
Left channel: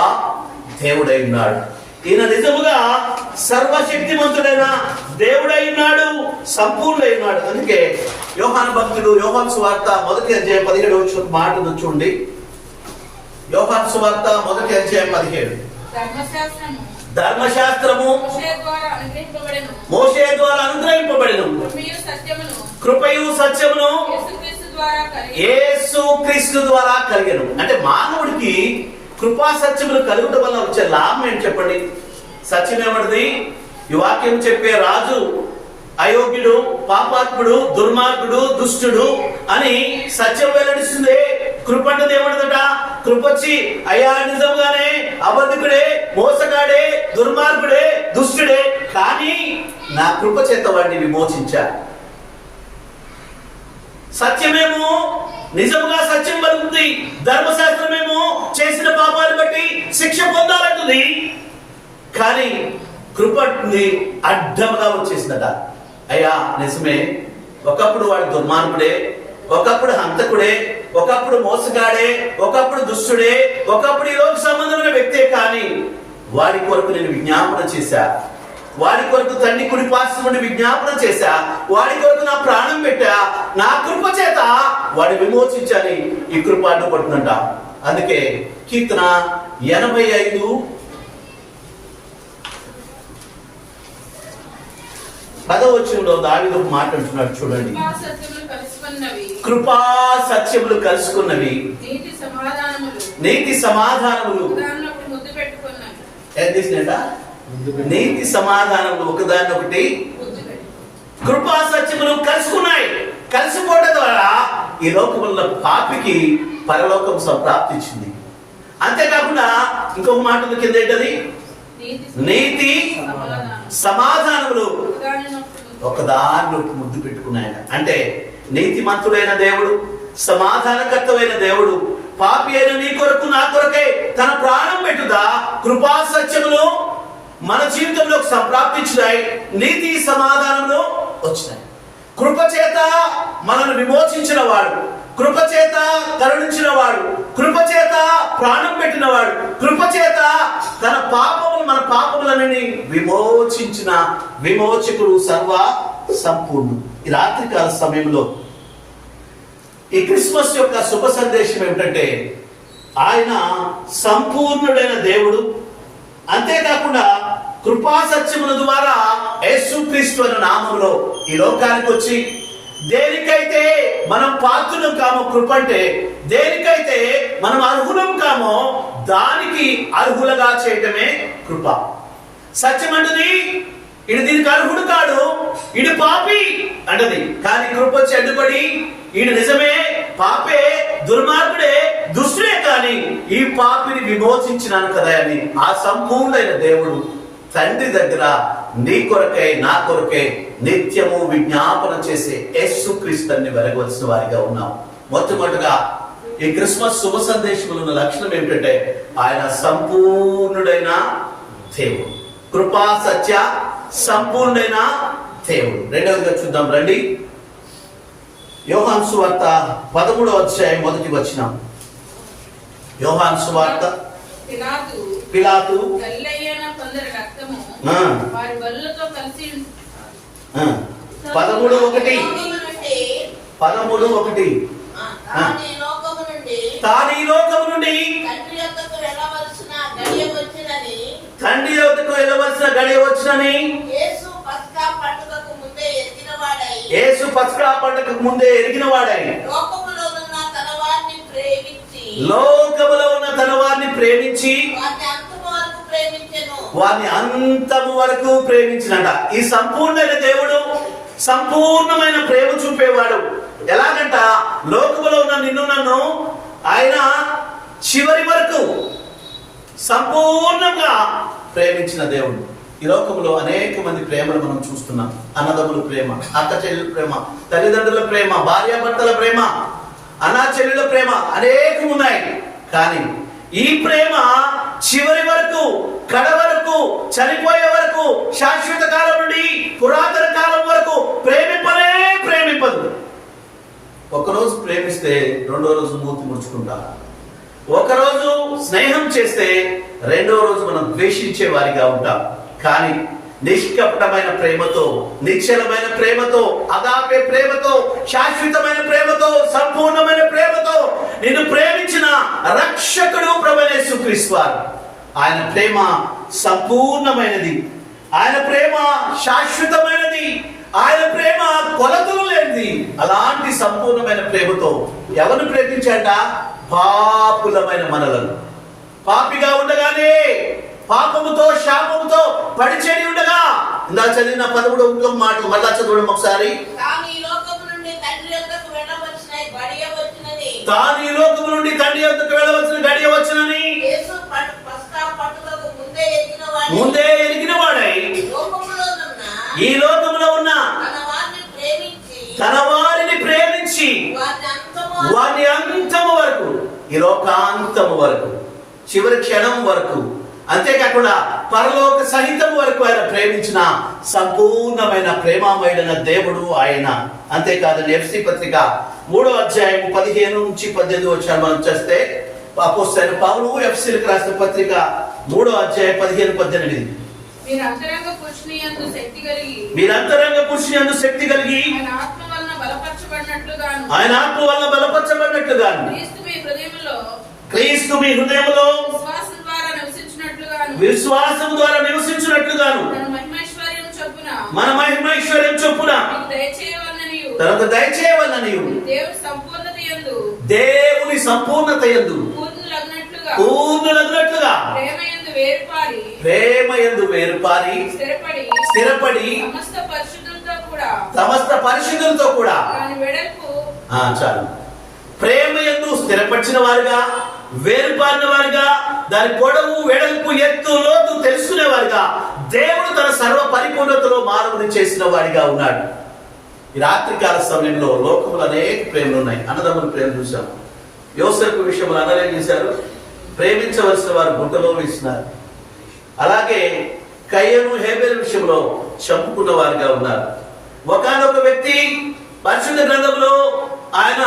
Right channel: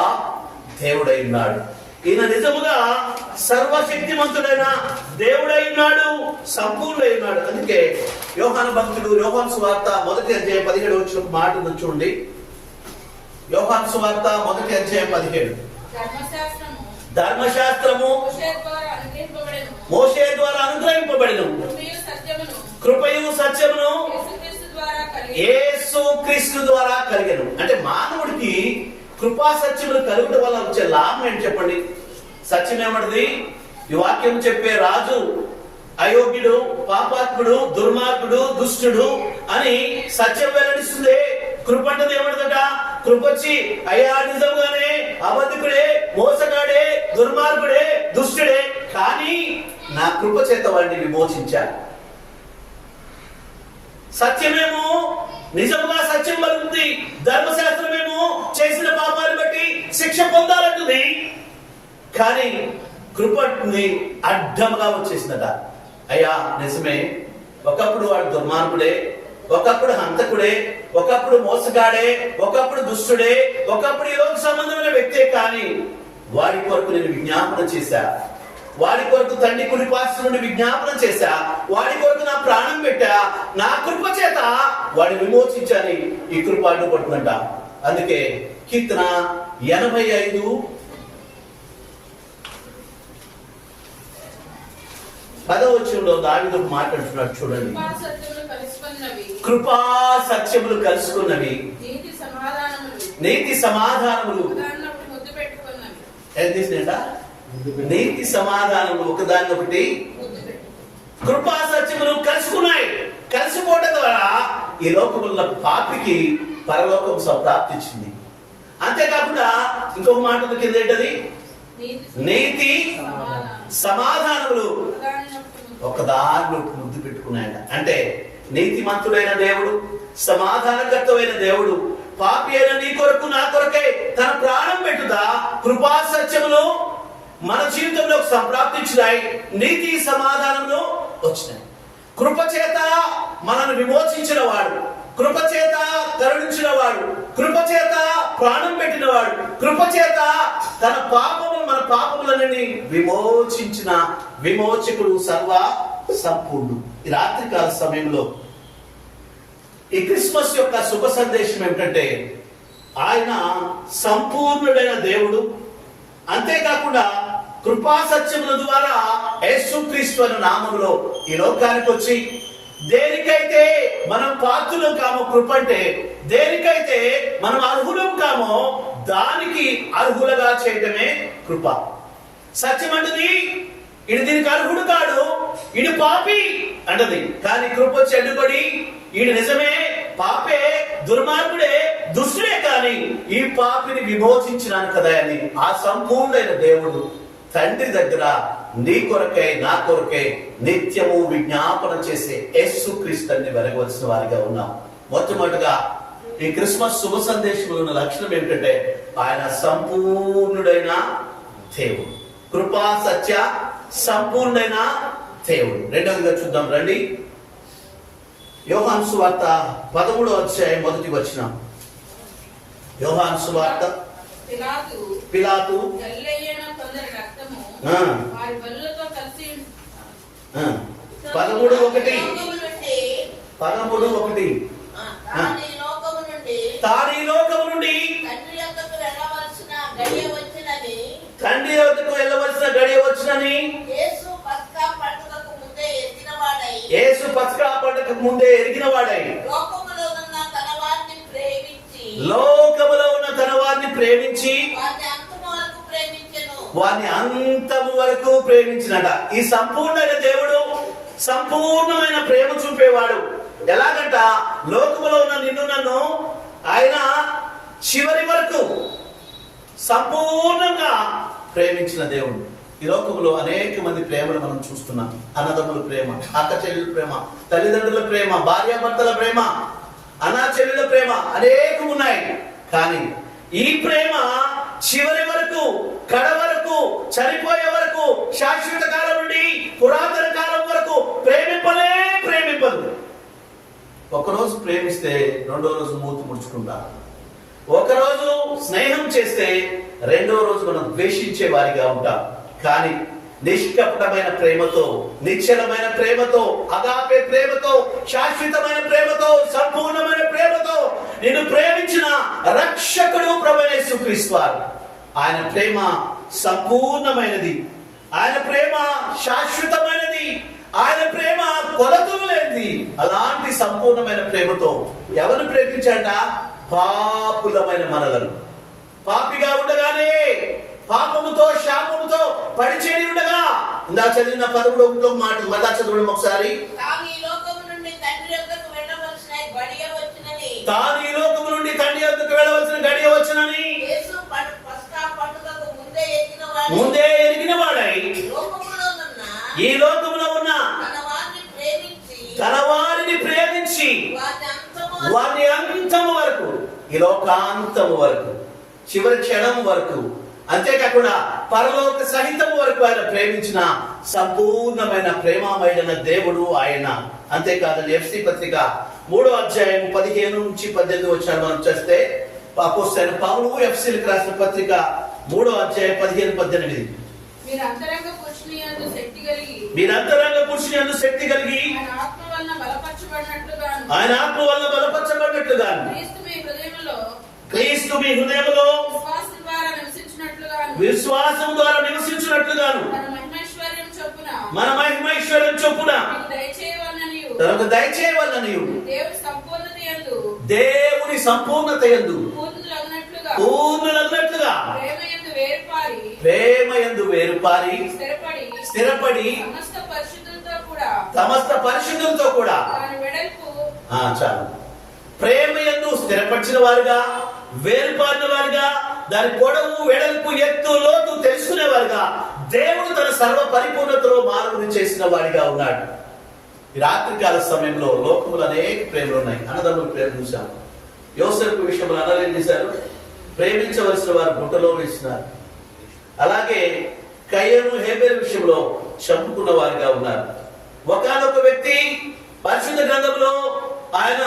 దేవుడై ఉన్నాడు. ఈయన నిజముగా సర్వశక్తిమంతుడైన దేవుడై ఉన్నాడు, సంపూర్ణుడై ఉన్నాడు. అందుకే యోహాను భక్తుడు యోహాను సువార్త 1:17 మాట చూడండి. యోహాను సువార్త 1:17 ధర్మశాస్త్రము మోషే ద్వారా అనుగ్రహింపబడెను, కృపయు సత్యమును యేసుక్రీస్తు ద్వారా కలిగెను. అంటే మానవుడికి కృపా సత్యములు కలుగుట వల్ల వచ్చే లాభం ఏంటి చెప్పండి? సత్యం ఏమన్నది? ఈ వాక్యం చెప్పే రాజు అయోగ్యుడు, పాపాత్ముడు, దుర్మార్గుడు, దుష్టుడు అని సత్యం వెల్లడిస్తుంది. కృప అంటే ఏమన్నదట? కృపొచ్చి అయ్యా నిజంగానే అబద్ధికుడే, మోసగాడే, దుర్మార్గుడే, దుష్టుడే, కానీ నా కృప చేత వాడిని విమోచించా. సత్యమేమో నిజంగా సత్యం పలుకుతుంది, ధర్మశాస్త్రమేమో చేసిన పాపాన్ని బట్టి శిక్ష పొందాలంటుంది. కానీ కృపని అడ్డముగా వచ్చేసిందట. అయ్యా నిజమే, ఒకప్పుడు వాడు దుర్మార్గుడే, ఒకప్పుడు హంతకుడే, ఒకప్పుడు మోసగాడే, ఒకప్పుడు దుష్టుడే, ఒకప్పుడు ఈ లోక సంబంధమైన వ్యక్తే, కానీ వాడి కొరకు నేను విజ్ఞాపన చేశా, వాడి కొరకు తండ్రి కుడి పార్శ్వం నుండి విజ్ఞాపన చేశా, వాడి కొరకు నా ప్రాణం పెట్టా, నా కృప చేత వాడిని విమోచించాలి. ఈ కృప అడ్డుపడుతుందంట. అందుకే కీర్తన 85 10వ దావీదు మాట్లాడుతున్నాడు చూడండి. కృపా సత్యములు కలుసుకున్నవి, నీతి సమాధానములు నీతి సమాధానములు ఒకదాన్నొకటి కృపా సత్యములు కలుసుకున్నాయి. కలిసిపోవడం ద్వారా ఈ లోకముల పాపికి పరలోకం సంప్రాప్తించింది. అంతేకాకుండా ఇంకొక మాట కింద ఏంటది? నీతి సమాధానములు ఒకదాన్ని ముద్దు పెట్టుకున్నాయట. అంటే నీతిమంతుడైన దేవుడు, సమాధానకర్తమైన దేవుడు పాపి అయిన నీ కొరకు నా కొరకే తన ప్రాణం పెట్టుదా కృపా సత్యములు మన జీవితంలోకి సంప్రాప్తించినాయి. నీతి సమాధానములు వచ్చినాయి. కృప చేత మనల్ని విమోచించిన వాడు, కృప చేత కరుణించిన వాడు, కృప చేత ప్రాణం పెట్టిన వాడు, కృప చేత తన పాపములు మన పాపములన్నీ విమోచించిన విమోచకుడు, సర్వ సంపూర్ణుడు. ఈ రాత్రికాల సమయంలో ఈ క్రిస్మస్ యొక్క శుభ సందేశం ఏమిటంటే ఆయన సంపూర్ణుడైన దేవుడు, అంతేకాకుండా కృపా సత్యముల ద్వారా యేసుక్రీస్తు అనే నామములో ఈ లోకానికి వచ్చి దేనికైతే మనం పాత్రులం కామో, కృప అంటే దేనికైతే మనం అర్హులం కామో దానికి అర్హులుగా చేయటమే కృప. సత్యం అంటది ఇడు దీనికి అర్హుడు కాడు, ఇడు పాపి అంటది. కానీ కృప వచ్చి అడ్డుపడి ఈడు నిజమే పాపే, దుర్మార్గుడే, దుష్టుడే, కానీ ఈ పాపిని విమోచించినాను కదా అని ఆ సంపూర్ణమైన దేవుడు తండ్రి దగ్గర నీ కొరకై నా కొరకై నిత్యము విజ్ఞాపన చేసే యేసుక్రీస్తుని వెలగవలసిన వారిగా ఉన్నాం. మొట్టమొదటిగా ఈ క్రిస్మస్ శుభ సందేశంలో ఉన్న లక్షణం ఏమిటంటే ఆయన సంపూర్ణుడైన దేవుడు, కృపా సత్య సంపూర్ణైన దేవుడు. రెండవదిగా చూద్దాం రండి. యోహాను సువార్త 13వ యోహాను సువార్త. పిలాతు 13:1 తాను ఈ లోకము నుండి తండ్రి యొద్దకు వెళ్ళవలసిన గడియ వచ్చునని యేసు పస్కా పండగకు ముందే ఎరిగిన వాడై లోకములో ఉన్న తన వారిని ప్రేమించి వారిని అంతము వరకు ప్రేమించినట. ఈ సంపూర్ణమైన దేవుడు సంపూర్ణమైన ప్రేమ చూపేవాడు. ఎలాగంట లోకములో ఉన్న నిన్ను నన్ను ఆయన చివరి వరకు సంపూర్ణంగా ప్రేమించిన దేవుడు. ఈ లోకంలో అనేక మంది ప్రేమలు మనం చూస్తున్నాం. అన్నదమ్ముల ప్రేమ, అక్క చెల్లెల ప్రేమ, తల్లిదండ్రుల ప్రేమ, భార్యాభర్తల ప్రేమ, అన్నా చెల్లెల ప్రేమ అనేకం ఉన్నాయి. కానీ ఈ ప్రేమ చివరి వరకు, కడ వరకు, చనిపోయే వరకు, శాశ్వత కాలం నుండి పురాతన కాలం వరకు ప్రేమింపదు. ఒకరోజు ప్రేమిస్తే రెండో రోజు మూతి ముడుచుకుంటాం. ఒకరోజు స్నేహం చేస్తే రెండో రోజు మనం ద్వేషించే వారిగా ఉంటాం. కానీ నిష్కపటమైన ప్రేమతో, నిశ్చలమైన ప్రేమతో, అగాపే ప్రేమతో, శాశ్వతమైన ప్రేమతో, సంపూర్ణమైన ప్రేమతో నిన్ను ప్రేమించిన రక్షకుడు ప్రభువైన యేసుక్రీస్తు వారు. ఆయన ప్రేమ సంపూర్ణమైనది, ఆయన ప్రేమ శాశ్వతమైనది, ఆయన ప్రేమ కొలతలు లేనిది. అలాంటి సంపూర్ణమైన ప్రేమతో ఎవరు ప్రేమించాట? పాపులమైన మనలను. పాపిగా ఉండగానే, పాపముతో శాపముతో పడిచేరి ఉండగా, ఇందా చదివిన 11వ మాట మళ్ళా చదవడం ఒకసారి. తాను ఈ లోకము నుండి తండ్రి యొద్దకు వెళ్ళవలసిన గడియ వచ్చినని యేసు పస్కా పండుగకు ముందే ఎరిగిన వాడై ఈ లోకములో ఉన్న తన వారిని ప్రేమించి వారి అంతము వరకు, ఈ లోకాంతము వరకు, చివరి క్షణం వరకు, అంతేకాకుండా పరలోక సహితం వరకు ఆయన ప్రేమించిన సంపూర్ణమైన ప్రేమామయుడైన దేవుడు ఆయన. అంతేకాదని ఎఫ్సీ పత్రిక 3వ అధ్యాయం 15 నుంచి 18 వచ్చాను మనం చేస్తే, అపోస్తలుడైన పౌలు ఎఫ్సీలకు రాసిన పత్రిక 3వ అధ్యాయం 15-18. మీరు అంతరంగ పురుషుని యందు శక్తి కలిగి ఆయన ఆత్మ వలన బలపరచబడినట్లుగాను క్రీస్తు మీ హృదయములో విశ్వాసం ద్వారా నివసించినట్లుగాను మన మహిమైశ్వర్యం చొప్పున తనకు దయచేయవలననియు దేవుని సంపూర్ణత యందు పూర్ణులగునట్లుగా ప్రేమ యందు వేరుపారి స్థిరపడి సమస్త పరిశుద్ధులతో కూడా చాలు. ప్రేమ యందు స్థిరపరిచిన వారుగా, వేరుపారిన వారుగా, దాని పొడవు, వెడల్పు, ఎత్తు, లోతు తెలుసుకునే వారుగా దేవుడు తన సర్వ పరిపూర్ణతలో మానవుని చేసిన వాడిగా ఉన్నాడు. ఈ రాత్రికాల సమయంలో లోకములు అనేక ప్రేమలు ఉన్నాయి. అన్నదమ్ముల ప్రేమ చూసాం. యోసేపు విషయంలో అన్నలు ఏం చేశారు? ప్రేమించవలసిన వారు గుంటలో వేసినారు. అలాగే కయ్యను, హేబెలు విషయంలో చంపుకున్న వారిగా ఉన్నారు. ఒకానొక వ్యక్తి పరిశుద్ధ గ్రంథంలో ఆయన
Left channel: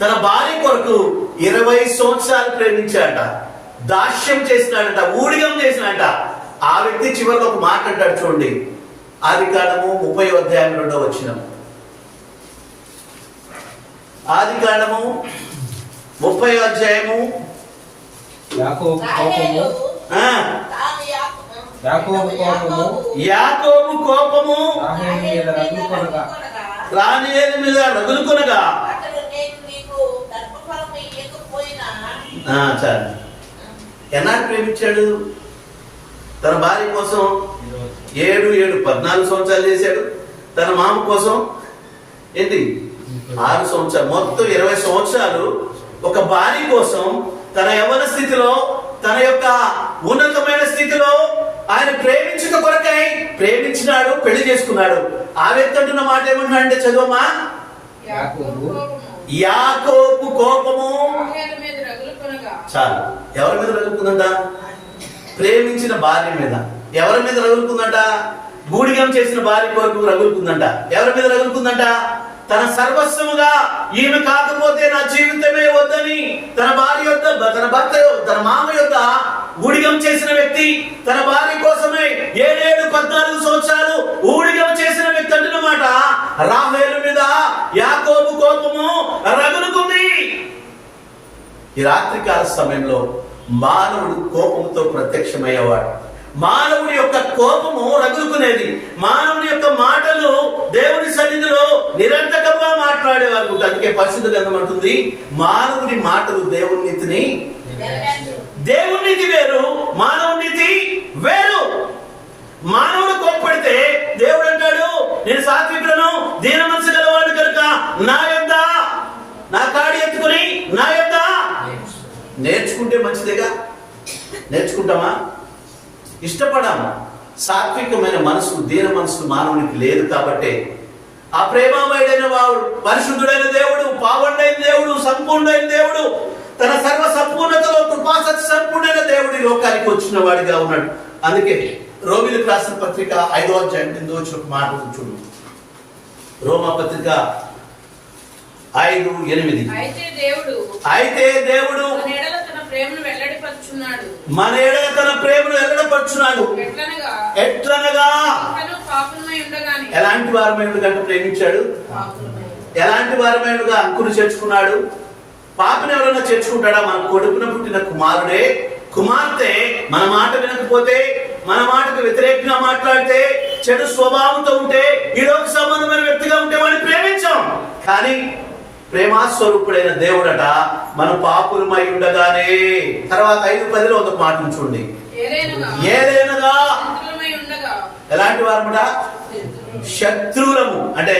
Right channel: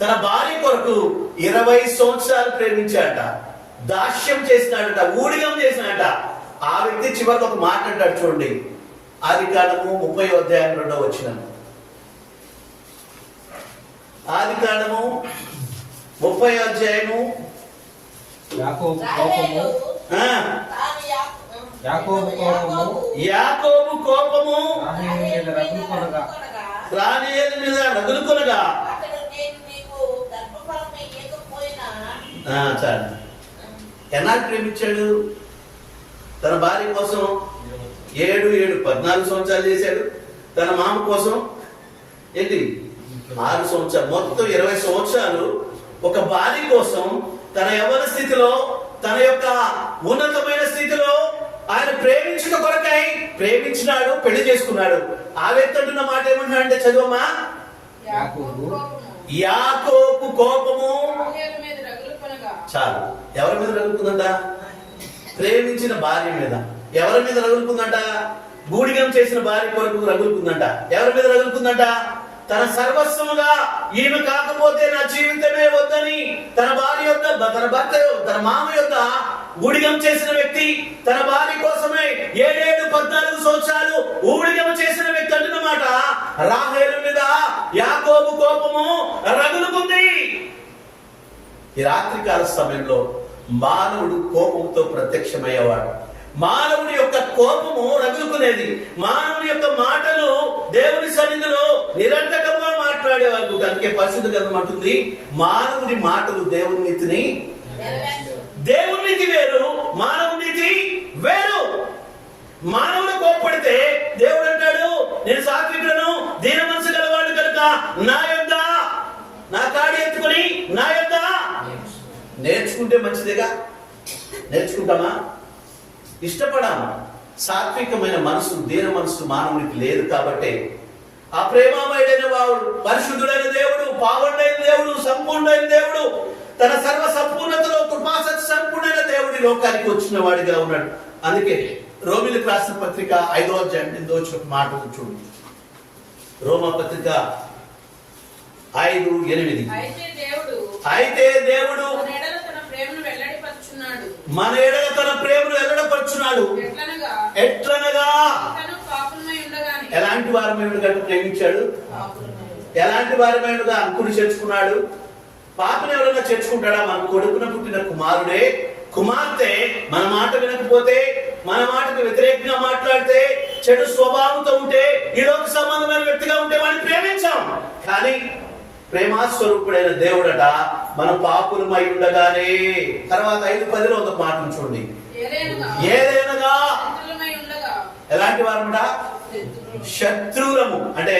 తన భార్య కొరకు 20 సంవత్సరాలు ప్రేమించాడట, దాస్యం చేసినాడట, ఊడిగం చేసినాడట. ఆ వ్యక్తి చివరికి ఒక మాట అంటాడు చూడండి, ఆదికాండము 30వ అధ్యాయం 2వ వచనం. ఆదికాండము 30వ అధ్యాయము యాకోబు కోపము రాహేలు మీద రగులుకొనగా ఎన్నాడు ప్రేమించాడు? తన భార్య కోసం 14 సంవత్సరాలు చేశాడు. తన మామ కోసం 6 సంవత్సరాలు, మొత్తం 20 సంవత్సరాలు ఒక భార్య కోసం తన యవ్వన స్థితిలో, తన యొక్క ఉన్నతమైన స్థితిలో ఆయన ప్రేమించుట కొరకై ప్రేమించినాడు, పెళ్లి చేసుకున్నాడు. ఆ వ్యక్తి అంటున్న మాట ఏమంటున్నా అంటే చదవమా. యాకోబు కోపము చాలు. ఎవరి మీద రగులుకుందట? ప్రేమించిన భార్య మీద. ఎవరి మీద రగులుకుందట? బూడిగం చేసిన భార్య కొరకు రగులుకుందంట. ఎవరి మీద రగులుకుందంట? తన సర్వస్వముగా ఈమె కాకపోతే నా జీవితమే వద్దని తన భార్య యొద్ద, తన భర్త, తన మామ యొద్ద ఊడిగం చేసిన వ్యక్తి, తన భార్య కోసమే 14 సంవత్సరాలు ఊడిగం చేసిన వ్యక్తి అంటున్నమాట. రాహేలు మీద యాకోబు కోపము రగులుకుంది. ఈ రాత్రికాల సమయంలో మానవుడు కోపంతో ప్రత్యక్షమయ్యేవాడు. మానవుడి యొక్క కోపము రగులుకునేది. మానవుడి యొక్క మాటలు దేవుని సన్నిధిలో నిరంతకంగా మాట్లాడేవారు. అందుకే పరిశుద్ధ గ్రంథం అంటుంది, మానవుడి మాటలు దేవుని నీతిని, దేవుని నీతి వేరు, మానవుడి నీతి వేరు. మానవుడు కోప్పడితే దేవుడు అంటాడు, నేను సాత్వికులను, దీన మనసు గలవాడు కనుక నా యొద్ద నా కాడి ఎత్తుకుని నా యొద్ద నేర్చుకుంటే మంచిదేగా. నేర్చుకుంటామా? ఇష్టపడాము. సాత్వికమైన మనసు, దీన మనసు మానవునికి లేదు. కాబట్టి ఆ ప్రేమామయుడైన వాడు, పరిశుద్ధుడైన దేవుడు, పావనుడైన దేవుడు, సంపూర్ణమైన దేవుడు, తన సర్వ సంపూర్ణతలో కృపాసత్య సంపూర్ణమైన దేవుడి లోకానికి వచ్చిన వాడిగా ఉన్నాడు. అందుకే రోమీయులకు రాసిన పత్రిక 5వ అధ్యాయం 8వ వచ్చిన మాట చూడండి. రోమా పత్రిక 5:8. అయితే దేవుడు మన ఎడల తన ప్రేమను వెల్లడిపరుచున్నాడు. మన ఎడల తన ప్రేమను వెల్లడిపరుచున్నాడు. ఎట్లనగా ఇంకను పాపులమై ఉండగానే. ఎలాంటి వారమై ఉండగా ప్రేమించాడు? పాపులమై. ఎలాంటి వారమై ఉండగా అంకురు చేర్చుకున్నాడు? పాపను ఎవరైనా చేర్చుకుంటాడా? మన కొడుకున పుట్టిన కుమారుడే కుమార్తె మన మాట వినకపోతే, మన మాటకు వ్యతిరేకంగా మాట్లాడితే, చెడు స్వభావంతో ఉంటే, ఈ లోక సంబంధమైన వ్యక్తిగా ఉంటే వాడిని ప్రేమించాం. కానీ ప్రేమాస్వరూపుడైన దేవుడట మన పాపులమై ఉండగానే. తర్వాత 5:10 ఒక మాట చూడండి. ఏదైనగా ఎలాంటి వారముట? శత్రువులము. అంటే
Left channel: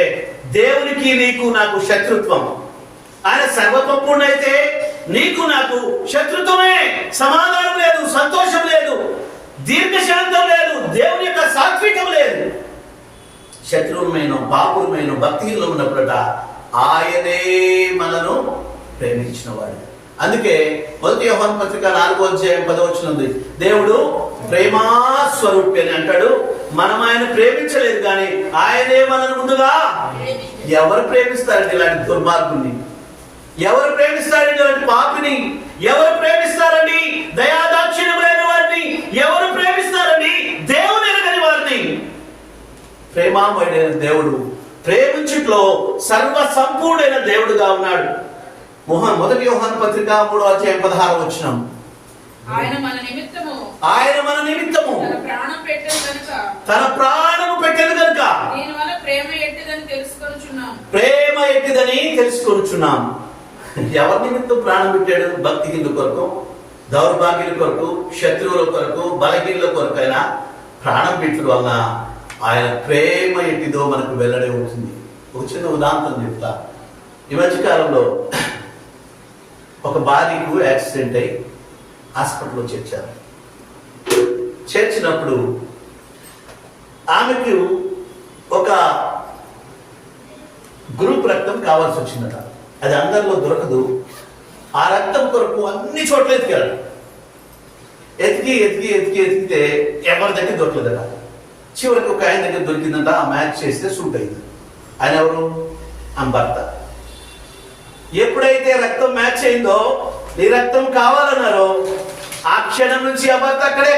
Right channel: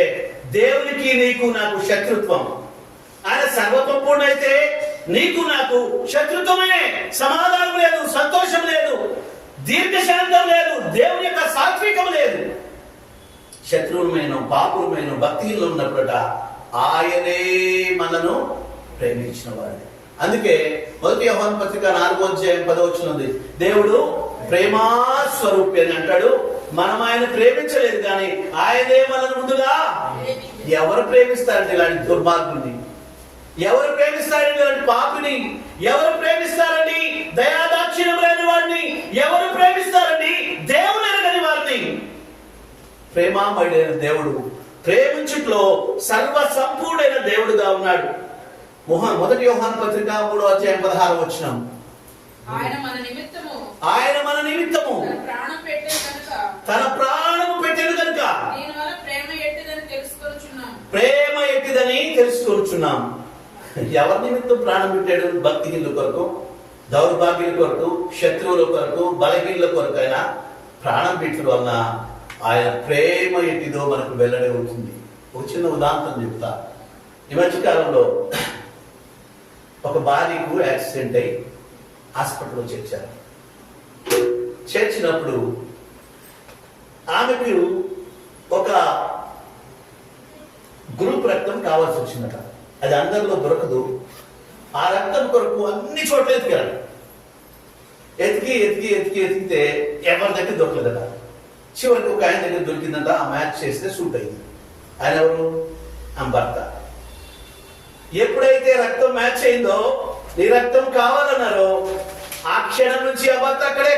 దేవునికి నీకు నాకు శత్రుత్వం. ఆయన సర్వసంపూర్ణైతే నీకు నాకు శత్రుత్వమే. సమాధానం లేదు, సంతోషం లేదు, దీర్ఘశాంతం లేదు, దేవుని యొక్క సాత్వికం లేదు. శత్రువులమైన పాపులమైన భక్తిలో ఉన్నప్పుడట ఆయనే మనను ప్రేమించిన వాడు. అందుకే 1 యోహాను పత్రిక 4:10 ఉంది. దేవుడు ప్రేమాస్వరూపి అని అంటాడు. మనం ఆయన ప్రేమించలేదు, కానీ ఆయనే మనను ముందుగా. ఎవరు ప్రేమిస్తారండి ఇలాంటి దుర్మార్గుని? ఎవరు ప్రేమిస్తారండి ఇలాంటి పాపిని? ఎవరు ప్రేమిస్తారండి దయాదాక్షిణ్యమైన వారిని? ఎవరు ప్రేమిస్తారండి దేవుని ఎరగని వారిని? ప్రేమామయుడైన దేవుడు ప్రేమించుట్లో సర్వ సంపూర్ణైన దేవుడుగా ఉన్నాడు. 1 యోహాను పత్రిక 3:16 ఆయన మన నిమిత్తము తన ప్రాణము పెట్టెను గనుక దీనివల్ల ప్రేమ ఎట్టిదని తెలుసుకొనుచున్నాం. ఎవరి నిమిత్తం ప్రాణం పెట్టాడు? భక్తిహీనుల కొరకు, దౌర్భాగ్యుల కొరకు, శత్రువుల కొరకు, బలహీనుల కొరకు ఆయన ప్రాణం పెట్టడం వల్ల ఆయన ప్రేమ ఎట్టిదో మనకు వెల్లడి అవుతుంది. ఒక చిన్న ఉదాహరణ చెప్తా. ఈ మధ్యకాలంలో ఒక భార్యకు యాక్సిడెంట్ అయి హాస్పిటల్లో చేర్చారు. చేర్చినప్పుడు ఆమెకు ఒక గ్రూప్ రక్తం కావాల్సి వచ్చిందట. అది అందరిలో దొరకదు. ఆ రక్తం కొరకు అన్ని చోట్ల ఎతికారు. ఎతికితే ఎవరి దగ్గర దొరకలేదట. చివరికి ఒక ఆయన దగ్గర దొరికిందంట. ఆ మ్యాచ్ చేస్తే సూట్ అయింది. ఆయన ఎవరు? ఆమె భర్త. ఎప్పుడైతే రక్తం మ్యాచ్ అయిందో, నీ రక్తం కావాలన్నారో, ఆ క్షణం నుంచి ఆ భర్త అక్కడే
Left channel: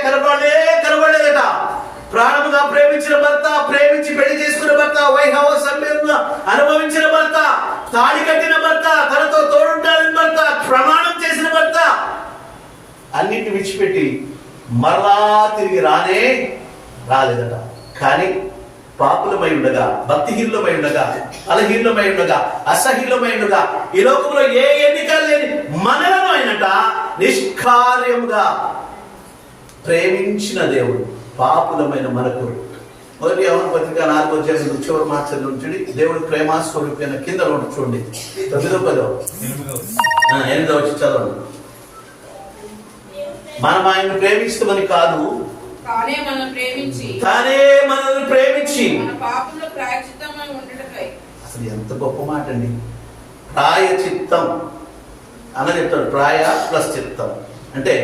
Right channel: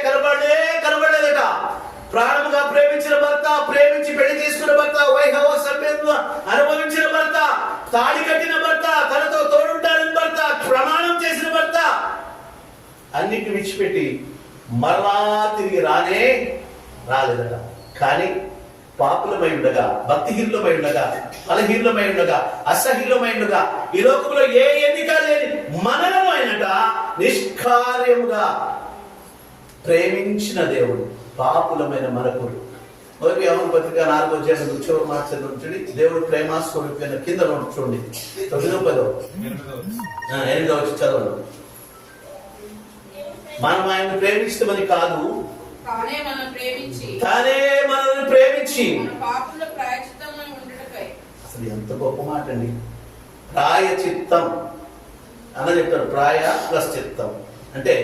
కనబడలేదట. ప్రాణముగా ప్రేమించిన భర్త, ప్రేమించి పెళ్లి చేసుకున్న భర్త, వైభవ సభ్యులను అనుభవించిన భర్త, తాళి కట్టిన భర్త, తనతో తోడుంటాడని భర్త, ప్రమాణం చేసిన భర్త, అన్నిటిని విడిచిపెట్టి మరలా తిరిగి రాలేదట. కానీ పాపులమై ఉండగా, భక్తిహీనులమై ఉండగా, బలహీనులమై ఉండగా, అసహ్యులమై ఉండగా, ఈ లోకంలో ఏ ఎన్నిక లేని మనలను అయినట నిష్కార్యముగా ప్రేమించిన దేవుడు పాపులమైన మనకు. 1 యోహాను పత్రిక 4:8 చివరి మాట చదివి. దేవుడు ప్రేమాస్వరూపి అన్న కింద చూడండి. 8 చదవండి. మనం ఆయన ప్రేమిస్తామని కాదు, తానే మనల్ని ప్రేమించి అసలు ఎంత గొప్ప మాట అండి. ప్రాయచిత్తం అన్న చెప్తాడు. ప్రాయ ప్లస్ చిత్తం అంటే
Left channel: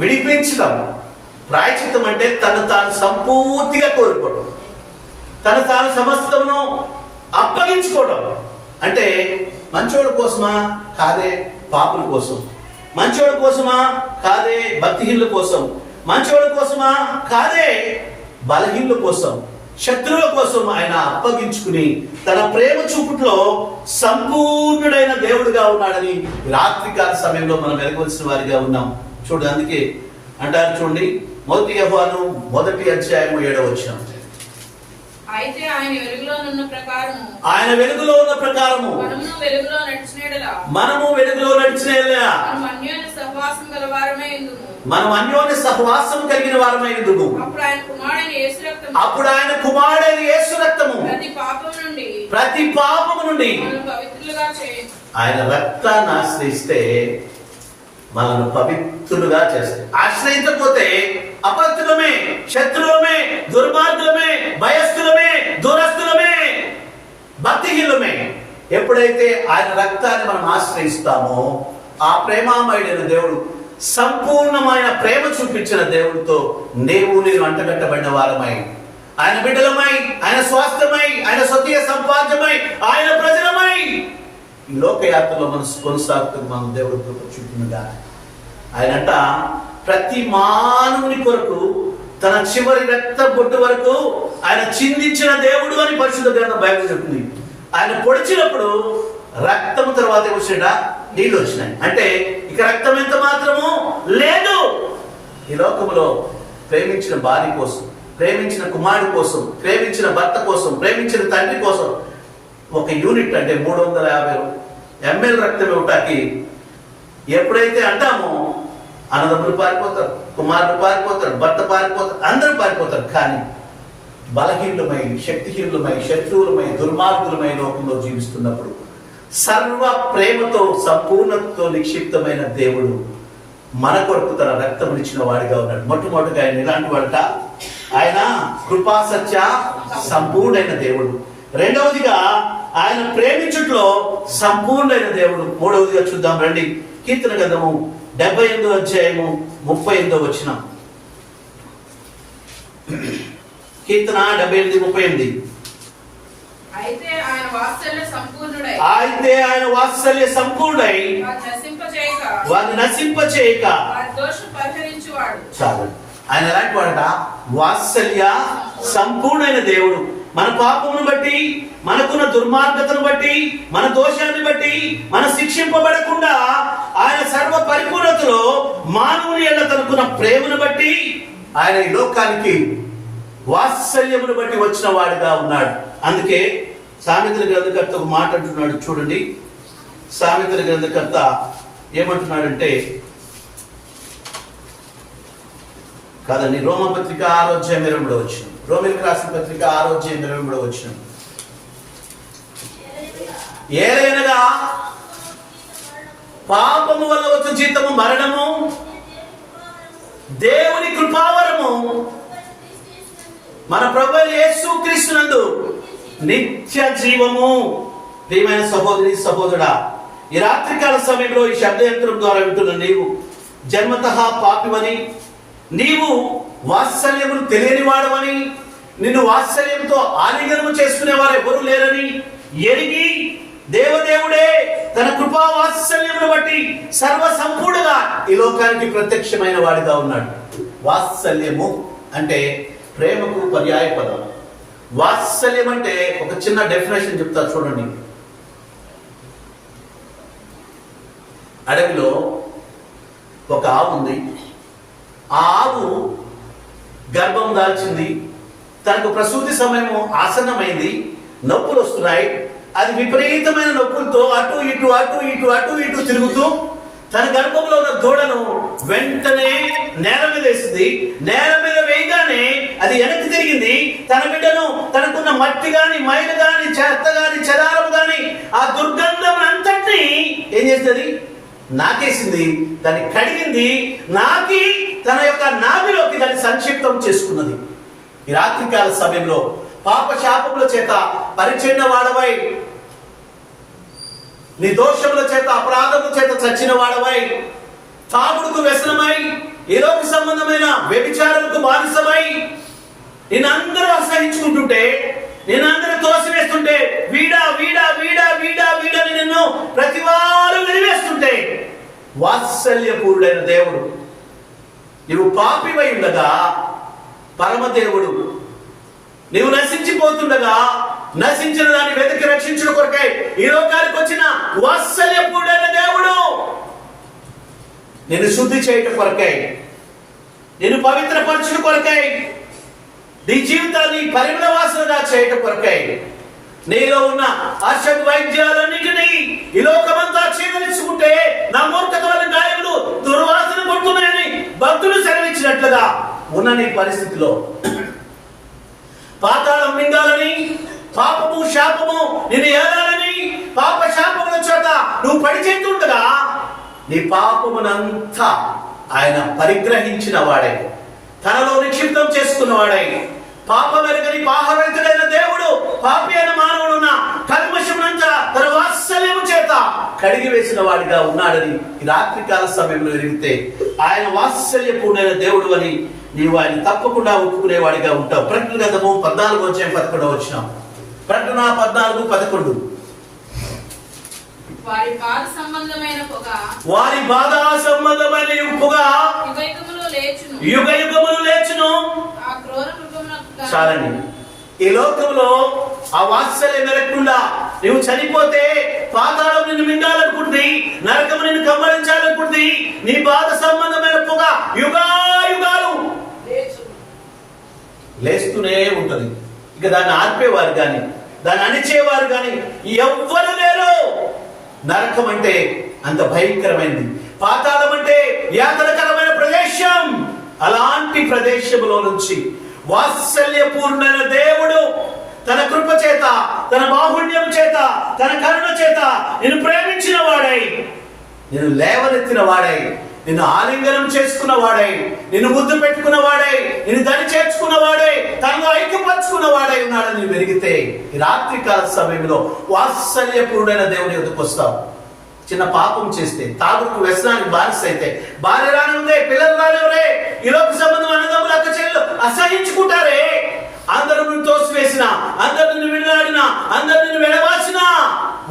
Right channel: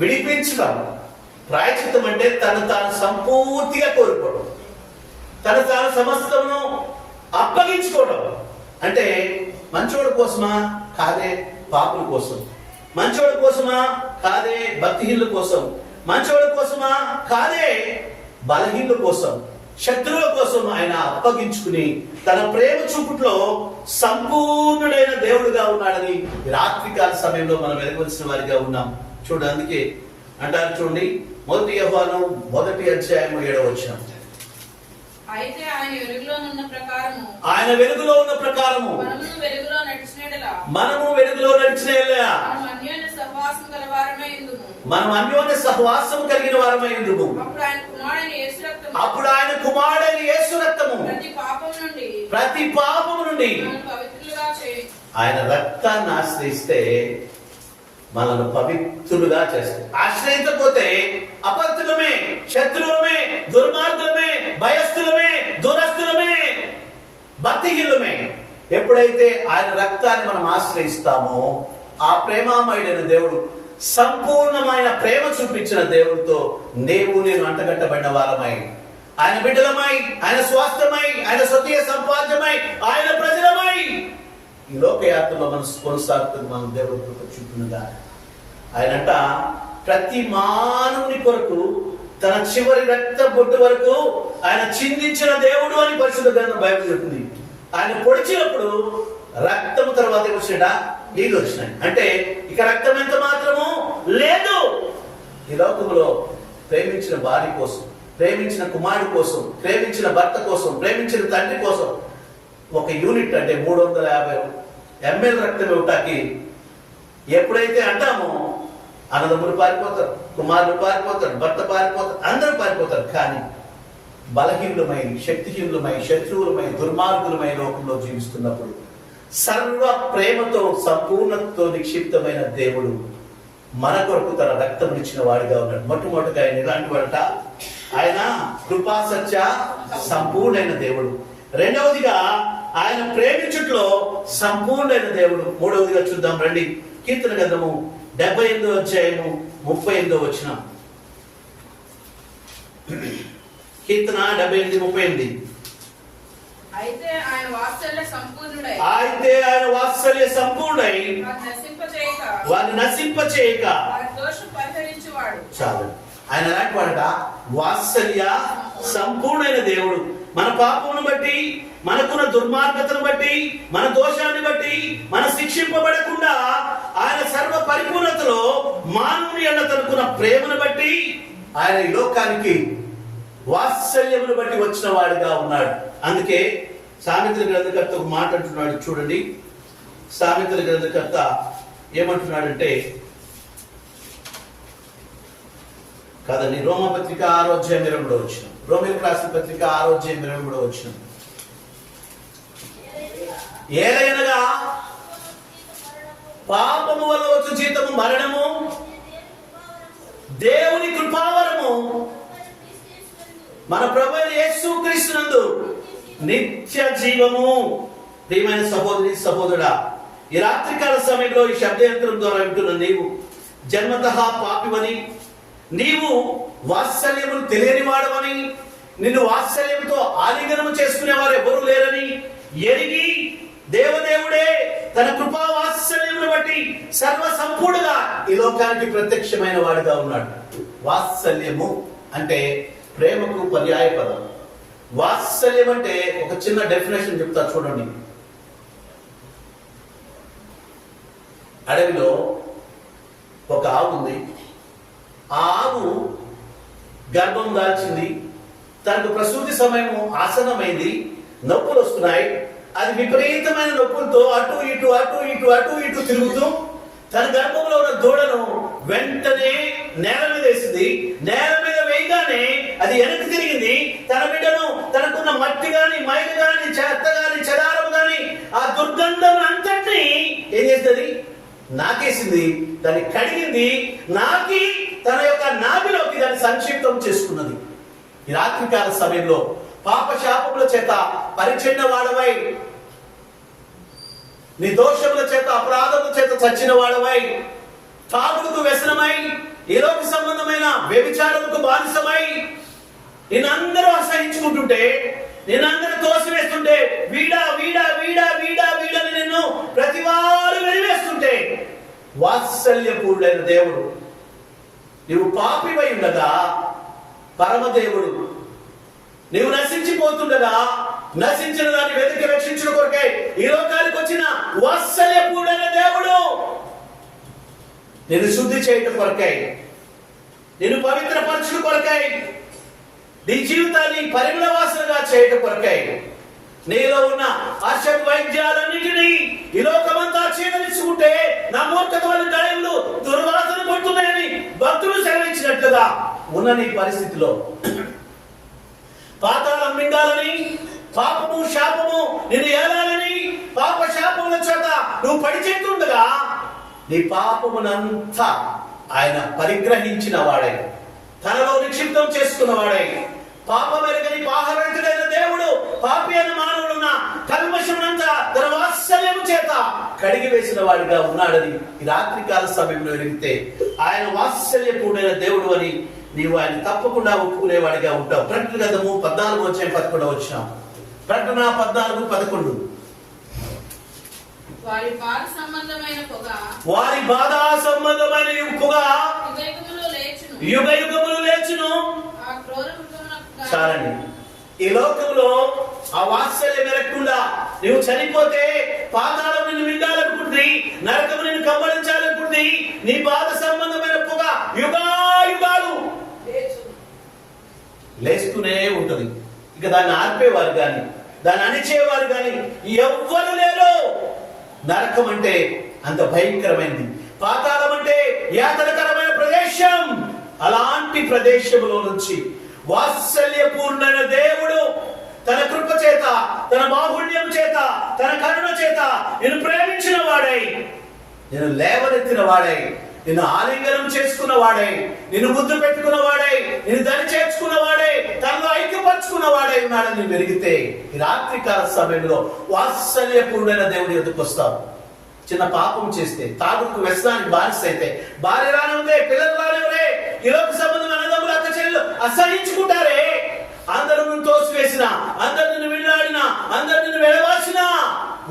విడిపించడం. ప్రాయచిత్తం అంటే తను తాను సంపూర్తిగా కోరుకోవడం, తను తాను సమస్తమును అప్పగించుకోవడం. అంటే మంచోడు కోసమా? కాదే పాపుల కోసం. మంచోడు కోసమా? కాదే భక్తిహీనుల కోసం. మంచోడు కోసమా? కాదే బలహీనుల కోసం, శత్రువుల కోసం ఆయన అప్పగించుకుని తన ప్రేమ చూపుట్లో సంపూర్ణుడైన దేవుడుగా ఉన్నాడని రాత్రికాల సమయంలో మనం ఎరగవలసిన వారిగా ఉన్నాం. చూడండి, అందుకే అంటారు చూడండి, 1 యోహాను 1:7 అయితే ఆయన వెలుగులో ఉన్న ప్రకారము మనము వెలుగులో నడిచిన యెడల మనం అన్యోన్య సహవాసం కలిగిన వారమై ఉందుము. అప్పుడు ఆయన కుమారుడైన యేసు రక్తము ప్రతి పాపము నుండి ఆయన రక్తాన్ని ఆశ్రయిస్తే మనల్ని పవిత్రులుగా చేస్తే, ఆశ్రయించకపోతే అపవిత్రులమే, శత్రువులమే, దుర్మార్గులమే, భయస్థులమే, దూరస్థులమే, భక్తిహీనులమే. ఎప్పుడైతే ఆయన రక్తాన్ని మనం ఆశ్రయిస్తామో ఆ ప్రేమామయుడైన దేవుడు, సంపూర్ణమైన ప్రేమ చూపించిన దేవుడితో నేను అంటగట్టబడిన వారమై, ఆయన బిడ్డలమై, ఆయన స్వాస్థ్యమై, ఆయన స్వకీయ సంపాద్యమై, ఆయన ప్రజలమై ఈ లోకయాత్రలో మనం కొనసాగుతున్న మనం దేవుడు చూపుతుందా. ఆయనంట ప్రతి మానవుని కొరకు తన చివరి రక్త బొట్టు వరకు ఆయన చిందించిన దేవుడు అని పరిశుద్ధ గ్రంథం బైబిల్ చెప్తుంది. ఆయన పొడిచినప్పుడు రక్తం తర్వాత ఏమొచ్చిందా, నీళ్ళు వచ్చినాయి. అంటే ఇక రక్తం ఎంత మాత్రము లేదు. ఈ లోకములో ప్రేమించిన భార్య కోసం, ప్రేమించిన కుమారుడు కోసం, ప్రేమించిన భర్త కోసం, ప్రేమించిన తండ్రి కోసం ఒక యూనిట్ అంటే 350 ml రక్తం ఇవ్వటానికి ఎప్పుడైతే అంటామో అన్నదమ్ములు పారిపోతారు, కుమారుడు పారిపోతారు, భర్త పారిపోతారు, అందరూ పారిపోతారు. కానీ బలహీనులమై, శక్తిహీనులమై, శత్రువులమై, దుర్మార్గులమై లోకంలో జీవిస్తున్నప్పుడు సర్వ ప్రేమతో సంపూర్ణతో నిక్షిప్తమైన దేవుడు మన కొరకు తన రక్తం ఇచ్చిన వాడిగా ఉన్నాడు. మొట్టమొదటిగా ఆయన ఇలాంటి వాడట, ఆయన కృపాసత్య సంపూర్ణైన దేవుడు. రెండవదిగా ఆయన ప్రేమించుట్లో సంపూర్ణైన దేవుడు. మూడవదిగా చూద్దాం రండి, కీర్తన గ్రంథము 78వ అధ్యాయము 38వ వచనం. కీర్తన 78:38. అయితే ఆయన వాత్సల్య సంపూర్ణుడై వారిని నశింపచేయక వారి దోషం పరిహరించువాడు. చాలు. ఆయన ఎలాంటి వాడట, వాత్సల్య సంపూర్ణైన దేవుడు. మన పాపమును బట్టి, మనకున్న దుర్మార్గతను బట్టి, మన దోషాన్ని బట్టి మన శిక్షింపబడకుండా ఆయన సర్వ పరిపూర్ణతలో మానవుని ఎడల తనకున్న ప్రేమను బట్టి ఆయన ఈ లోకానికి వాత్సల్యమును బట్టి వచ్చిన వాడిగా ఉన్నాడు. అందుకే సామెతల గ్రంథకర్త ఒక మాట అంటున్నాడు చూడండి. సామెతల గ్రంథకర్త ఏమంటున్నాడంటే, కాదండి, రోమపత్రిక 6:20 వచ్చిన, రోమిలకు రాసిన పత్రిక 6:20 వచ్చిన, ఏదైనగా పాపము వల్ల వచ్చే జీతము మరణము, దేవుని కృపావరము మన ప్రభువైన యేసుక్రీస్తునందు నిత్య జీవము. ప్రియమైన సహోదరి సహోదరుడా, ఈ రాత్రికాల సమయంలో ఈ శబ్దయంత్రం ద్వారా వింటున్న నీవు జన్మతః పాపిమని, నీవు వాత్సల్యమును తెలియని వాడవని, నిన్ను వాత్సల్యంతో ఆలింగనము చేసుకునేవారు ఎవరు లేరని ఎరిగి దేవదేవుడే తన కృపా వాత్సల్యమును బట్టి సర్వ సంపూర్ణంగా ఈ లోకానికి ప్రత్యక్షమైన వాడిగా ఉన్నాడు. వాత్సల్యము అంటే ప్రేమకు పర్యాయ పదం. వాత్సల్యం అంటే ఒక చిన్న డెఫినేషన్ చెప్తా చూడండి. అడవిలో ఒక ఆవు ఉంది. ఆ ఆవు గర్భం దాల్చింది, తనకు ప్రసూతి సమయం ఆసన్నమైంది, నొప్పులు వస్తున్నాయి. అది విపరీతమైన నొప్పులతో అటు ఇటు అటు ఇటు అటు ఇటు తిరుగుతూ తన గర్భంలో ఉన్న దూడను వెంటనే నేల మీద వేసింది. నేల మీద వేయగానే అది వెనక్కి తిరిగింది. తన బిడ్డను, తనకున్న మట్టి గాని, మైలు గాని, చెత్త గాని, చెదారం గాని, ఆ దుర్గంధం అంతటిని ఏం చేస్తుంది, నాకేసింది. దాన్ని కడిగింది, నాకి తన యొక్క నాభిలోకి దాన్ని సంక్షిప్తం చేసుకున్నది. ఈ రాత్రికాల సమయంలో పాప శాపముల చేత పరిచెండ వాడవై, నీ దోషముల చేత అపరాధముల చేత చచ్చిన వాడవై, తాగుడుకు వ్యసనమై, ఏలోక సంబంధమైన వ్యభిచారముకు బానిసమై, నిన్నందరూ అసహించుకుంటుంటే, నిన్నందరూ తోసివేస్తుంటే, వీడా వీడా వీడా వీడా వీడని నిన్ను ప్రతి వారు వెలివేస్తుంటే, వాత్సల్యపూర్ణుడైన దేవుడు నీవు పాపివై ఉండగా పరమదేవుడు నీవు నశించిపోతుండగా నశించిన దాన్ని వెతికి రక్షించిన కొరకై ఈ లోకానికి వచ్చిన వాత్సల్యపూర్ణుడైన దేవుడు నిన్ను శుద్ధి చేయటం కొరకై, నిన్ను పవిత్రపరచడం కొరకై, నీ జీవితాన్ని పరిమళ వాసనగా చేయటం కొరకై, నీలో ఉన్న అర్షద్ వైద్యాలన్నింటినీ ఈ లోకమంతా క్షీణించుకుంటే నా మూర్ఖత వల్ల గాయములు దుర్వాసన పడుతున్నాయని భక్తులు సెలవిచ్చినట్లుగా ఉన్న నీ పరిస్థితిలో పాతాళం మింగాలని, పాపము శాపము నిన్ను ఏలాలని, పాప శాపముల చేత నువ్వు పడిచేస్తుండగా నీ పాపమునంతా ఆయన పరిగ్రహించిన వాడై, తనలో నిక్షిప్తం చేసుకున్న వాడై, పాపమెరగని పాపరహితుడైన దేవుడు పాపి అయిన మానవుడున్న కల్మషమునంతా తన వాత్సల్యము చేత కడిగి వేసిన వాడిగా ఉన్నాడని ఈ రాత్రికాల సమయంలో ఎరిగితే ఆయన వాత్సల్యపూర్ణైన దేవుడు అని నీవు ఆయన తప్పకుండా ఒప్పుకునేవాడిగా ఉంటావు. ప్రకటన గ్రంథము 14:11 వచ్చినాం. ప్రకటన 14:11. వారి బాధ సంబంధమైన పొగ వారి బాధ సంబంధమైన పొగ యుగ యుగములు లేచును. ఆ క్రూర మృగమునకు చాలండి. ఈ లోకంలో ఆ వాత్సల్యం లేకుండా నువ్వు చనిపోతే పాతాళం నిన్ను మింగాలనుకుంటుంది, నరకము నిన్ను కమ్మడించాలనుకుంటుంది. నీ బాధ సంబంధమైన పొగ యుగాలు లేస్తూనే ఉంటుంది. ఇక దాన్ని ఆర్పేవారు కానీ దాన్ని అణిచేవారు కానీ ఎవ్వరు లేరు. నరకం అంటే అంత భయంకరమైనది, పాతాళం అంటే యాతనకరమైన ప్రదేశం. అలాంటి ప్రదేశంలో నుంచి వాత్సల్యపూర్ణమైన దేవుడు తన కృప చేత, తన బాహుళ్యం చేత, తన కరుణ చేత నిన్ను ప్రేమించిన వాడై, నిన్ను లేవనెత్తిన వాడై, నిన్ను ఆలింగనం చేసుకున్న వాడై, నిన్ను ముద్దు పెట్టుకున్న వాడై, నిన్ను దరి చేర్చుకున్న వాడై, తనలో ఐక్యపరుచుకున్న వాడై ఉన్నాడని వెలిగితే ఈ రాత్రికాల సమయంలో వాత్సల్యపూర్ణమైన దేవుడి ఎదుకు వస్తావు. చిన్న పాపం చేస్తే, తాగుడుకు వ్యసనానికి బానిస అయితే, భార్య రాని ఉందే, పిల్లలు రాని ఉందే, ఈ లోక సంబంధం అన్నదమ్ములు అక్క చెల్లెలు అసహించుకుంటారే, అందరూ నిన్ను తోసివేసిన, అందరు నిన్ను విడలాడిన, అందరు నిన్ను విడవాసిన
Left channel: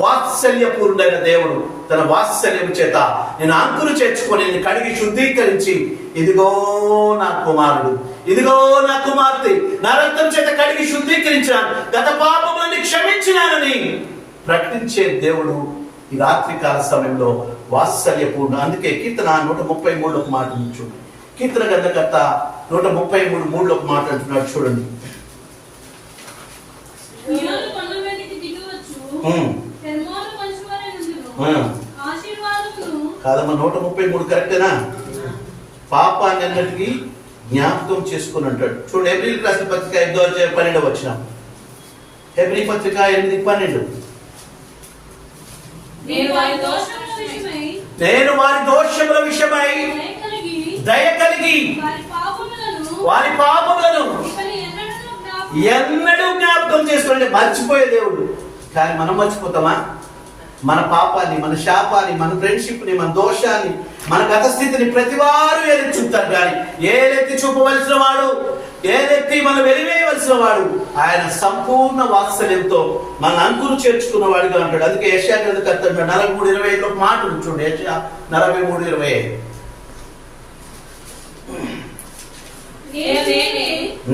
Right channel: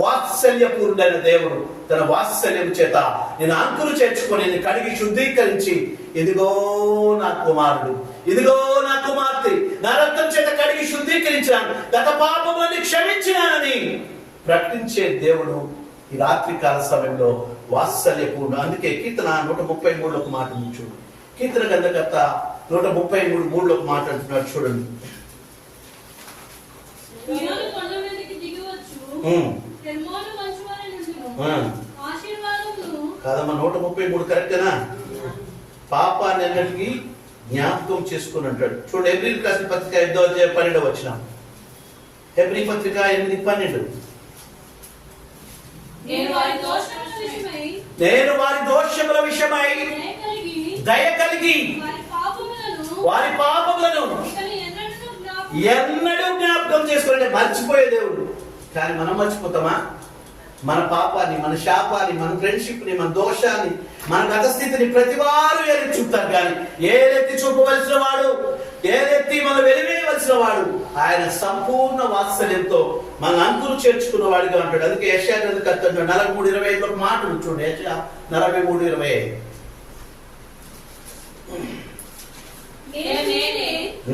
వాత్సల్యపూర్ణమైన దేవుడు తన వాత్సల్యం చేత నేను అంకులు చేర్చుకొని నేను కడిగి శుద్ధీకరించి, ఇదిగో నా కుమారుడు, ఇదిగో నా కుమార్తె, నా రక్తం చేత కడిగి శుద్ధీకరించాను, గత పాపములని క్షమించినానని ప్రకటించే దేవుడు ఈ రాత్రికాల సమయంలో వాత్సల్యపూర్ణ. అందుకే కీర్తన 133 ఒక మాట చూడండి. కీర్తన గ్రంథకర్త 133:3 ఒక మాట అంటున్నాడు చూడండి. కాదమ్మా, 133 కరెక్టేనా? పాపాన్ని అన్నిటికీ జ్ఞాపకం చేసుకుని అంటాడు చూడండి. హెబ్రీ రాసిన పత్రిక 5:12 వచ్చిన హెబ్రీ పత్రిక 8:12. నేను వారి దోషముల విషయమై దయ కలిగి వారి పాపములను ఎన్నడూ జ్ఞాపకం చేసుకోండి. మర్చిపోయే దేవుడు. కానీ మనం మర్చిపోతామా? మన పాపాన్ని, మన శాపాన్ని, మన ఫ్రెండ్షిప్ ని, మన దోషాన్ని, మన గత స్థితిని ప్రతివారు ఏలెత్తి చూపుతారు. కానీ ఏలెత్తి చూపవలసిన వాడు, ఏదెత్తి మనం వెలివేయవలసిన వాడు ఆయన సంపూర్ణ వాత్సల్యంతో మన అంకులు చేర్చుకున్న వాడిగా అంటాడు. అందుకే యెషయా గ్రంథకర్త 43:25 ఒక మాట చూడండి. యెషయా 43:25.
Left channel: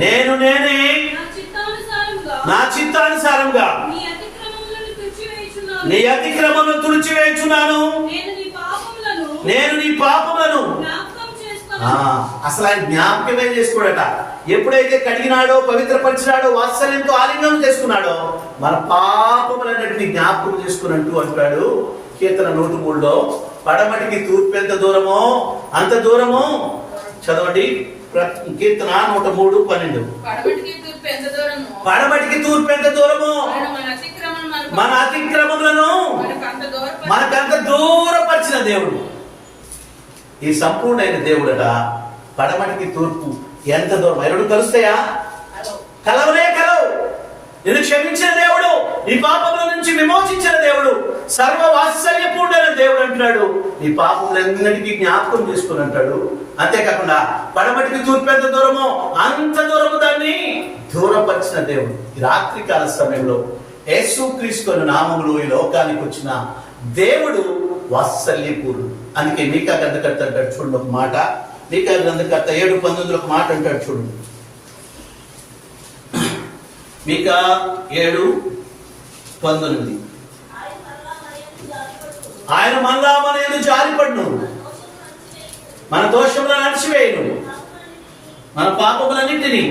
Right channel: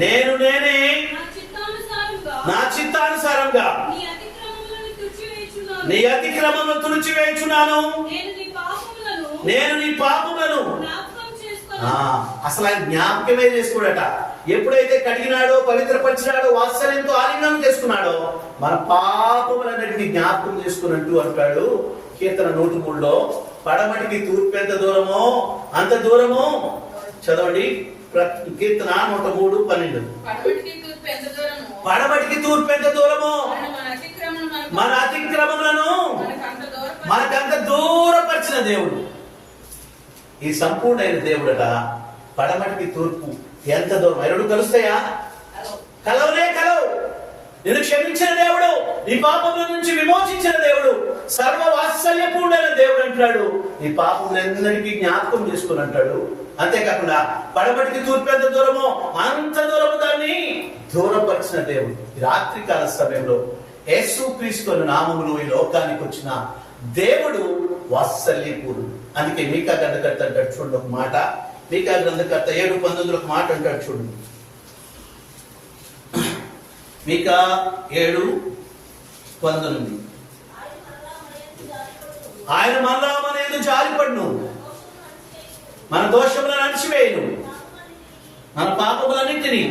నేను నేనే నా చిత్తానుసారంగా నీ అతిక్రమములను తుడిచివేయుచున్నాను, నేను నీ పాపములను. అసలు ఆయన జ్ఞాపకమే చేసుకోడట. ఎప్పుడైతే కడిగినాడో, పవిత్రపరిచినాడో, వాత్సల్యంతో ఆలింగనం చేసుకున్నాడో మన పాపములన్నింటినీ జ్ఞాపకం చేసుకున్నట్టు అంటాడు కీర్తన 103లో. పడమటికి తూర్పు ఎంత దూరమో అంత దూరము. చదవండి కీర్తన 103:12. పడమటికి తూర్పు ఎంత దూరమో మన అతిక్రమములను మనకంత దూరపరిచిన దేవుడు. ఈ సంపూర్ణమైన దేవుడట. పడమటికి తూర్పు ఎంత దూరం, ఎన్నడూ కలుస్తాయా? కలవలే కలవు. నిన్ను క్షమించిన దేవుడు, నీ పాపముల నుంచి విమోచించిన దేవుడు, సర్వ వాత్సల్యపూర్ణమైన దేవుడు అంటున్నాడు. నీ పాపములన్నిటికీ జ్ఞాపకం చేసుకుని అంటాడు. అంతేకాకుండా పడమటికి తూర్పు ఎంత దూరమో అంత దూరము దాన్ని దూరపరిచిన దేవుడు. ఈ రాత్రికాల సమయంలో యేసుక్రీస్తు నామములో ఈ లోకానికి వచ్చిన దేవుడు వాత్సల్యపూర్ణుడు. అందుకే మీకా గ్రంథకర్త అంటాడు చూడండి ఒక మాట. మీకా గ్రంథకర్త 7:19 ఒక మాట అంటాడు చూడండి. మీకా 7:19. ఆయన మళ్ళా మన యందు జారిపడును, మన దోషములను అణచివేయును, మన పాపములన్నింటినీ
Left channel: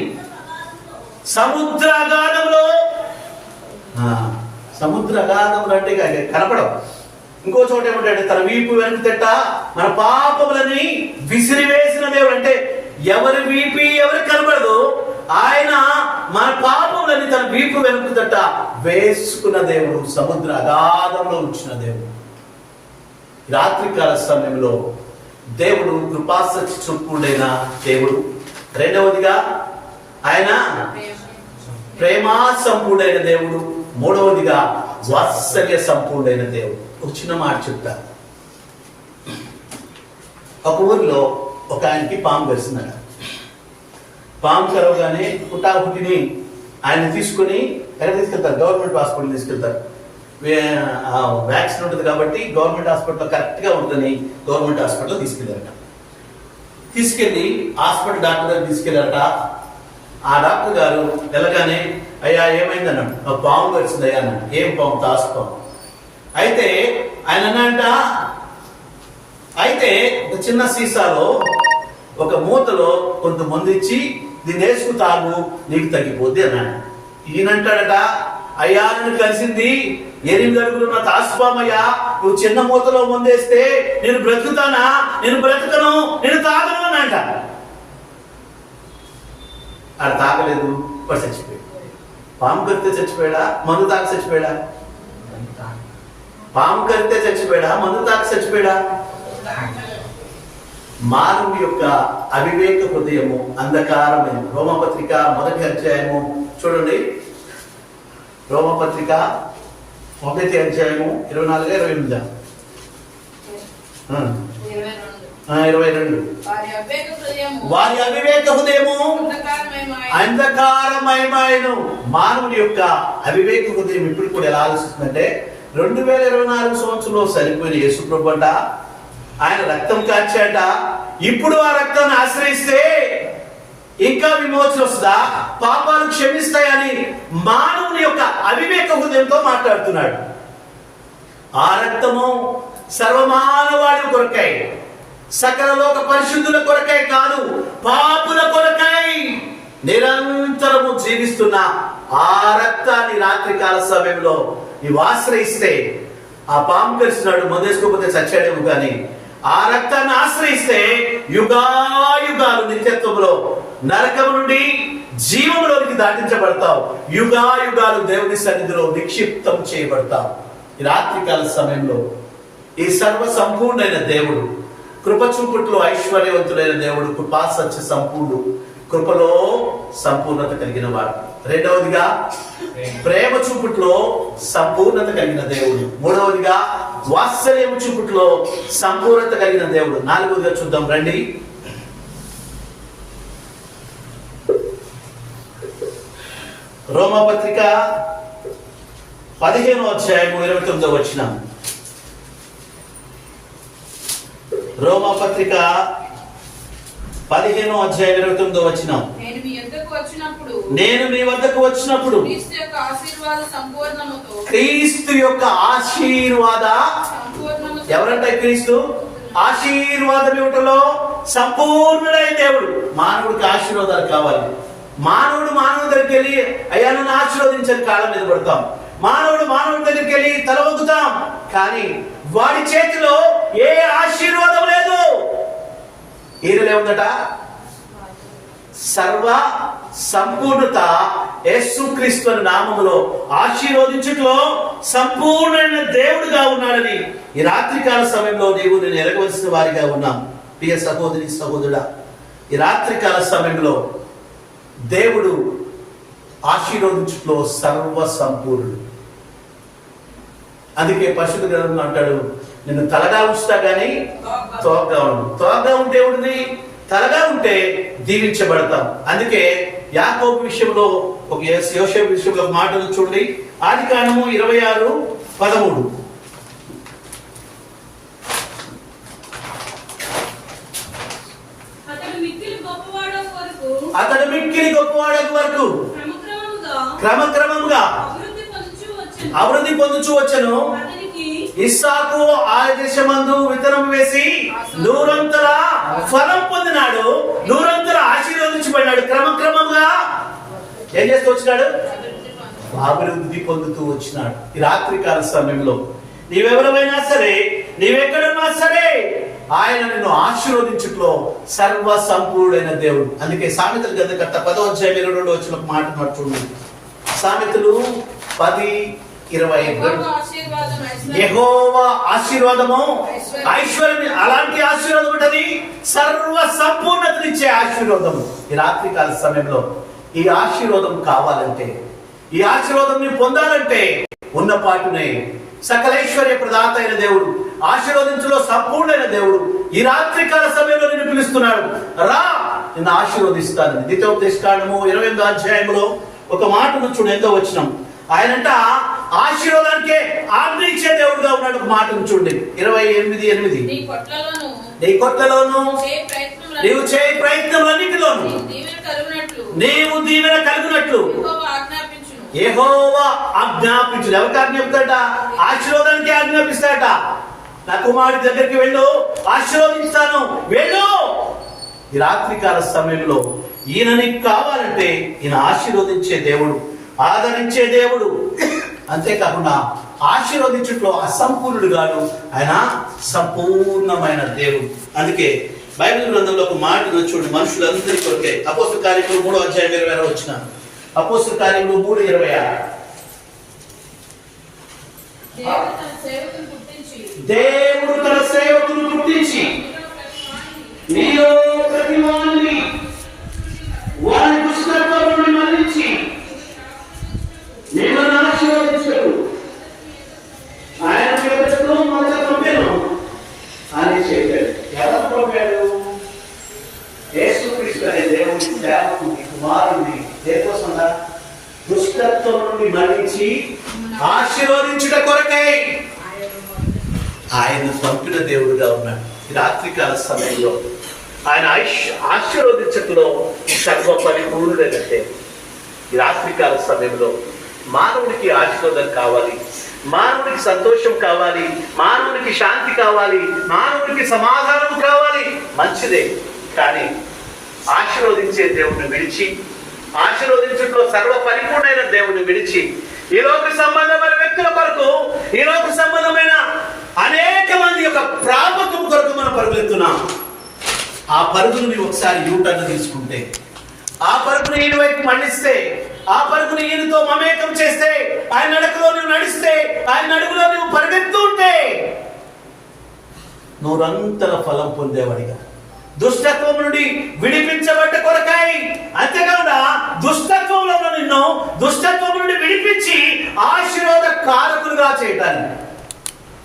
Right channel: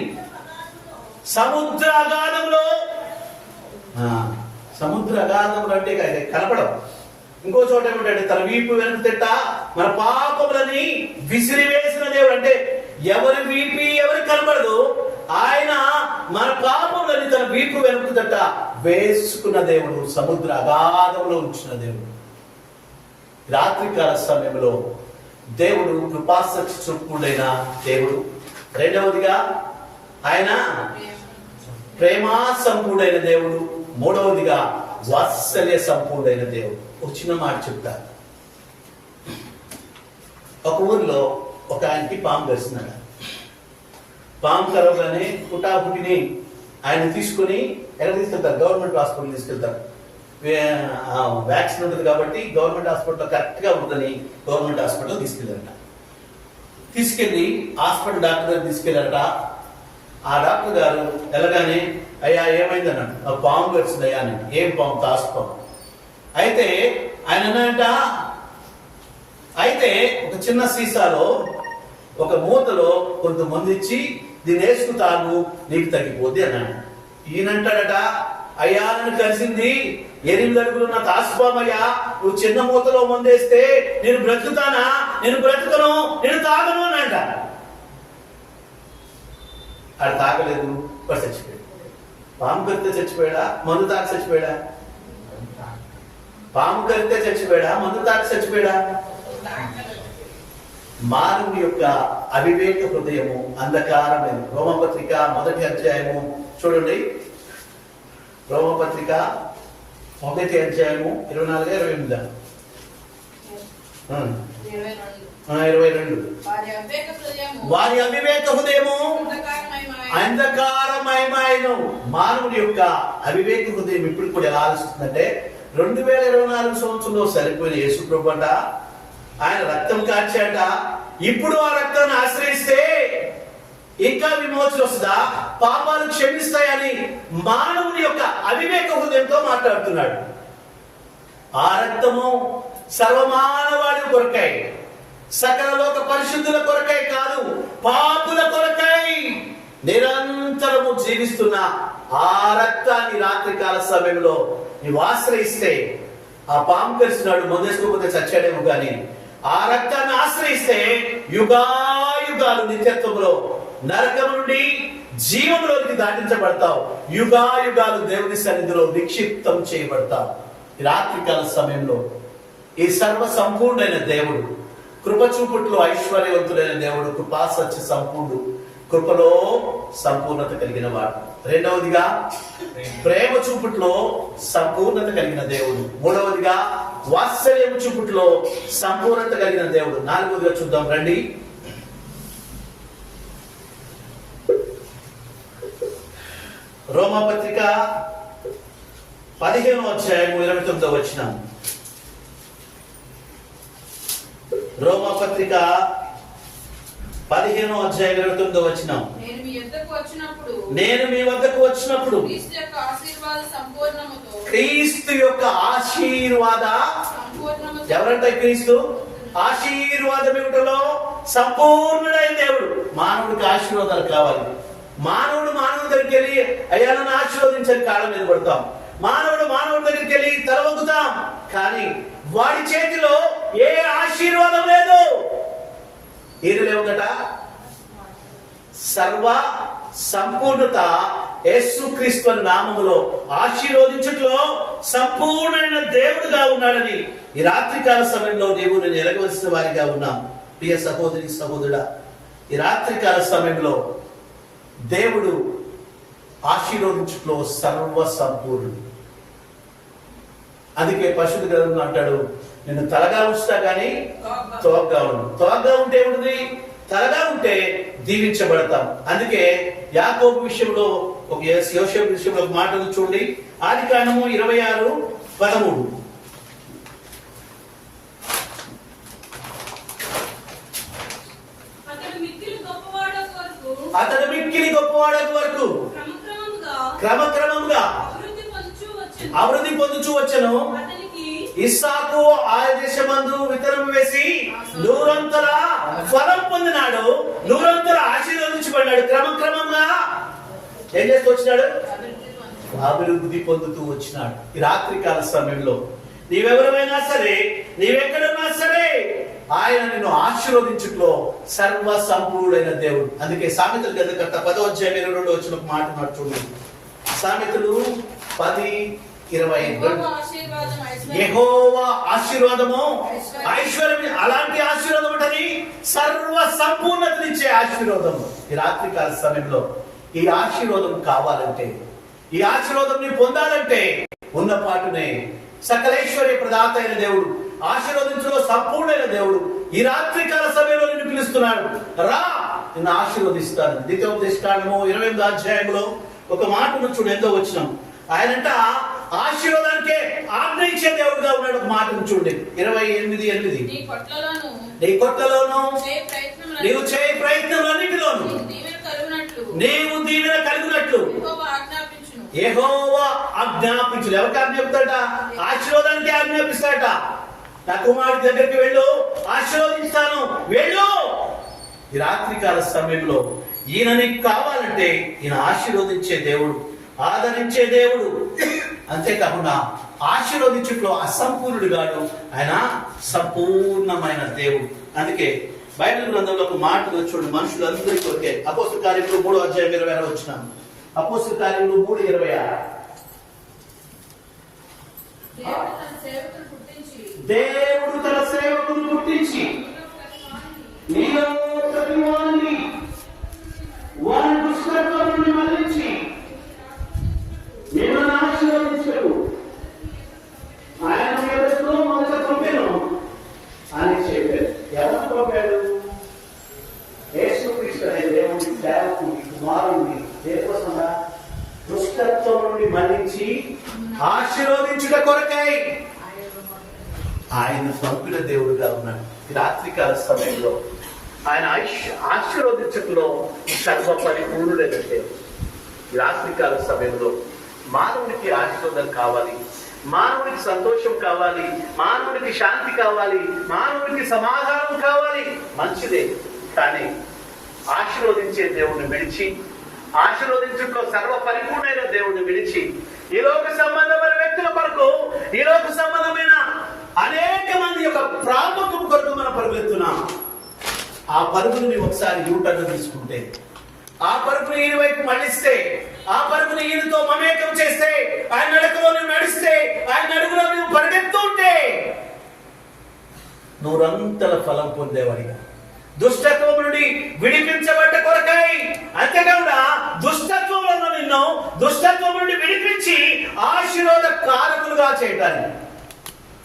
సముద్రాగాధంలో. సముద్రాగాధములు అంటే కనపడవు. ఇంకో చోట ఏమంటాడు, తన వీపు వెనుక తిట్ట మన పాపములని విసిరివేసిన దేవుడు. అంటే ఎవరి వీపి ఎవరికి కనపడదు, ఆయన మన పాపములని తన వీపు వెనుక తిట్ట వేసుకున్న దేవుడు, సముద్ర అగాధంలో ఉంచిన దేవుడు. రాత్రికాల సమయంలో దేవుడు కృపాసక్తి చూపుడైన దేవుడు. రెండవదిగా ఆయన ప్రేమా సంపూర్ణైన దేవుడు. మూడవదిగా వాత్సల్య సంపూర్ణైన దేవుడు. ఒక చిన్న మాట చెప్తా. ఒక ఊరిలో ఒక ఆయనకి పాము కరిసిందట. పాము కరవగానే పుట్టిని ఆయన తీసుకుని ఎక్కడ తీసుకెళ్తారు? గవర్నమెంట్ హాస్పిటల్ తీసుకెళ్తారు. వ్యాక్సిన్ ఉంటుంది కాబట్టి గవర్నమెంట్ హాస్పిటల్లో కరెక్ట్గా ఉంటుందని గవర్నమెంట్ హాస్పిటల్ తీసుకెళ్ళారట. తీసుకెళ్ళి హాస్పిటల్ డాక్టర్ దగ్గర తీసుకెళ్ళారట. ఆ డాక్టర్ గారు వెళ్ళగానే అయ్యా ఏమైంది అన్నాడు. ఆ పాము వచ్చింది అయ్యా అన్నాడు. ఏం పాము? తాసుపాము. అయితే ఆయన అన్నాడంట, అయితే ఒక చిన్న సీసాలో ఒక మూతలో కొంత మందు ఇచ్చి దీన్ని వేసుకు తాగు, నీకు తగ్గిపోద్ది అన్నాడు. ఈయనంటాడట, అయ్యా నన్ను కలిసింది 8 అడుగులు నా తాసుపామయ్యా, నువ్వు చిన్న మూతలో మందేస్తే నేను బ్రతుకుతానా? నేను బ్రతుకను, నేను తాగను అనంట. ఆడ తాగలేదు, వాడు చచ్చిపోయాడు. పాము కరితే చచ్చిపోయాడా? మందు తాగి చచ్చిపోయాడా? పాము కరితే చచ్చిపోయాడా? మందు తాగి చచ్చిపోయాడా? మానవుని యొక్క అవివేక హృదయము అంధకారమైన. రోమపత్రిక 1వ అధ్యాయము చూడండి. రోమపత్రిక 1వ అధ్యాయము 24, 28. 22. వారి అవివేక హృదయము అంధకారమయమాయను. మానవుని యొక్క అవివేక హృదయం ఇప్పుడు కూడా ఎలా ఆలోచిస్తుందంటే 2024 సంవత్సరంలో సరిపోయిన యేసు ప్రభుట ఆయన రక్తం కాచాట, ఇప్పుడు ఆ రక్తాన్ని ఆశ్రయిస్తే ఇంకా విమోచన వస్తుందా, పాపాలు క్షమిస్తాయని మానవుని యొక్క అవివేక హృదయంతో మాట్లాడుతున్నాడు. ఆ రక్తము సర్వమానవాడి కొరకై, సకల లోక పరిశుద్ధుల కొరకై కాదు, పాపుల కొరకై నిరంతరము జీవిస్తున్న ఆ రక్తాన్ని రాత్రికాల సమయంలో నీవు ఆశ్రయిస్తే, ఆ పాము కలుస్తున్నాడు మందేసుకోకపోతే చచ్చాడేమో కానీ ఆ రక్తాన్ని ఆశ్రయిస్తే యుగాయుగాలు నిత్యత్వంలో నరకము నుండి జీవంలోనికి దాటించబడతావు. యుగాయుగాలు దేవుని సన్నిధిలో నిక్షిప్తం చేయబడతావు. ఈ రాత్రికాల సమయంలో ఈ సర్వ సంపూర్ణైన దేవుడు, కృప చూపుట్లో ఐశ్వర్యవంతుడైన దేవుడు, కృపా సత్య సంపూర్ణుడు, కృపలో సంపూర్ణత కలిగిన వాడు. రెండవదిగా ప్రేమ చూపుట్లో సంపూర్ణత కలిగిన దేవుడు. మూడవదిగా వాత్సల్యం చూపుట్లో సంపూర్ణత కలిగిన దేవుడు. నాలుగవదిగా చూద్దాం రండి. రోమపత్రిక 15వ అధ్యాయము 29వ వచనం. రోమపత్రిక 15వ అధ్యాయం 29వ వచనం. నేను మీ వద్దకు వచ్చినప్పుడు క్రీస్తు యొక్క ఆశీర్వాద ఎవరంటే క్రీస్తు ఆశీర్వాదం ఇవ్వటంలో సంపూర్ణుడైన దేవుడు. మానవుడికి ఆశీర్వాదాలు కావాలి. మానవుడు మానవుడి దగ్గరికి వెళ్ళి అయ్యా నన్ను ఆశీర్వదించని కాళ్ళ మీద పడతాం. మానవుడి దగ్గరికి వెళ్ళి తల వంగుతాం. కానీ వాడి చేతిలో ఏ ఆశీర్వాదం లేదు. ఈయనలో ఉందట సర్వ సంపూర్ణత యేసుక్రీస్తు నామములో ఆశీర్వదించట్లో సంపూర్ణమైన దేవుడుగా ఉన్నాడని ఈ రాత్రికాల సమయంలో నీవు నేను ఎరగవలసిన వారిగా ఉన్నాం. ప్రియ సహోదరి సహోదరుడా, ఈ రాత్రికాల సమయంలో దేవుడు ఆశీర్వదించట్లో సర్వ సంపూర్ణుడు. అందుకే పరిశుద్ధ గ్రంథం అంటాడు, నిన్ను తలగా ఉంచుతా గానీ తోకగా ఉండు. తోకగా ఉంటే ఉంటుంది, తలగా ఉంటే దీవించబడతాం. అందుకే యాకోబు విషయంలో ఒక యోసేపు విషయంలో మాటలు చూడండి. ఆదికాండము 26:13. అతడు మిక్కిలి గొప్పవాడకు వరకు క్రమక్రమముగా అభివృద్ధి పొందుచూ వచ్చెను. ఇస్సాకు ఆ దేశమందు విత్తనం వేసి నూరంతర ఫలం పొందినాడు, నూరంతర ఆశీర్వదించబడ్డాడు. క్రమక్రమంగా ఏం చేస్తూ వచ్చినాడు? అభివృద్ధి పొందుతూ వచ్చినాడు. ఈ రాత్రికాల సమయంలో నీవెవరమైనా సరే, నీవెక్కడున్నా సరే, ఆయన నిన్ను ఆశీర్వదించుట్లో సర్వ సంపూర్ణుడైన దేవుడు. అందుకే సామెతల గ్రంథకర్త 10వ అధ్యాయం 22వ వచనం ఒక మాట చూడండి. సామెతలు 10:22. యెహోవా ఆశీర్వాదము ఐశ్వర్యం. అలాంటి ఆశీర్వాదం ఉంటది, సర్వ సంపూర్ణతనిచ్చే ఆశీర్వాదము. ఈ రాత్రికాల సమయంలో ఈ ఆశీర్వాదం కావాలంటే, ఈ ఆశీర్వాదం నీవు పొందాలంటే ఉన్నపాటునే సకలైశ్వర్య ప్రదాత అయిన దేవుడు, ఆశీర్వదించులో సంపూర్ణైన దేవుడు ఈ రాత్రికాల సమయంలో నిన్ను పిలుస్తున్నాడు. రా, నిన్ను ఆశీర్వదిస్తాను. ద్వితీయోపదేశకాండము 28వ అధ్యాయంలో ఒక మాటను చూడు, ఎంతో వచ్చినాం. ఆయనంట ఆశీర్వాదానికే ఆజ్ఞ ఇచ్చే దేవుడుగా ఉన్నాడు. ఒక మాట చూడండి 28:8. నీ కొట్లలోను నీ కొట్లలోను చేయ ప్రయత్నములను నీవు చేయ ప్రయత్నములన్నిటిలోను నీవు దీవెన కలుగునట్లు యెహోవా ఆజ్ఞాపించును. ఎవరికి ఆజ్ఞాపిస్తాడట? ఆశీర్వాదానికి ఆజ్ఞాపిస్తాడట. నా కుమారుడి దగ్గరికి వెళ్ళు, ఆశీర్వదిస్తాను, వెళ్ళు. ఈ రాత్రికాల సమయంలో ఈయన నీకు కావాలంటే ఈయన ఆశీర్వదించే దేవుడు, ఆదరించే దేవుడు. అంతేకాకుండా ఆశీర్వదించుట్లో అసంపూర్ణుడు కాదు, ఆయన సంపూర్ణమైన దేవుడు. అందుకే బైబిల్ గ్రంథంలో ఒక మాట చూడు, మనుషులందరి కొరకే. అపోస్తల కార్యములు 3:26 వచ్చిన అపోస్తల కార్యములు 3:26. దేవుడు తన సేవకులను గుర్తించి నీలో ప్రతి వారిని వారి దుష్టత్వం నుండి మరలించి మిమ్మల్ని ఆశీర్వదించడు. ఆయన ఎక్కడో మొదట పంపాను అని చెప్పాడు. ఎలా పంపాడు? యేసుక్రీస్తు అనే దేవుని సేవకుని కుమారుని దేనికోసం? దుష్టత్వం నుండి మరలించి ఆశీర్వదించుట కొరకే ఆయన పంపిన దేవుడుగా ఉన్నాడు. ఈ రాత్రికాల సమయంలో ఆయన ఆశీర్వదించటంలో సర్వ పరిపూర్ణుడైన దేవుడు. ఈ రాత్రికాల సమయంలో మానవుడికి ఆశీర్వాదం కావాలి, మానవుడికి సంతోషం కావాలి, మానవుడికి శాంతి కావాలి, మానవుడికి సమాధానం కావాలి, మంచిదే. కానీ ఆశీర్వదించే దేవుడిని విడిచి, ఆశీర్వదించడంలో సర్వ పరిపూర్ణమైన దేవుడిని విడిచి ఈ లోక సంబంధమైన వ్యక్తుల కొరకు, ఈ లోక సంబంధమైన అనేక మంది యొక్క ప్రాపకం కొరకు మనం పరుగులెత్తున్నాం. ఆ పరుగుని ఒకసారి యూటర్న్ తీసుకుంటే, ఆ పరుగును ఈయన వైపు మళ్ళిస్తే, ఆ పరుగును ఈయనతో మమేకం చేస్తే, ఆయన నడకలో నువ్వు నడిస్తే, ఆయన నడుగులో నువ్వు పరిగెత్తూ ఉంటే నూరంతల ఫలం పొందేవాడిగా, దుష్టత్వం నుండి విడిపించబడ్డ కొరకాయి. అంతేకాకుండా దుష్టత్వంలో నిన్ను దుష్టత్వం నుండి విడిపించి ఆశీర్వాద కారకులుగా చేయటానికి.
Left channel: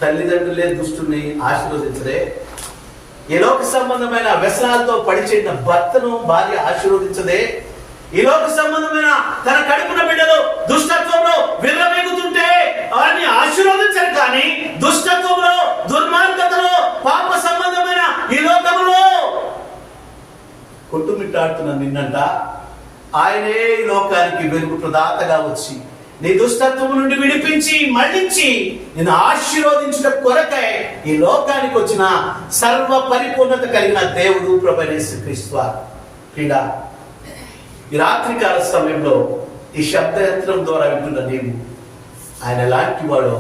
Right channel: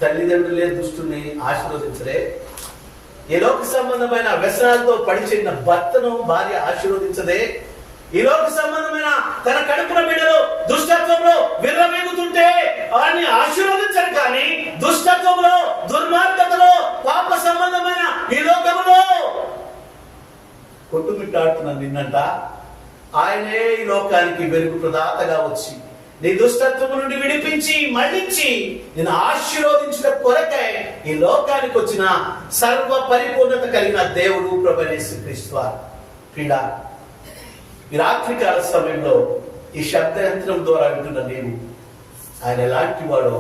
తల్లిదండ్రులే దుష్టుని ఆశీర్వదించలే, ఈ లోక సంబంధమైన వ్యసనాలతో పడిచేసిన భర్తను భార్య ఆశీర్వదించదే, ఈ లోక సంబంధమైన తన కడుపున బిడ్డలు దుష్టత్వంలో విర్రవీగుతుంటే వారిని ఆశీర్వదించరు. కానీ దుష్టత్వంలో, దుర్మార్గతలో, పాప సంబంధమైన ఈ లోకంలో కొట్టుమిట్టాడుతున్న నిన్నంట ఆయనే ఈ లోకానికి వెలుగు ప్రదాతగా వచ్చి నీ దుష్టత్వం నుండి విడిపించి మళ్ళించి నేను ఆశీర్వదించిన కొరకై ఈ లోకానికి వచ్చిన సర్వ పరిపూర్ణత కలిగిన దేవుడు ప్రభువైన యేసుక్రీస్తు పీడ. ఈ రాత్రికాల సమయంలో ఈ శబ్దయంత్రం ద్వారా వింటున్న నీవు ఆయన ఎలాంటి వాడో,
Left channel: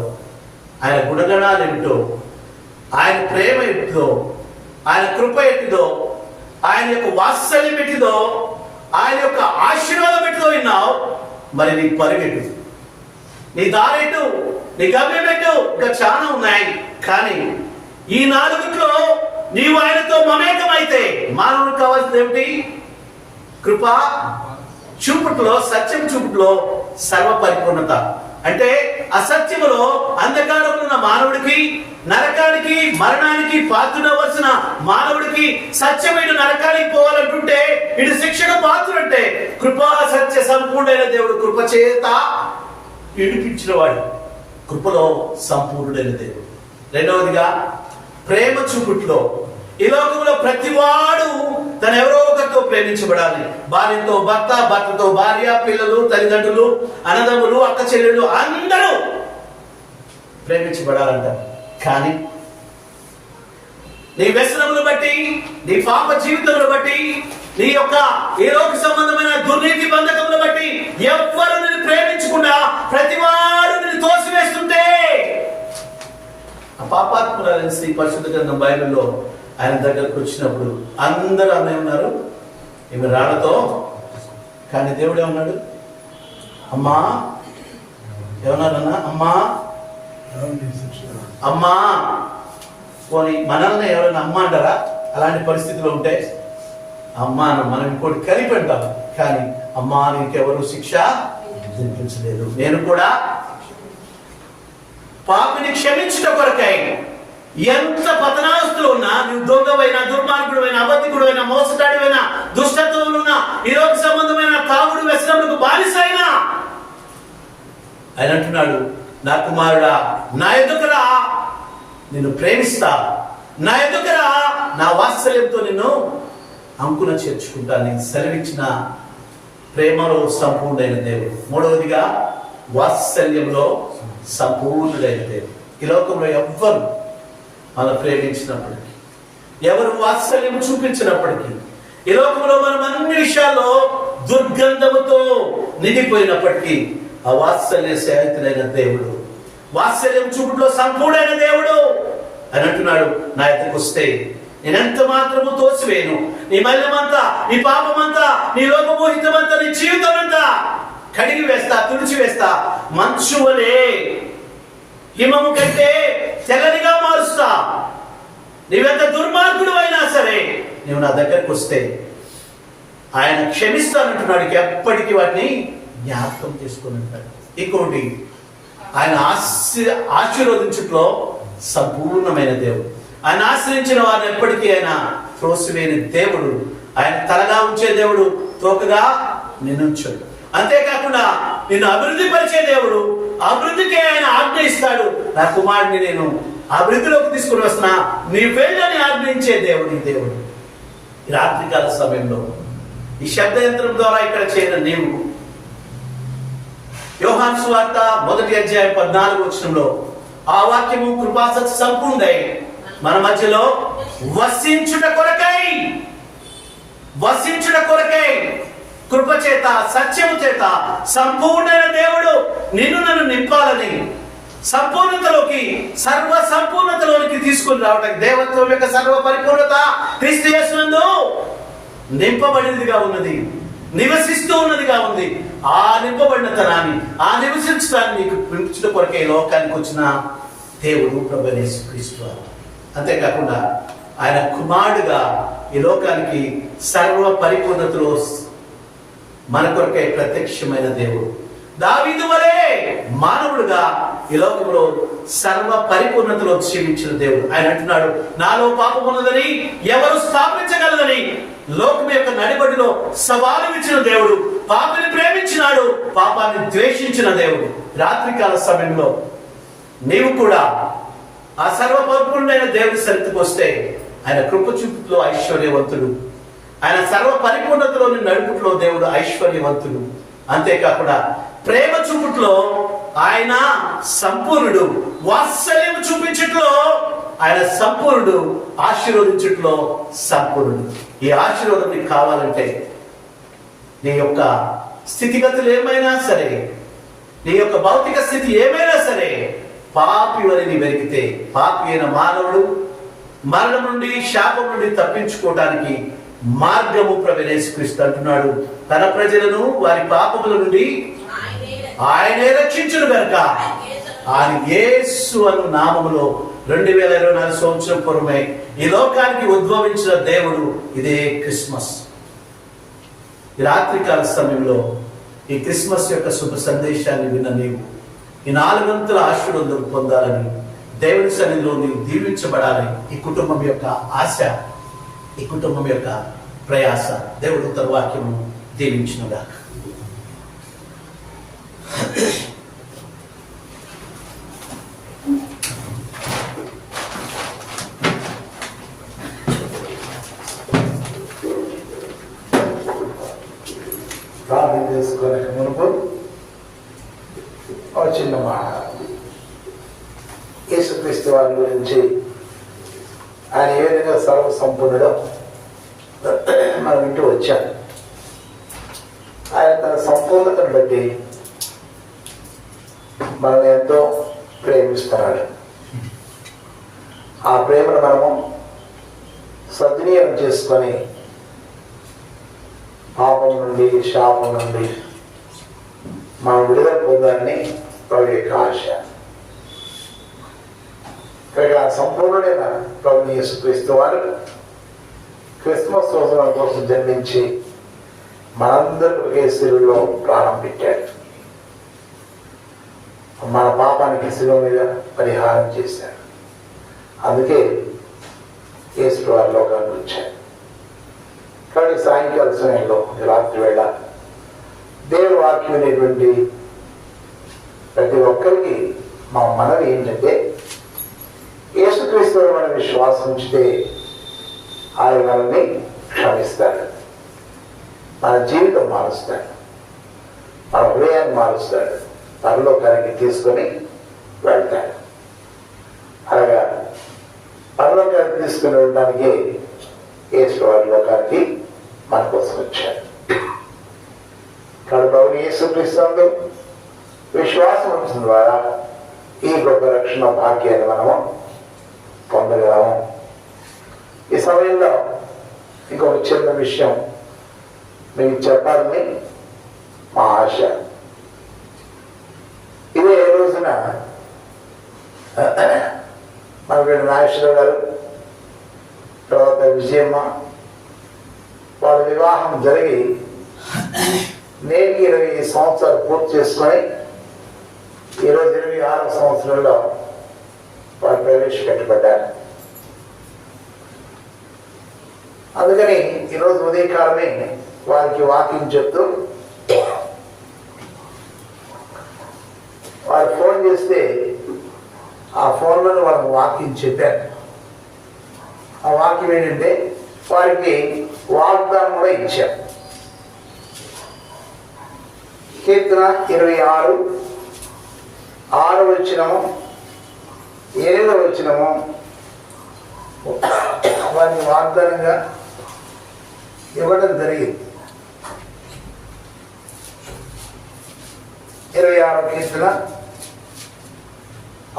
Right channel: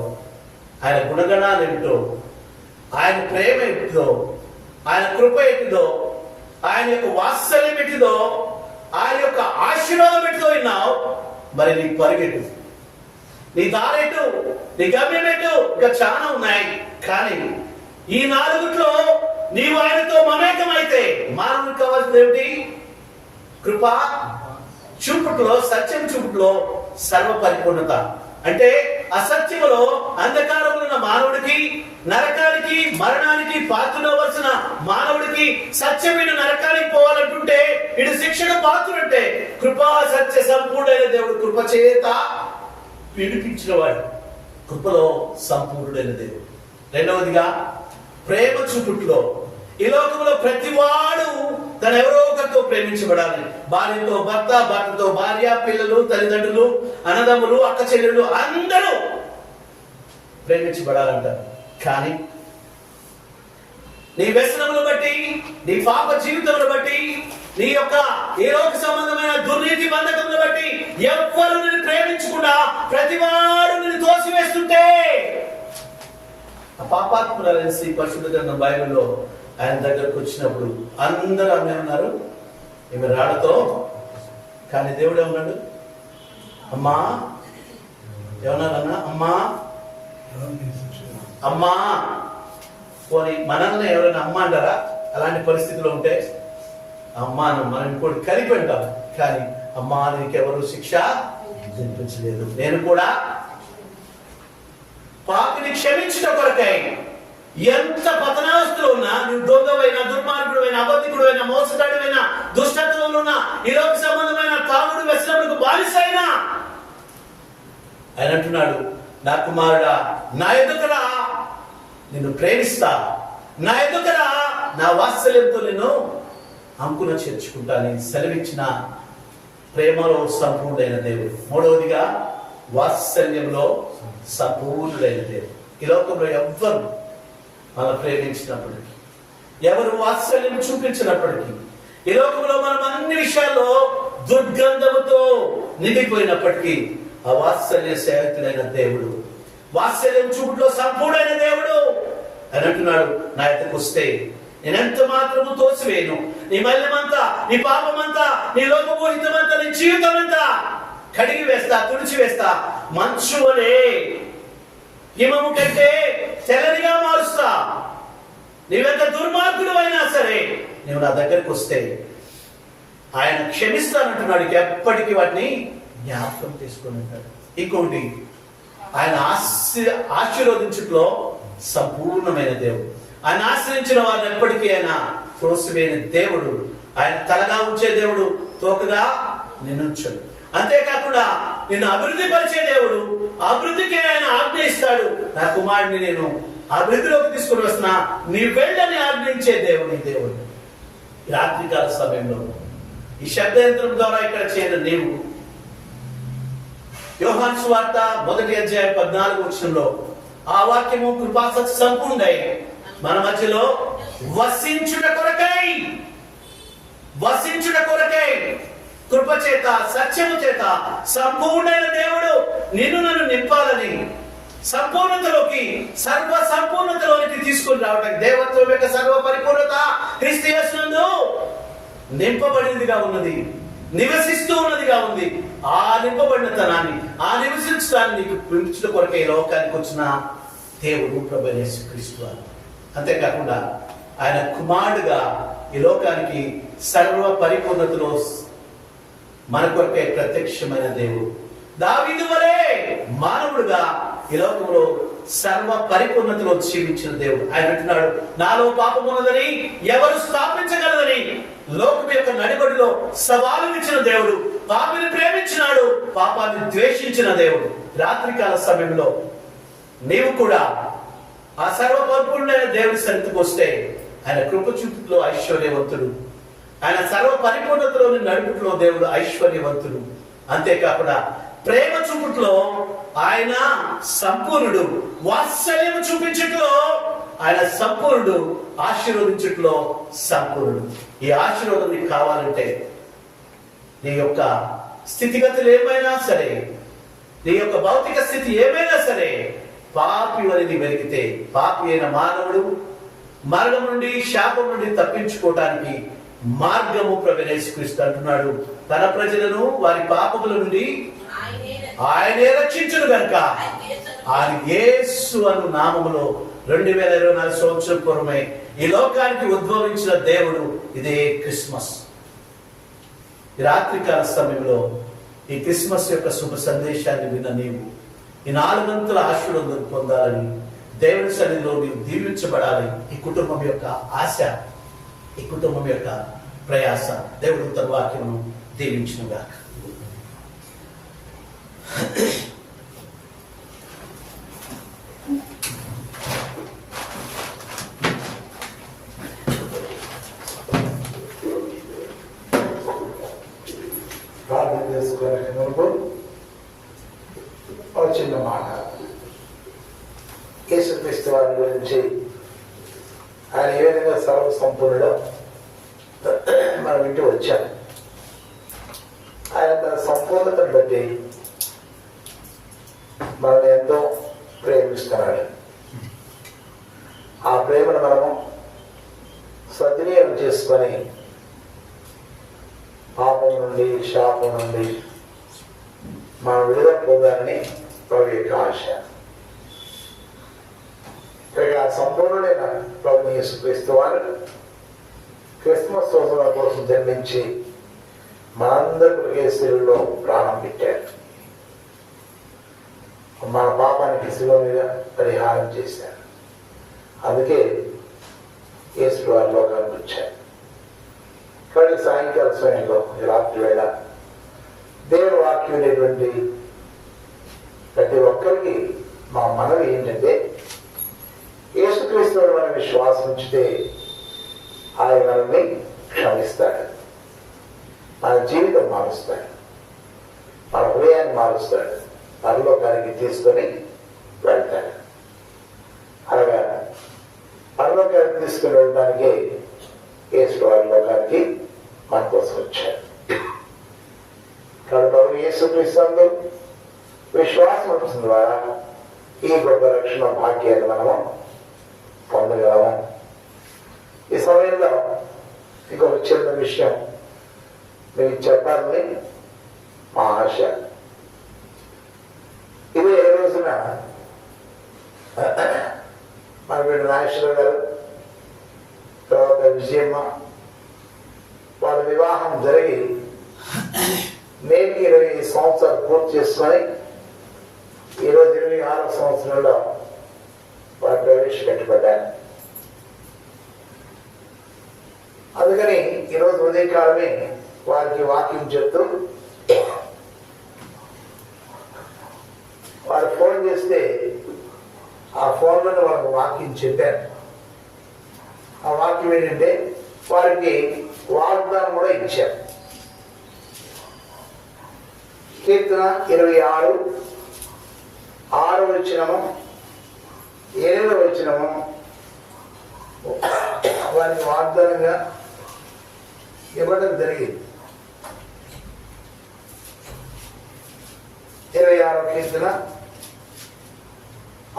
ఆయన గుణగణాలు ఏమిటో, ఆయన ప్రేమ ఎట్టిదో, ఆయన కృప ఎట్టిదో, ఆయన యొక్క వాత్సల్యం ఎట్టిదో, ఆయన యొక్క ఆశీర్వాదం ఎట్టిదో విన్నావు. మరి నీ పరిగెట్టు, నీ దారెట్టు, నీ గమ్యం ఎట్టు, ఇంకా చాలా ఉన్నాయి. కానీ ఈ నాలుగుట్లో నీవు ఆయనతో మమేకమైతే మానవుడికి కావాల్సింది ఏమిటి? కృప చూపుట్లో, సత్యం చూపుట్లో సర్వ పరిపూర్ణత. అంటే అసత్యములో అంధకారంలో ఉన్న మానవుడికి, నరకానికి మరణానికి పాత్రుడవలసిన మానవుడికి సత్యమైన నరకానికి పోవాలంటుంటే ఇటు శిక్షకు పాత్రుడంటే కృపా సత్య సంపూర్ణమైన దేవుడు కృప చేత విడిపించిన వాడు, కృపలో సంపూర్ణుడైన దేవుడు. రెండవదిగా ప్రేమ చూపుట్లో ఈ లోకంలో ప్రతివాడు తన ఎవరో ఒకరితో ప్రేమించబడాలి. భార్యతో భర్త, భర్తతో భార్య, పిల్లలు, తల్లిదండ్రులు, అన్నదమ్ములు, అక్క చెల్లెళ్ళు అందరూ ప్రేమించబడాలంట. కానీ నీ వ్యసనములు బట్టి, నీ పాప జీవితములు బట్టి, నీ యొక్క ఈ లోక సంబంధమైన దుర్నీతి బంధకములు బట్టి ఎవ్వరు నిన్ను ప్రేమించకుండా ప్రతివాడు నిన్ను తోసివేస్తుంటే ఆ పాపాత్మురాలైన శ్రీ పరిశుద్ధ గ్రంథం బైబిల్లో ఆయన దగ్గరకు వచ్చినప్పుడు అందరూ అన్నీ ఉన్నారు ఈమె రాళ్లతో. కానీ దేవుడు ఏమన్నాడు? అమ్మా ఏమన్నాడన్నా? అమ్మా అమ్మా. పోనీ మనల్ని ఎవరైనా అమ్మ అంటారా? అలాంటి పరిస్థితిలో ఉంటే అమ్మా మనం ఇంకోటి కలిపి అంటాం. కానీ అమ్మా నీకెవరు శిక్ష విధించలేదు, నేను కూడా పాపిని క్షమించట కొరకై. ఎంత పతనావస్థలో ఉన్నా, నువ్వు దొంగవైనా, దుర్మార్గుడైనా, అబద్ధికుడైనా, మోసగాడివైనా, దుష్టత్వంలో ఉన్నా, ఈ లోక సంబంధమైన తాగుడు వ్యసనములకు బానిసైనా ఆయన అంటున్నాడు నా కుమారుడా నా యొద్దకు రా, నిన్ను ప్రేమిస్తా, నా యొద్దకు రా, నా వాత్సల్యంతో నిన్ను అంకున చేర్చుకుంటానని సెలవిచ్చిన ప్రేమలో సంపూర్ణైన దేవుడు. మూడవదిగా వాత్సల్యంలో సంపూర్ణుడైన దేవుడు. ఈ లోకంలో ఎవ్వరు మనం ప్రేమించినప్పటికీ, ఎవరు వాత్సల్యం చూపించినప్పటికీ, ఈ లోకంలో మనం అన్ని విషయాల్లో దుర్గంధముతో నిండిపోయినప్పటికీ ఆ వాత్సల్య సహితుడైన దేవుడు, వాత్సల్యం చూపులో సంపూర్ణైన దేవుడు అని అంటున్నాడు, నా ఎద్దకు వస్తే నేనెంత మాత్రము తోసివేయను, నీ మల్యమంతా, నీ పాపమంతా, నీ లోకమోహితమంతా, నీ జీవితం అంతా కడిగి వేస్తా, తుడిచి వేస్తా, మంచు వలె హిమము కంటే తెల్లనిగా మారుస్తా. నీవెంత దుర్మార్గుడు అయినా సరే నువ్వు నా దగ్గరకు వస్తే ఆయన క్షమిస్తానంటున్నాడు. ఎప్పటికీ వాటిని జ్ఞాపకం చేసుకుని ఉంటాడు. ఇంకోటి, ఆయన ఆశీర్వదించట్లో సంపూర్ణమైన దేవుడు. ఆయన ఆశ్రయించిన వారిని ఎప్పటికీ ఆయన త్రోసివేయని దేవుడు. ఆయన తలగా ఉంచే దేవుడు, తోకగా నిన్నుంచడు. అంతేకాకుండా నిన్ను అభివృద్ధి పరిచే దేవుడు. అభివృద్ధికే ఆయన ఆజ్ఞ ఇస్తాడు. నా కుమారుడిని నేను అభివృద్ధిలోకి తీసుకుని వస్తున్నా, నీ వెళ్ళని ఆజ్ఞించే దేవుడు ఈ దేవుడు. ఈ రాత్రికాల సమయంలో ఈ శబ్దయంత్రం ద్వారా ఇక్కడ చేరిన నీవు, యోహాను సువార్త 1వ అధ్యాయం 14వ వచనంలో ఆ వాక్యము కృపాసక్తి సంపూర్ణై మన మధ్యలో వసించుట కొరకై కృప చేత సత్యము చేత సంపూర్ణమైన దేవుడు నిన్ను నన్ను నింపాలని, సంపూర్ణతలోకి, సర్వ సంపూర్ణతలోనికి తీసుకుని రావడానికి, దేవత్వం యొక్క సర్వ పరిపూర్ణత క్రీస్తు యేసునందు నింపబడినదిగా ఉన్నది, నివసిస్తూ ఉన్నదిగా ఉంది. ఆ నింపబడిన తనాన్ని, ఆ నివసించడాన్ని నీకు పెంచుట కొరకే ఈ లోకానికి వచ్చిన దేవుడు ప్రభువైన యేసుక్రీస్తు. అంతేకాకుండా ఆయన కుమారుడుగా ఈ లోకానికి సర్వ పరిపూర్ణతలో మన కొరకై ప్రత్యక్షమైన దేవుడు. దావీదు వలె మానవుడుగా ఈ లోకంలో సర్వ పరిపూర్ణతలో జీవించిన దేవుడు. ఆయన అంటున్నాడు, నాలో పాపం ఉన్నదని ఎవరు స్థాపించగలదని లోకం యొక్క నడిబడిలో సవాలు ఇచ్చిన దేవుడు, పాపిని ప్రేమించినాడు, పాపాన్ని ద్వేషించిన దేవుడు. రాత్రికాల సమయంలో నీవు కూడా ఆ సర్వ పరిపూర్ణమైన దేవుడి సన్నిధికి వస్తే ఆయన కృప చూపులో ఐశ్వర్యవంతుడు, ఆయన సర్వ పరిపూర్ణతలోని నడుపుట్లో దేవుడు ఐశ్వర్యవంతుడు. అంతేకాకుండా ప్రేమ చూపుట్లో ఆయన సంపూర్ణుడు, వాత్సల్యం చూపించట్లో ఆయన సంపూర్ణుడు, ఆశీర్వదించట్లో సంపూర్ణుడు. ఈ ఆశీర్వాదం నీకు కావాలంటే నీ యొక్క స్థితిగతులు ఏమైనా సరే, నీ యొక్క భౌతిక స్థితి ఏమైనా సరే, పాపి అని వెలిగితే, పాపి అయిన మానవుడు మరణం నుండి, శాపం నుండి తప్పించుకోవడానికి మార్గము ప్రభువైన యేసుక్రీస్తు అంటున్నాడు. తన ప్రజలను వారి పాపముల నుండి ఆయనే రక్షించును గనుక ఆయన యేసు అను నామములో 2024 సంవత్సరం పూర్వమే ఈ లోకానికి ఉద్భవించిన దేవుడు. ఇదే క్రిస్మస్. ఈ రాత్రికాల సమయంలో ఈ క్రిస్మస్ యొక్క శుభ సందేశాన్ని విన్న నీవు ఈ 4 అంతుల ఆశీర్వాదం పొందాలని, దేవుని సన్నిధిలో నీవు దీవించబడాలని ఈ కుటుంబం యొక్క ఆశ, ఈ కుటుంబం యొక్క ప్రయాస. దేవుడు తన వాక్యము దీవించునుగాక. ప్రార్థన చేసుకునే మునుపు ఒక చిన్న మాట. యేసుక్రీస్తు వారి గురించి, ఆయన ఏ విధంగా సర్వ సంపూర్ణుడో మనం ఇంటూ వచ్చాం. ఆయన తన సంపూర్ణతను బట్టి మనల్ని ఎంతో ప్రేమిస్తున్నాడు. ఆ ప్రేమను మనము సద్వినియోగం చేసుకొని పాపం నుండి, శాపం నుండి మనం విడుదల పొందాలని ప్రభు యొక్క ఆశ. ఇక సంపూర్ణుడైన ప్రభుని యేసుక్రీస్తు వారు క్రిస్మస్ సంవత్సరం కోసం జన్మించి మనందరికీ శిలువలో ప్రాణం పెట్టాడు. మన పాపానికి శిలువ మీద పరిహారం చేశాడు. అందుకే యేసు వారి లోకానికి వచ్చాడు. కాబట్టి సాయంకాల సమయంలో, రాత్రి వేళ దేవుని వాక్యం అనేటువంటి ప్రతి ఒక్కరికి మా మనవి ఏంటంటే యేసుక్రీస్తు మన విశ్వాసం ఉంచితే ఆయన మనల్ని క్షమిస్తాడు, మన జీవితం మారుస్తాడు, మన హృదయాన్ని మారుస్తాడు, పరలోకానికి తీసుకొని వెళ్తాడు. అలాగా పరలోకానికి తీసుకొని వెళ్ళడానికి యేసు లోకానికి మన కోసం వచ్చాడు. కడుపు యేసుక్రీస్తు విశ్వాసం ఉంచిన ద్వారా ఈ గొప్ప రక్షణ భాగ్యాన్ని మనము పొందగలము. ఈ సమయంలో ఇంకొక చిన్న విషయం మీకు చెప్పాలని మా ఆశ. ఇదే రోజున మన నాగేశ్వరరావు గారు, తర్వాత విజయమ్మ వాళ్ళ వివాహం జరిగి నేటికి 20 సంవత్సరాలు పూర్తి చేసుకొని ఈరోజు 26వ సంవత్సరంలో వారు ప్రవేశపెట్టబడ్డారు. అందుకని ఈరోజు ఉదయకాలమే వారికి వాకింగ్ చెప్తూ వారు ఫోన్ చేస్తే ఆ ఫోన్లోనే వాళ్ళకి వాకింగ్ చెప్పారు. ఆ వాక్యం ఏంటంటే వారికి వాగ్దానం కూడా ఇచ్చాం. కీర్తన 26:6 వచనము 7వ వచనము వారిని వాగ్దానంగా ఇవ్వడం జరిగింది. 26వ కీర్తన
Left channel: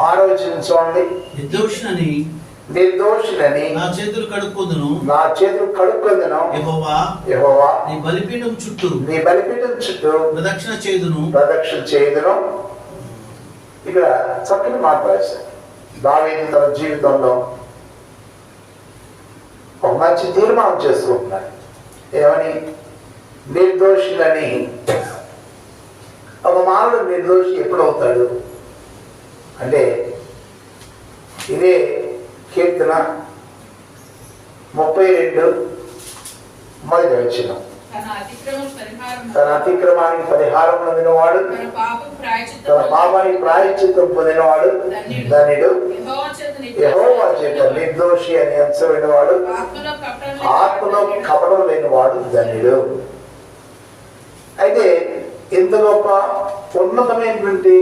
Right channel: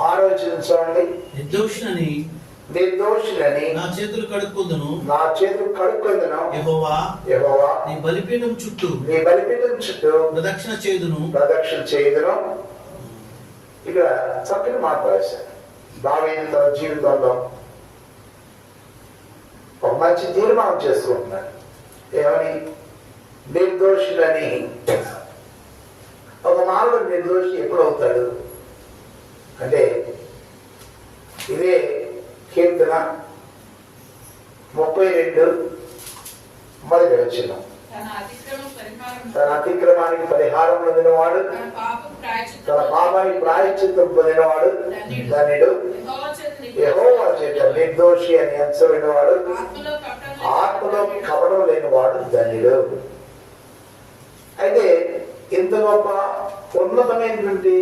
6వ వచనం చూడండి. నిర్దోషులని నా చేతులు కడుక్కొందును యెహోవా నీ బలిపీఠం చుట్టూ ప్రదక్షిణ చేయుదును. ఇక్కడ చక్కని మాట రాశారు. దావీదు తన జీవితంలో ఒక మంచి తీర్మానం చేసుకుంటున్నాడు. ఏమని? నిర్దోషులని. ఒక మానవుడు నిర్దోషి ఎప్పుడవుతాడు అంటే ఇదే కీర్తన 32 మొదటి వచనం. తన అతిక్రమానికి పరిహారం పొందినవాడు, తన పాపానికి ప్రాయశ్చిత్తం పొందినవాడు ధన్యుడు. యెహోవా చేత నిర్దోషి అని ఎంచబడినవాడు, ఆత్మలో కపటం లేనివాడు ధన్యుడు. అయితే ఇంత గొప్ప ఉన్నతమైనటువంటి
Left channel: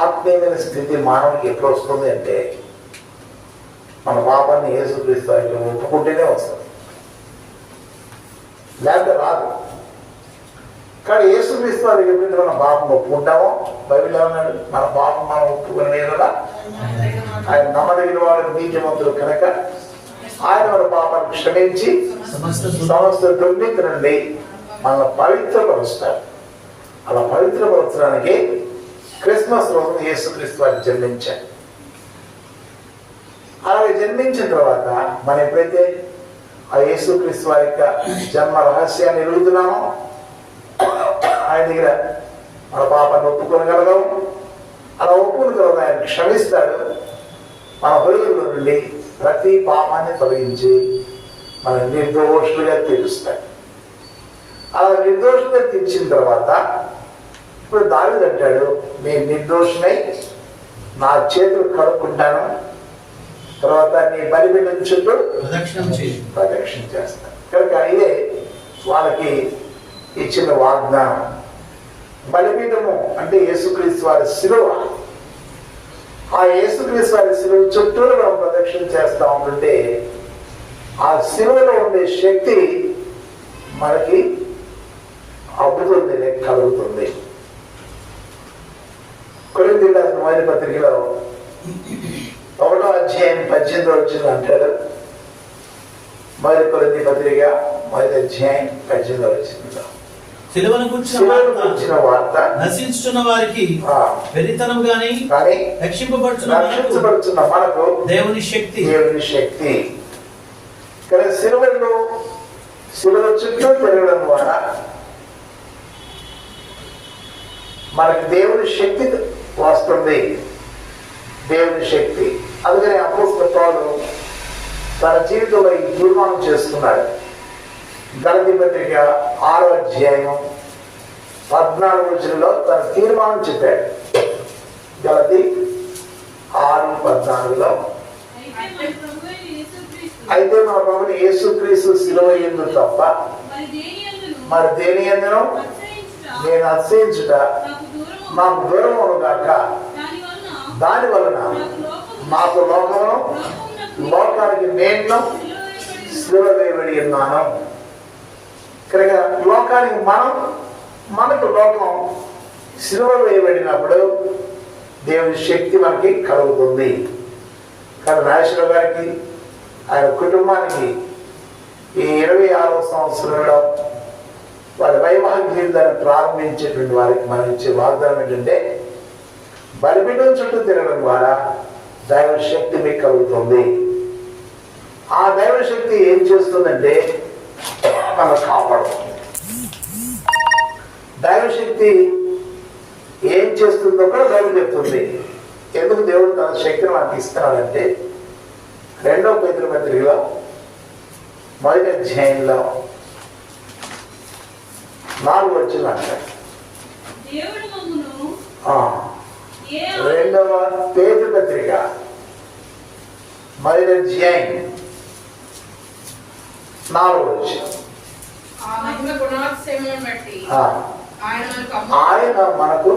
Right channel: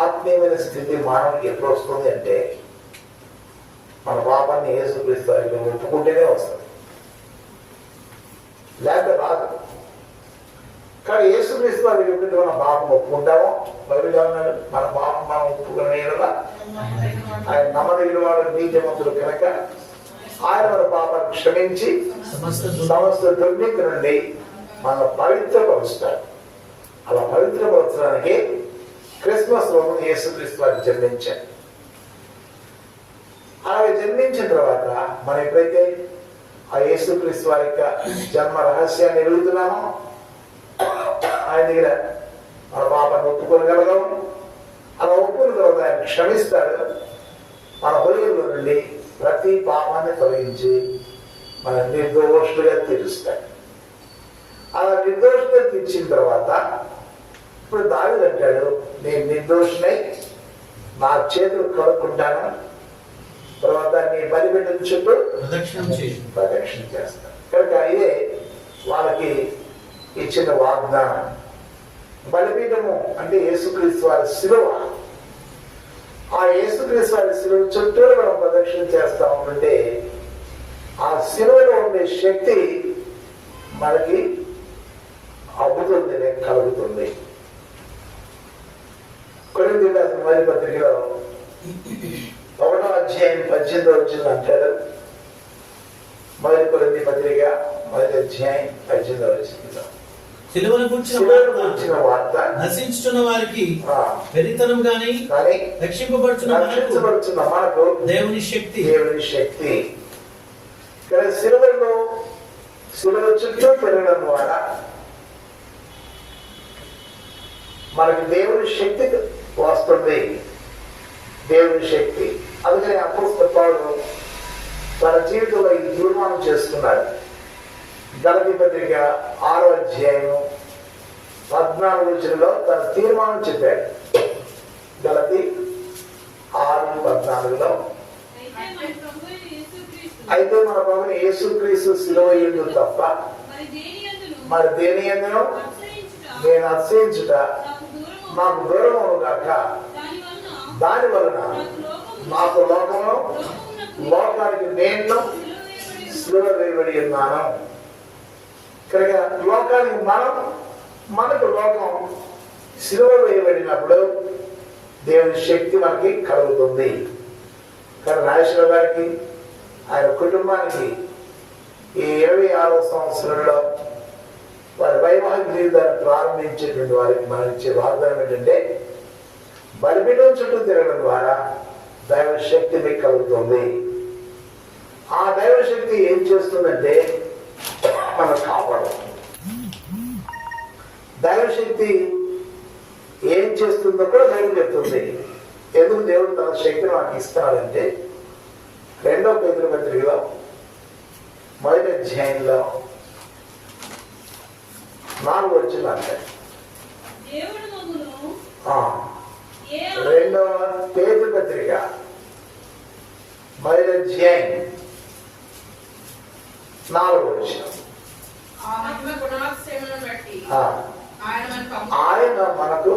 ఆత్మీయమైన స్థితి మానవునికి ఎప్పుడు వస్తుంది అంటే మన పాపాన్ని యేసుక్రీస్తు వారికి ఒప్పుకుంటేనే వస్తుంది, లేకపోతే రాదు. కానీ యేసుక్రీస్తు వారికి ఎప్పుడైతే మన పాపం ఒప్పుకుంటామో, బైబిల్ ఏమన్నాడు? మన పాపం మనం ఒప్పుకునే ఆయన నమ్మదగిన వాడు నీతిమంతుడు కనుక ఆయన మన పాపాన్ని క్షమించి సమస్త దుర్నీతి నుండి మన పవిత్రపరుస్తాడు. అలా పవిత్రపరచడానికి క్రిస్మస్ రోజు యేసుక్రీస్తు వారిని జన్మించాడు. అలాగే జన్మించిన తర్వాత మనం ఎప్పుడైతే ఆ యేసుక్రీస్తు వారి యొక్క జన్మ రహస్యాన్ని ఎరుగుతున్నామో ఆయన దగ్గర మన పాపాన్ని ఒప్పుకోగలగము. అలా ఒప్పుకున్న తర్వాత ఆయన క్షమిస్తాడు. మన హృదయంలో నుండి ప్రతి పాపాన్ని తొలగించి మన నిర్దోషులుగా తీరుస్తాడు. అలా నిర్దోషులుగా తీర్చిన తర్వాత ఇప్పుడు దావీదు అంటాడు, నేను నిర్దోషినై నా చేతులు కడుక్కుంటాను, తర్వాత నీ బలిపీఠం చుట్టూ ప్రదక్షిణ చేస్తాను. కనుక ఇదే వాళ్ళకి ఇచ్చిన వాగ్దానం. బలిపీఠము అంటే యేసుక్రీస్తు వారి శిలువ. ఆ యేసుక్రీస్తు వారి శిలువ చుట్టూ మనం ప్రదక్షిణ చేస్తా ఉంటుంటే ఆ శిలువలో ఉండే శక్తి మనకి అబ్బుతుంది, కలుగుతుంది. కొరింథీయులకు రాసిన మొదటి పత్రికలో 1వ అధ్యాయం 18వ వచనం అంటాడు. మొదటి కొరింథీ పత్రిక 1వ అధ్యాయం 18వ వచనంలో సిలువను గురించిన వార్త నశించుచున్న వారికి వెరితనం గాని రక్షింపబడుచున్న మనకు దేవుని శక్తి. కానీ సిలువ చుట్టూ పెరగడం ద్వారా మనకి దేవుని శక్తి వస్తుంది. దేవుని శక్తి. అందుకని అపోస్తలుడు పౌలు తన జీవితంలో ఈ తీర్మానం చేసుకున్నాడు. గలతీ పత్రిక 6వ అధ్యాయం 14వ వచనంలో తన తీర్మానం చెప్పాడు. గలతీ 6:14 అయితే మన ప్రభుని యేసుక్రీస్తు సిలువ యందు తప్ప మరి దేని యందును నేను అతిశయించుట నాకు దూరమును గాక. దాని వలన నాకు లోకానికి నేను సిలువ వేయబడి ఉన్నాను. ఇక్కడ లోకానికి మనకు లోకం సిలువ వేయబడినప్పుడు దేవుని శక్తి మనకి కలుగుతుంది. కానీ నాగేశ్వరరావు గారికి ఆయన కుటుంబానికి ఈ 26వ సంవత్సరంలో వారి వైవాహిక జీవితాన్ని ప్రారంభించేటువంటి వారికి మనం ఇచ్చే వాగ్దానం ఏంటంటే బలిపీఠం చుట్టూ తిరగడం ద్వారా దైవ శక్తి మీకు కలుగుతుంది. ఆ దైవ శక్తి ఏం చేస్తుందంటే మనకు కాపాడుతుంది. దైవ శక్తి ఏం చేస్తుందో కూడా బైబిల్ చెప్తుంది. ఎందుకు దేవుడు తన శక్తిని మనకి ఇస్తున్నాడంటే 2వ పేతురు పత్రికలో 1వ అధ్యాయంలో 4 వచ్చిన 2వ పేతురు పత్రిక 1వ అధ్యాయం 4 వచ్చిన ఆయన మనకు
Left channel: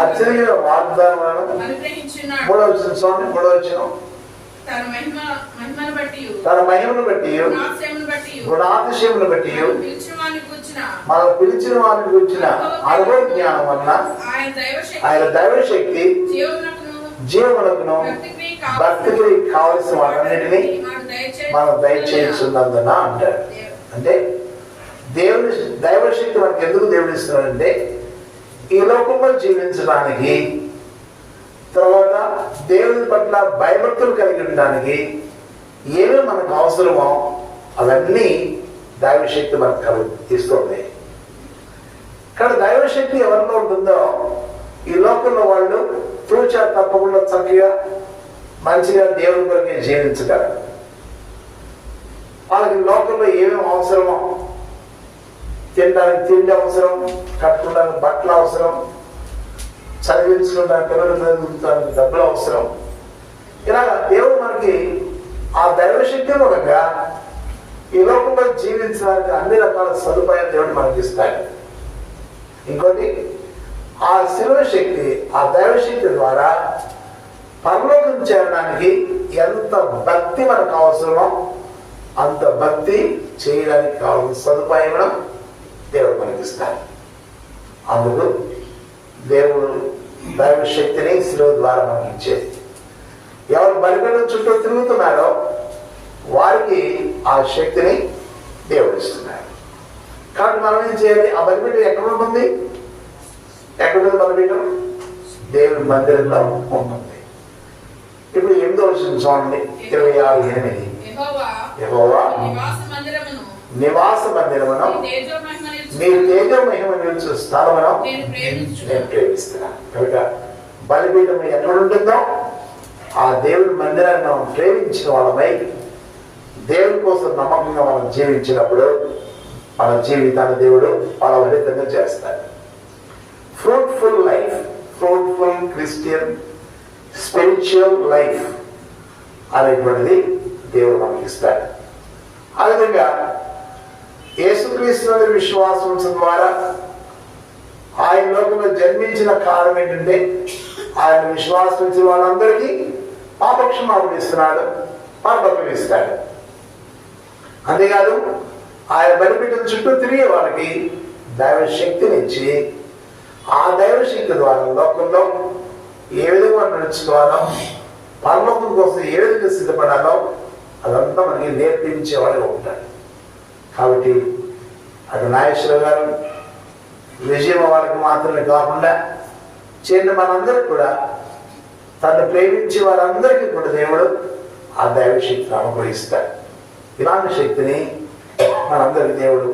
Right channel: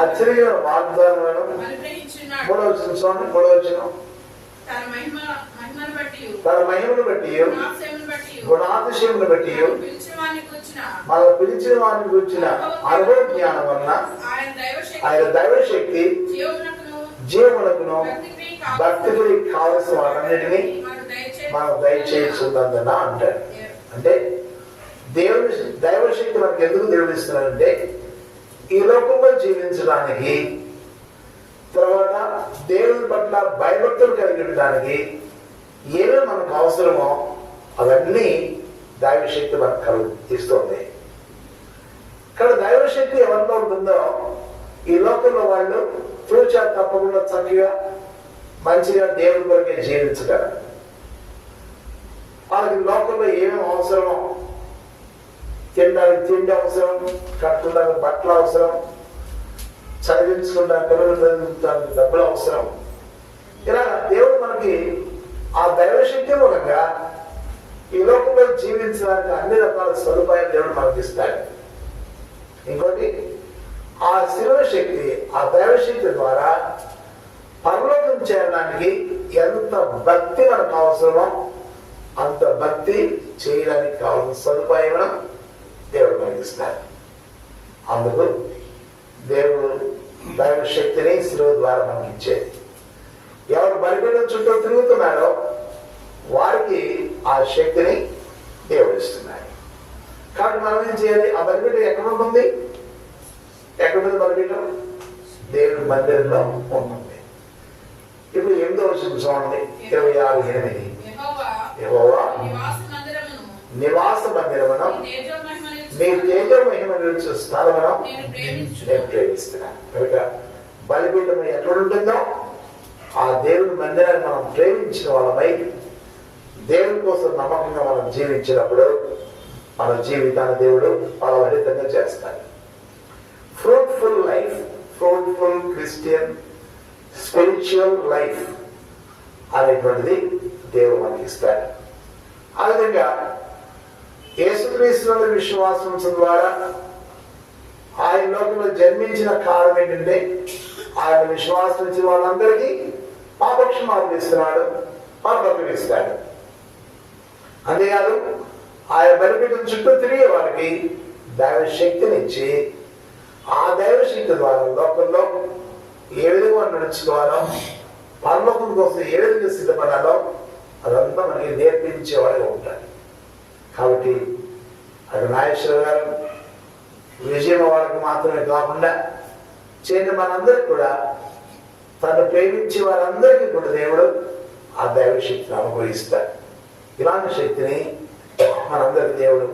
అత్యధిక వాగ్దానాలను 3వ వచనం తన మహిమను బట్టి గుణాతిశయమును బట్టి మనం పిలిచిన వారిని గురించిన అనుభవ జ్ఞానం వలన ఆయన దైవశక్తి జీవమునకును భక్తికి కావలసిన వాటన్నిటినీ మనం దయచేస్తున్నందున అంటారు. అంటే దేవుని దైవశక్తి మనకు ఎందుకు దేవుడు ఇస్తున్నాడంటే ఈ లోకంలో జీవించడానికి, తర్వాత దేవుని పట్ల భయభక్తులు కలిగి ఉండడానికి ఏమేమి మనకు అవసరమో అవన్నీ దైవశక్తి మనకు ఇస్తుంది. కానీ దైవశక్తి ఎవరిలో ఉంటుందో ఈ లోకంలో వాళ్ళు తూచా తప్పకుండా చక్కగా మంచిగా దేవుని కొరకే జీవించగలరు. వాళ్ళకి లోకంలో ఏమేమి అవసరమో, తినడానికి తిండి అవసరం, కట్టుకోవడానికి బట్టలు అవసరం, చదివించుకుంటానికి పిల్లలు చదివించడానికి డబ్బులు అవసరం. ఇలాగ దేవుడు మనకి ఆ దైవశక్తి మూలంగా ఈ లోకంలో జీవించడానికి అన్ని రకాల సదుపాయాలు దేవుడు మనకి ఇస్తాడు. ఇంకోటి ఆ శిలువ శక్తి, ఆ దైవశక్తి ద్వారా పరలోకం చేరడానికి ఎంత భక్తి మనకు అవసరమో అంత భక్తి చేయడానికి కావాల్సిన సదుపాయం దేవుడు మనకి ఇస్తాడు. అందుకు దేవుడు దైవశక్తిని శిలువ ద్వారా మనకి ఇచ్చేది. ఎవరు బలిపీఠం చుట్టూ తిరుగుతున్నాడో వారికి ఆ శక్తిని దేవుడు ఇస్తున్నాడు. కాబట్టి మనం ఏం చేయాలి? ఆ బలిపీఠం ఎక్కడ ఉంటుంది? ఎక్కడ బలిపీఠం? దేవుని మందిరంలో ఉంటుంది. ఇప్పుడు 8వ వచనం చూడండి, 26:8. యెహోవా నివాస మందిరమును మీ తేజో మహిమ నిలిచే స్థలమును నేను ప్రేమిస్తున్నాను. కనుక బలిపీఠం ఎక్కడ ఉంటుందో ఆ దేవుని మందిరాన్ని మనం ప్రేమించిన వాళ్ళమై దేవుని కోసం నమ్మకంగా మనం జీవించినప్పుడు మన జీవితాన్ని దేవుడు ఫలభరితంగా చేస్తాడు. Fruitful life, fruitful Christian spiritual life అనేటువంటిది దేవుడు మనకి ఇస్తాడు. ఆ విధంగా యేసుక్రీస్తు విశ్వాసం ద్వారా ఆయన లోకంలో జన్మించిన కారణం ఏంటంటే ఆయన విశ్వాసించిన వాళ్ళందరికీ పాపక్షమాపణ ఇస్తున్నాడు, పరలోకం ఇస్తాడు. అంతేకాదు ఆయన బలిపీఠం చుట్టూ తిరిగే వాళ్ళకి దైవశక్తిని ఇచ్చి ఆ దైవశక్తి ద్వారా లోకంలో ఏ విధంగా నడుచుకోవాలో, పరలోకం కోసం ఏ విధంగా సిద్ధపడాలో అదంతా మనకి నేర్పించేవాడుగా ఉంటాడు. కాబట్టి అటు నాగేశ్వరరావు గారు విజయం వాళ్ళకి మాత్రమే కాకుండా చేరిన మనందరికీ కూడా తను ప్రేమించే వారందరికీ కూడా దేవుడు ఆ దైవశక్తిని అనుగ్రహిస్తాడు. ఇలాంటి శక్తిని మనందరికి దేవుడు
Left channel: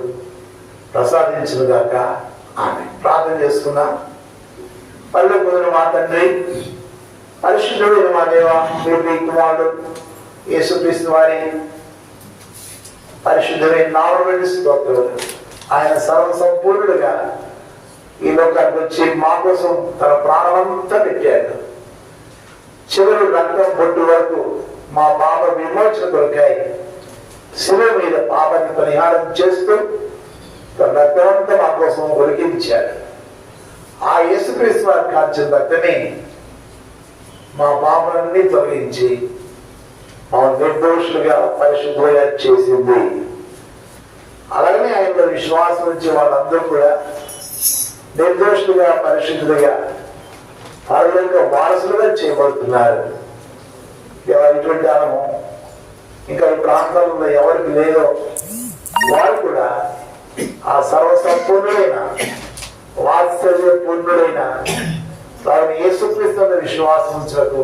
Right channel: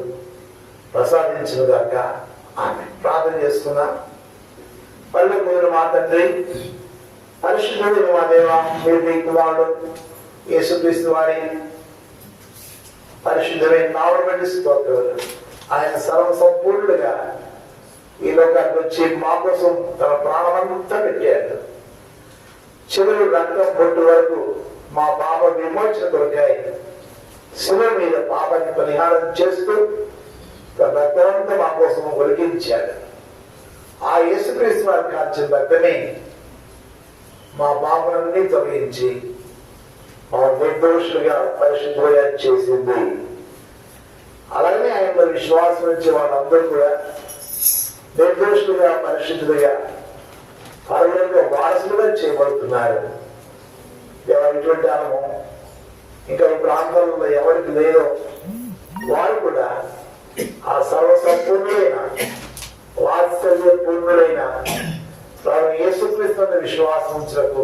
ప్రసాదించుగాక. ఆమె ప్రార్థన చేసుకుందాం. పరలోకమున్న మా తండ్రి, పరిశుద్ధుడైన మా దేవా, మీ కుమారుడు యేసుక్రీస్తు వారి పరిశుద్ధమైన నామమున స్తోత్రములు. ఆయన సర్వ సంపూర్ణుడుగా ఈ లోకానికి వచ్చి మా కోసం తన ప్రాణమంతా పెట్టాడు. చివరి రక్తం పొట్టు వరకు మా పాప విమోచన కొరకాయ శిలువ మీద పాపాన్ని పరిహారం చేస్తూ తన రక్తమంతా మా కోసం ఒలికించాడు. ఆ యేసుక్రీస్తు వారి కార్చిన రక్తమే మా పాపలన్నీ తొలగించి మా నిర్దోషులుగా పరిశుద్ధంగా చేసింది. అలాగనే ఆయనలో విశ్వాసం వచ్చే వాళ్ళందరూ కూడా నిర్దోషులుగా పరిశుద్ధులుగా పరలోక వారసులుగా చేయబడుతున్నారు. ఇటువంటి అనుభవం ఇంకా ఈ ప్రాంతాలలో ఎవరికి లేదో వారు కూడా ఆ సర్వసంపూర్ణుడైన వాత్సల్య పూర్ణుడైన వారిని యేసుక్రీస్తు విశ్వాసం ఉంచకు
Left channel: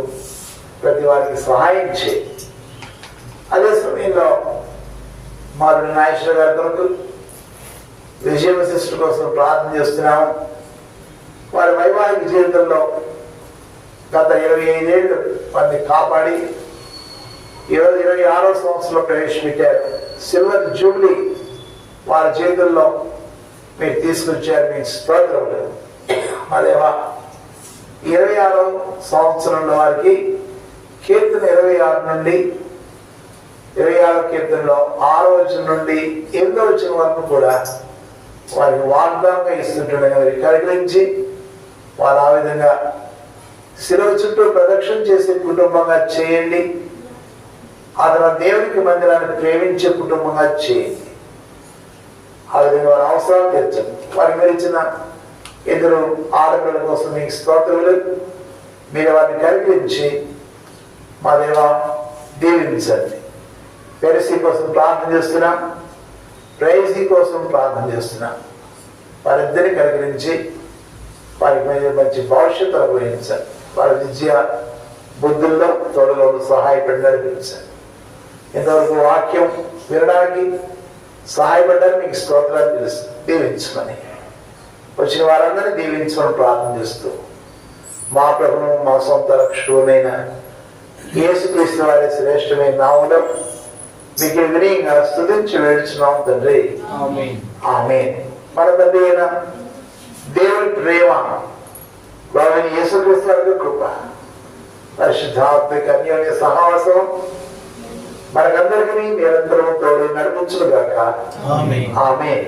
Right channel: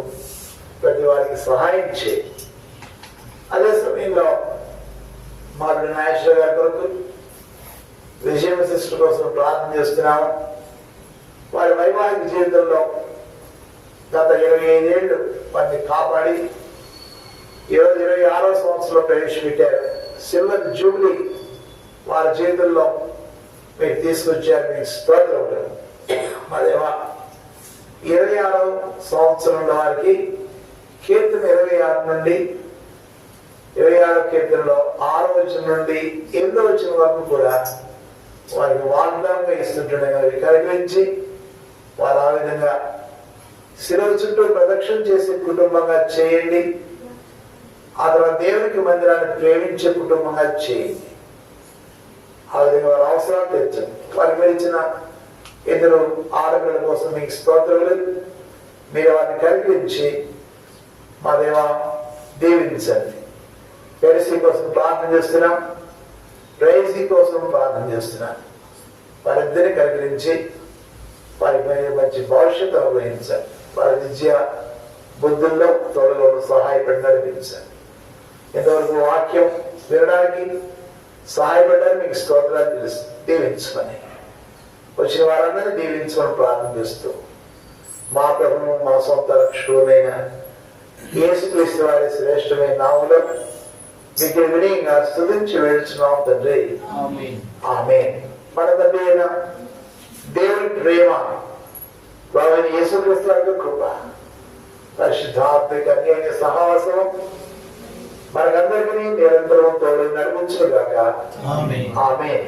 ప్రతి వారికి సహాయం చేయి. అదే సమయంలో మాధురి నాగేశ్వర గారి కొరకు విజయం సిస్టర్ కోసం ప్రార్థన చేస్తున్నాము. వారి వైవాహిక జీవితంలో గత 25 ఏళ్ళు వారిని కాపాడి 26వ సంవత్సరంలో ప్రవేశపెట్టారు. సిల్వర్ జూబ్లీ వారి జీవితంలో మీరు తీసుకొచ్చారు. మీకు స్తోత్రములు. అదేవా 26వ సంవత్సరంలో వారికి కీర్తన 26 నుండి 26వ కీర్తనలో 6వ వచనం నుండి 8వ వచనం వరకు కూడా వారికి వాగ్దానంగా ఇస్తుంటున్నారు. కనికరించి వారు ఆ విధంగా శిలువ చుట్టూ ప్రదక్షిణ చేసే కుటుంబంగా చేయండి. ఆ తర్వాత దేవునికి మందిరాన్ని ప్రేమించే కుటుంబంగా చేయండి. ఆ విధంగా వారి అవసరాలు తీర్చండి. వారికి మీరు ఇచ్చిన 2 ఆడపిల్లల కోసం మీకు స్తోత్రములు. మీరు వారిని కనికరించి మా దేవా దీవించండి. పెరిసి కోసం ప్రార్థన చేస్తున్నాం. ప్రైజీ కోసం ప్రార్థన చేస్తున్నాం. వారిద్దరిని కనికరించి వారికి మంచి భవిష్యత్తు అనుగ్రహించండి. వారి విద్య బుద్ధుల్లో తోడుగా సహాయపడి నడిపించండి. ఇంతవరకు వాక్యం వినడానికి సహాయపడ్డానికి మీకు స్తోత్రాలు దీవించమని వచ్చిన వారందరినీ దీవించమని ప్రార్థన చేస్తూ మా ప్రభువు మా సొంత రక్షకుడైన యేసుక్రీస్తు వారి శ్రేష్టమైన నామములో మీకు వినయంగా స్తుతించి వేడుచున్నాం తండ్రి. ఆమేన్. మన తండ్రి అయిన దేవుని ప్రేమ, ప్రభువైన యేసుక్రీస్తు వారి కృప, పరిశుద్ధాత్మిక అన్యోన్య సహవాసం మనకందరికీ నిరంతరం తోడు నడిపించుగాక. ఆమేన్.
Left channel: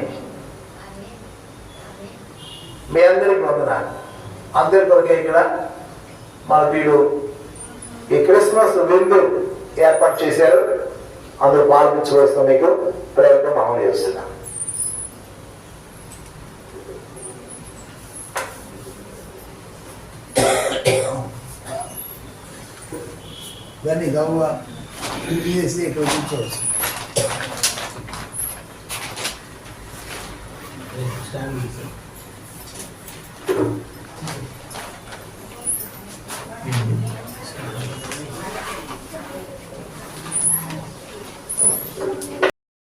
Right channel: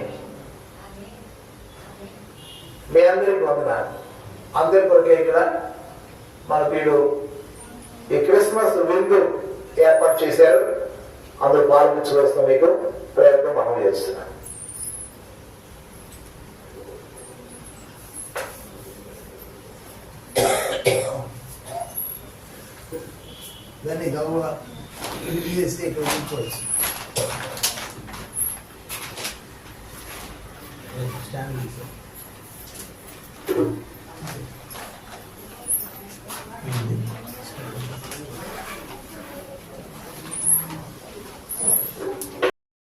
మీ అందరికి వందనాలు. అందరి కొరకే ఇక్కడ మన వీడు ఈ క్రిస్మస్ విందు ఏర్పాటు చేశారు. అందరూ పాల్పించవలసిన మీకు ప్రయత్నం అమలు చేస్తున్నాం. దాన్ని గౌరవ చేసి ఇక్కడ కూర్చోవచ్చు. స్టాండ్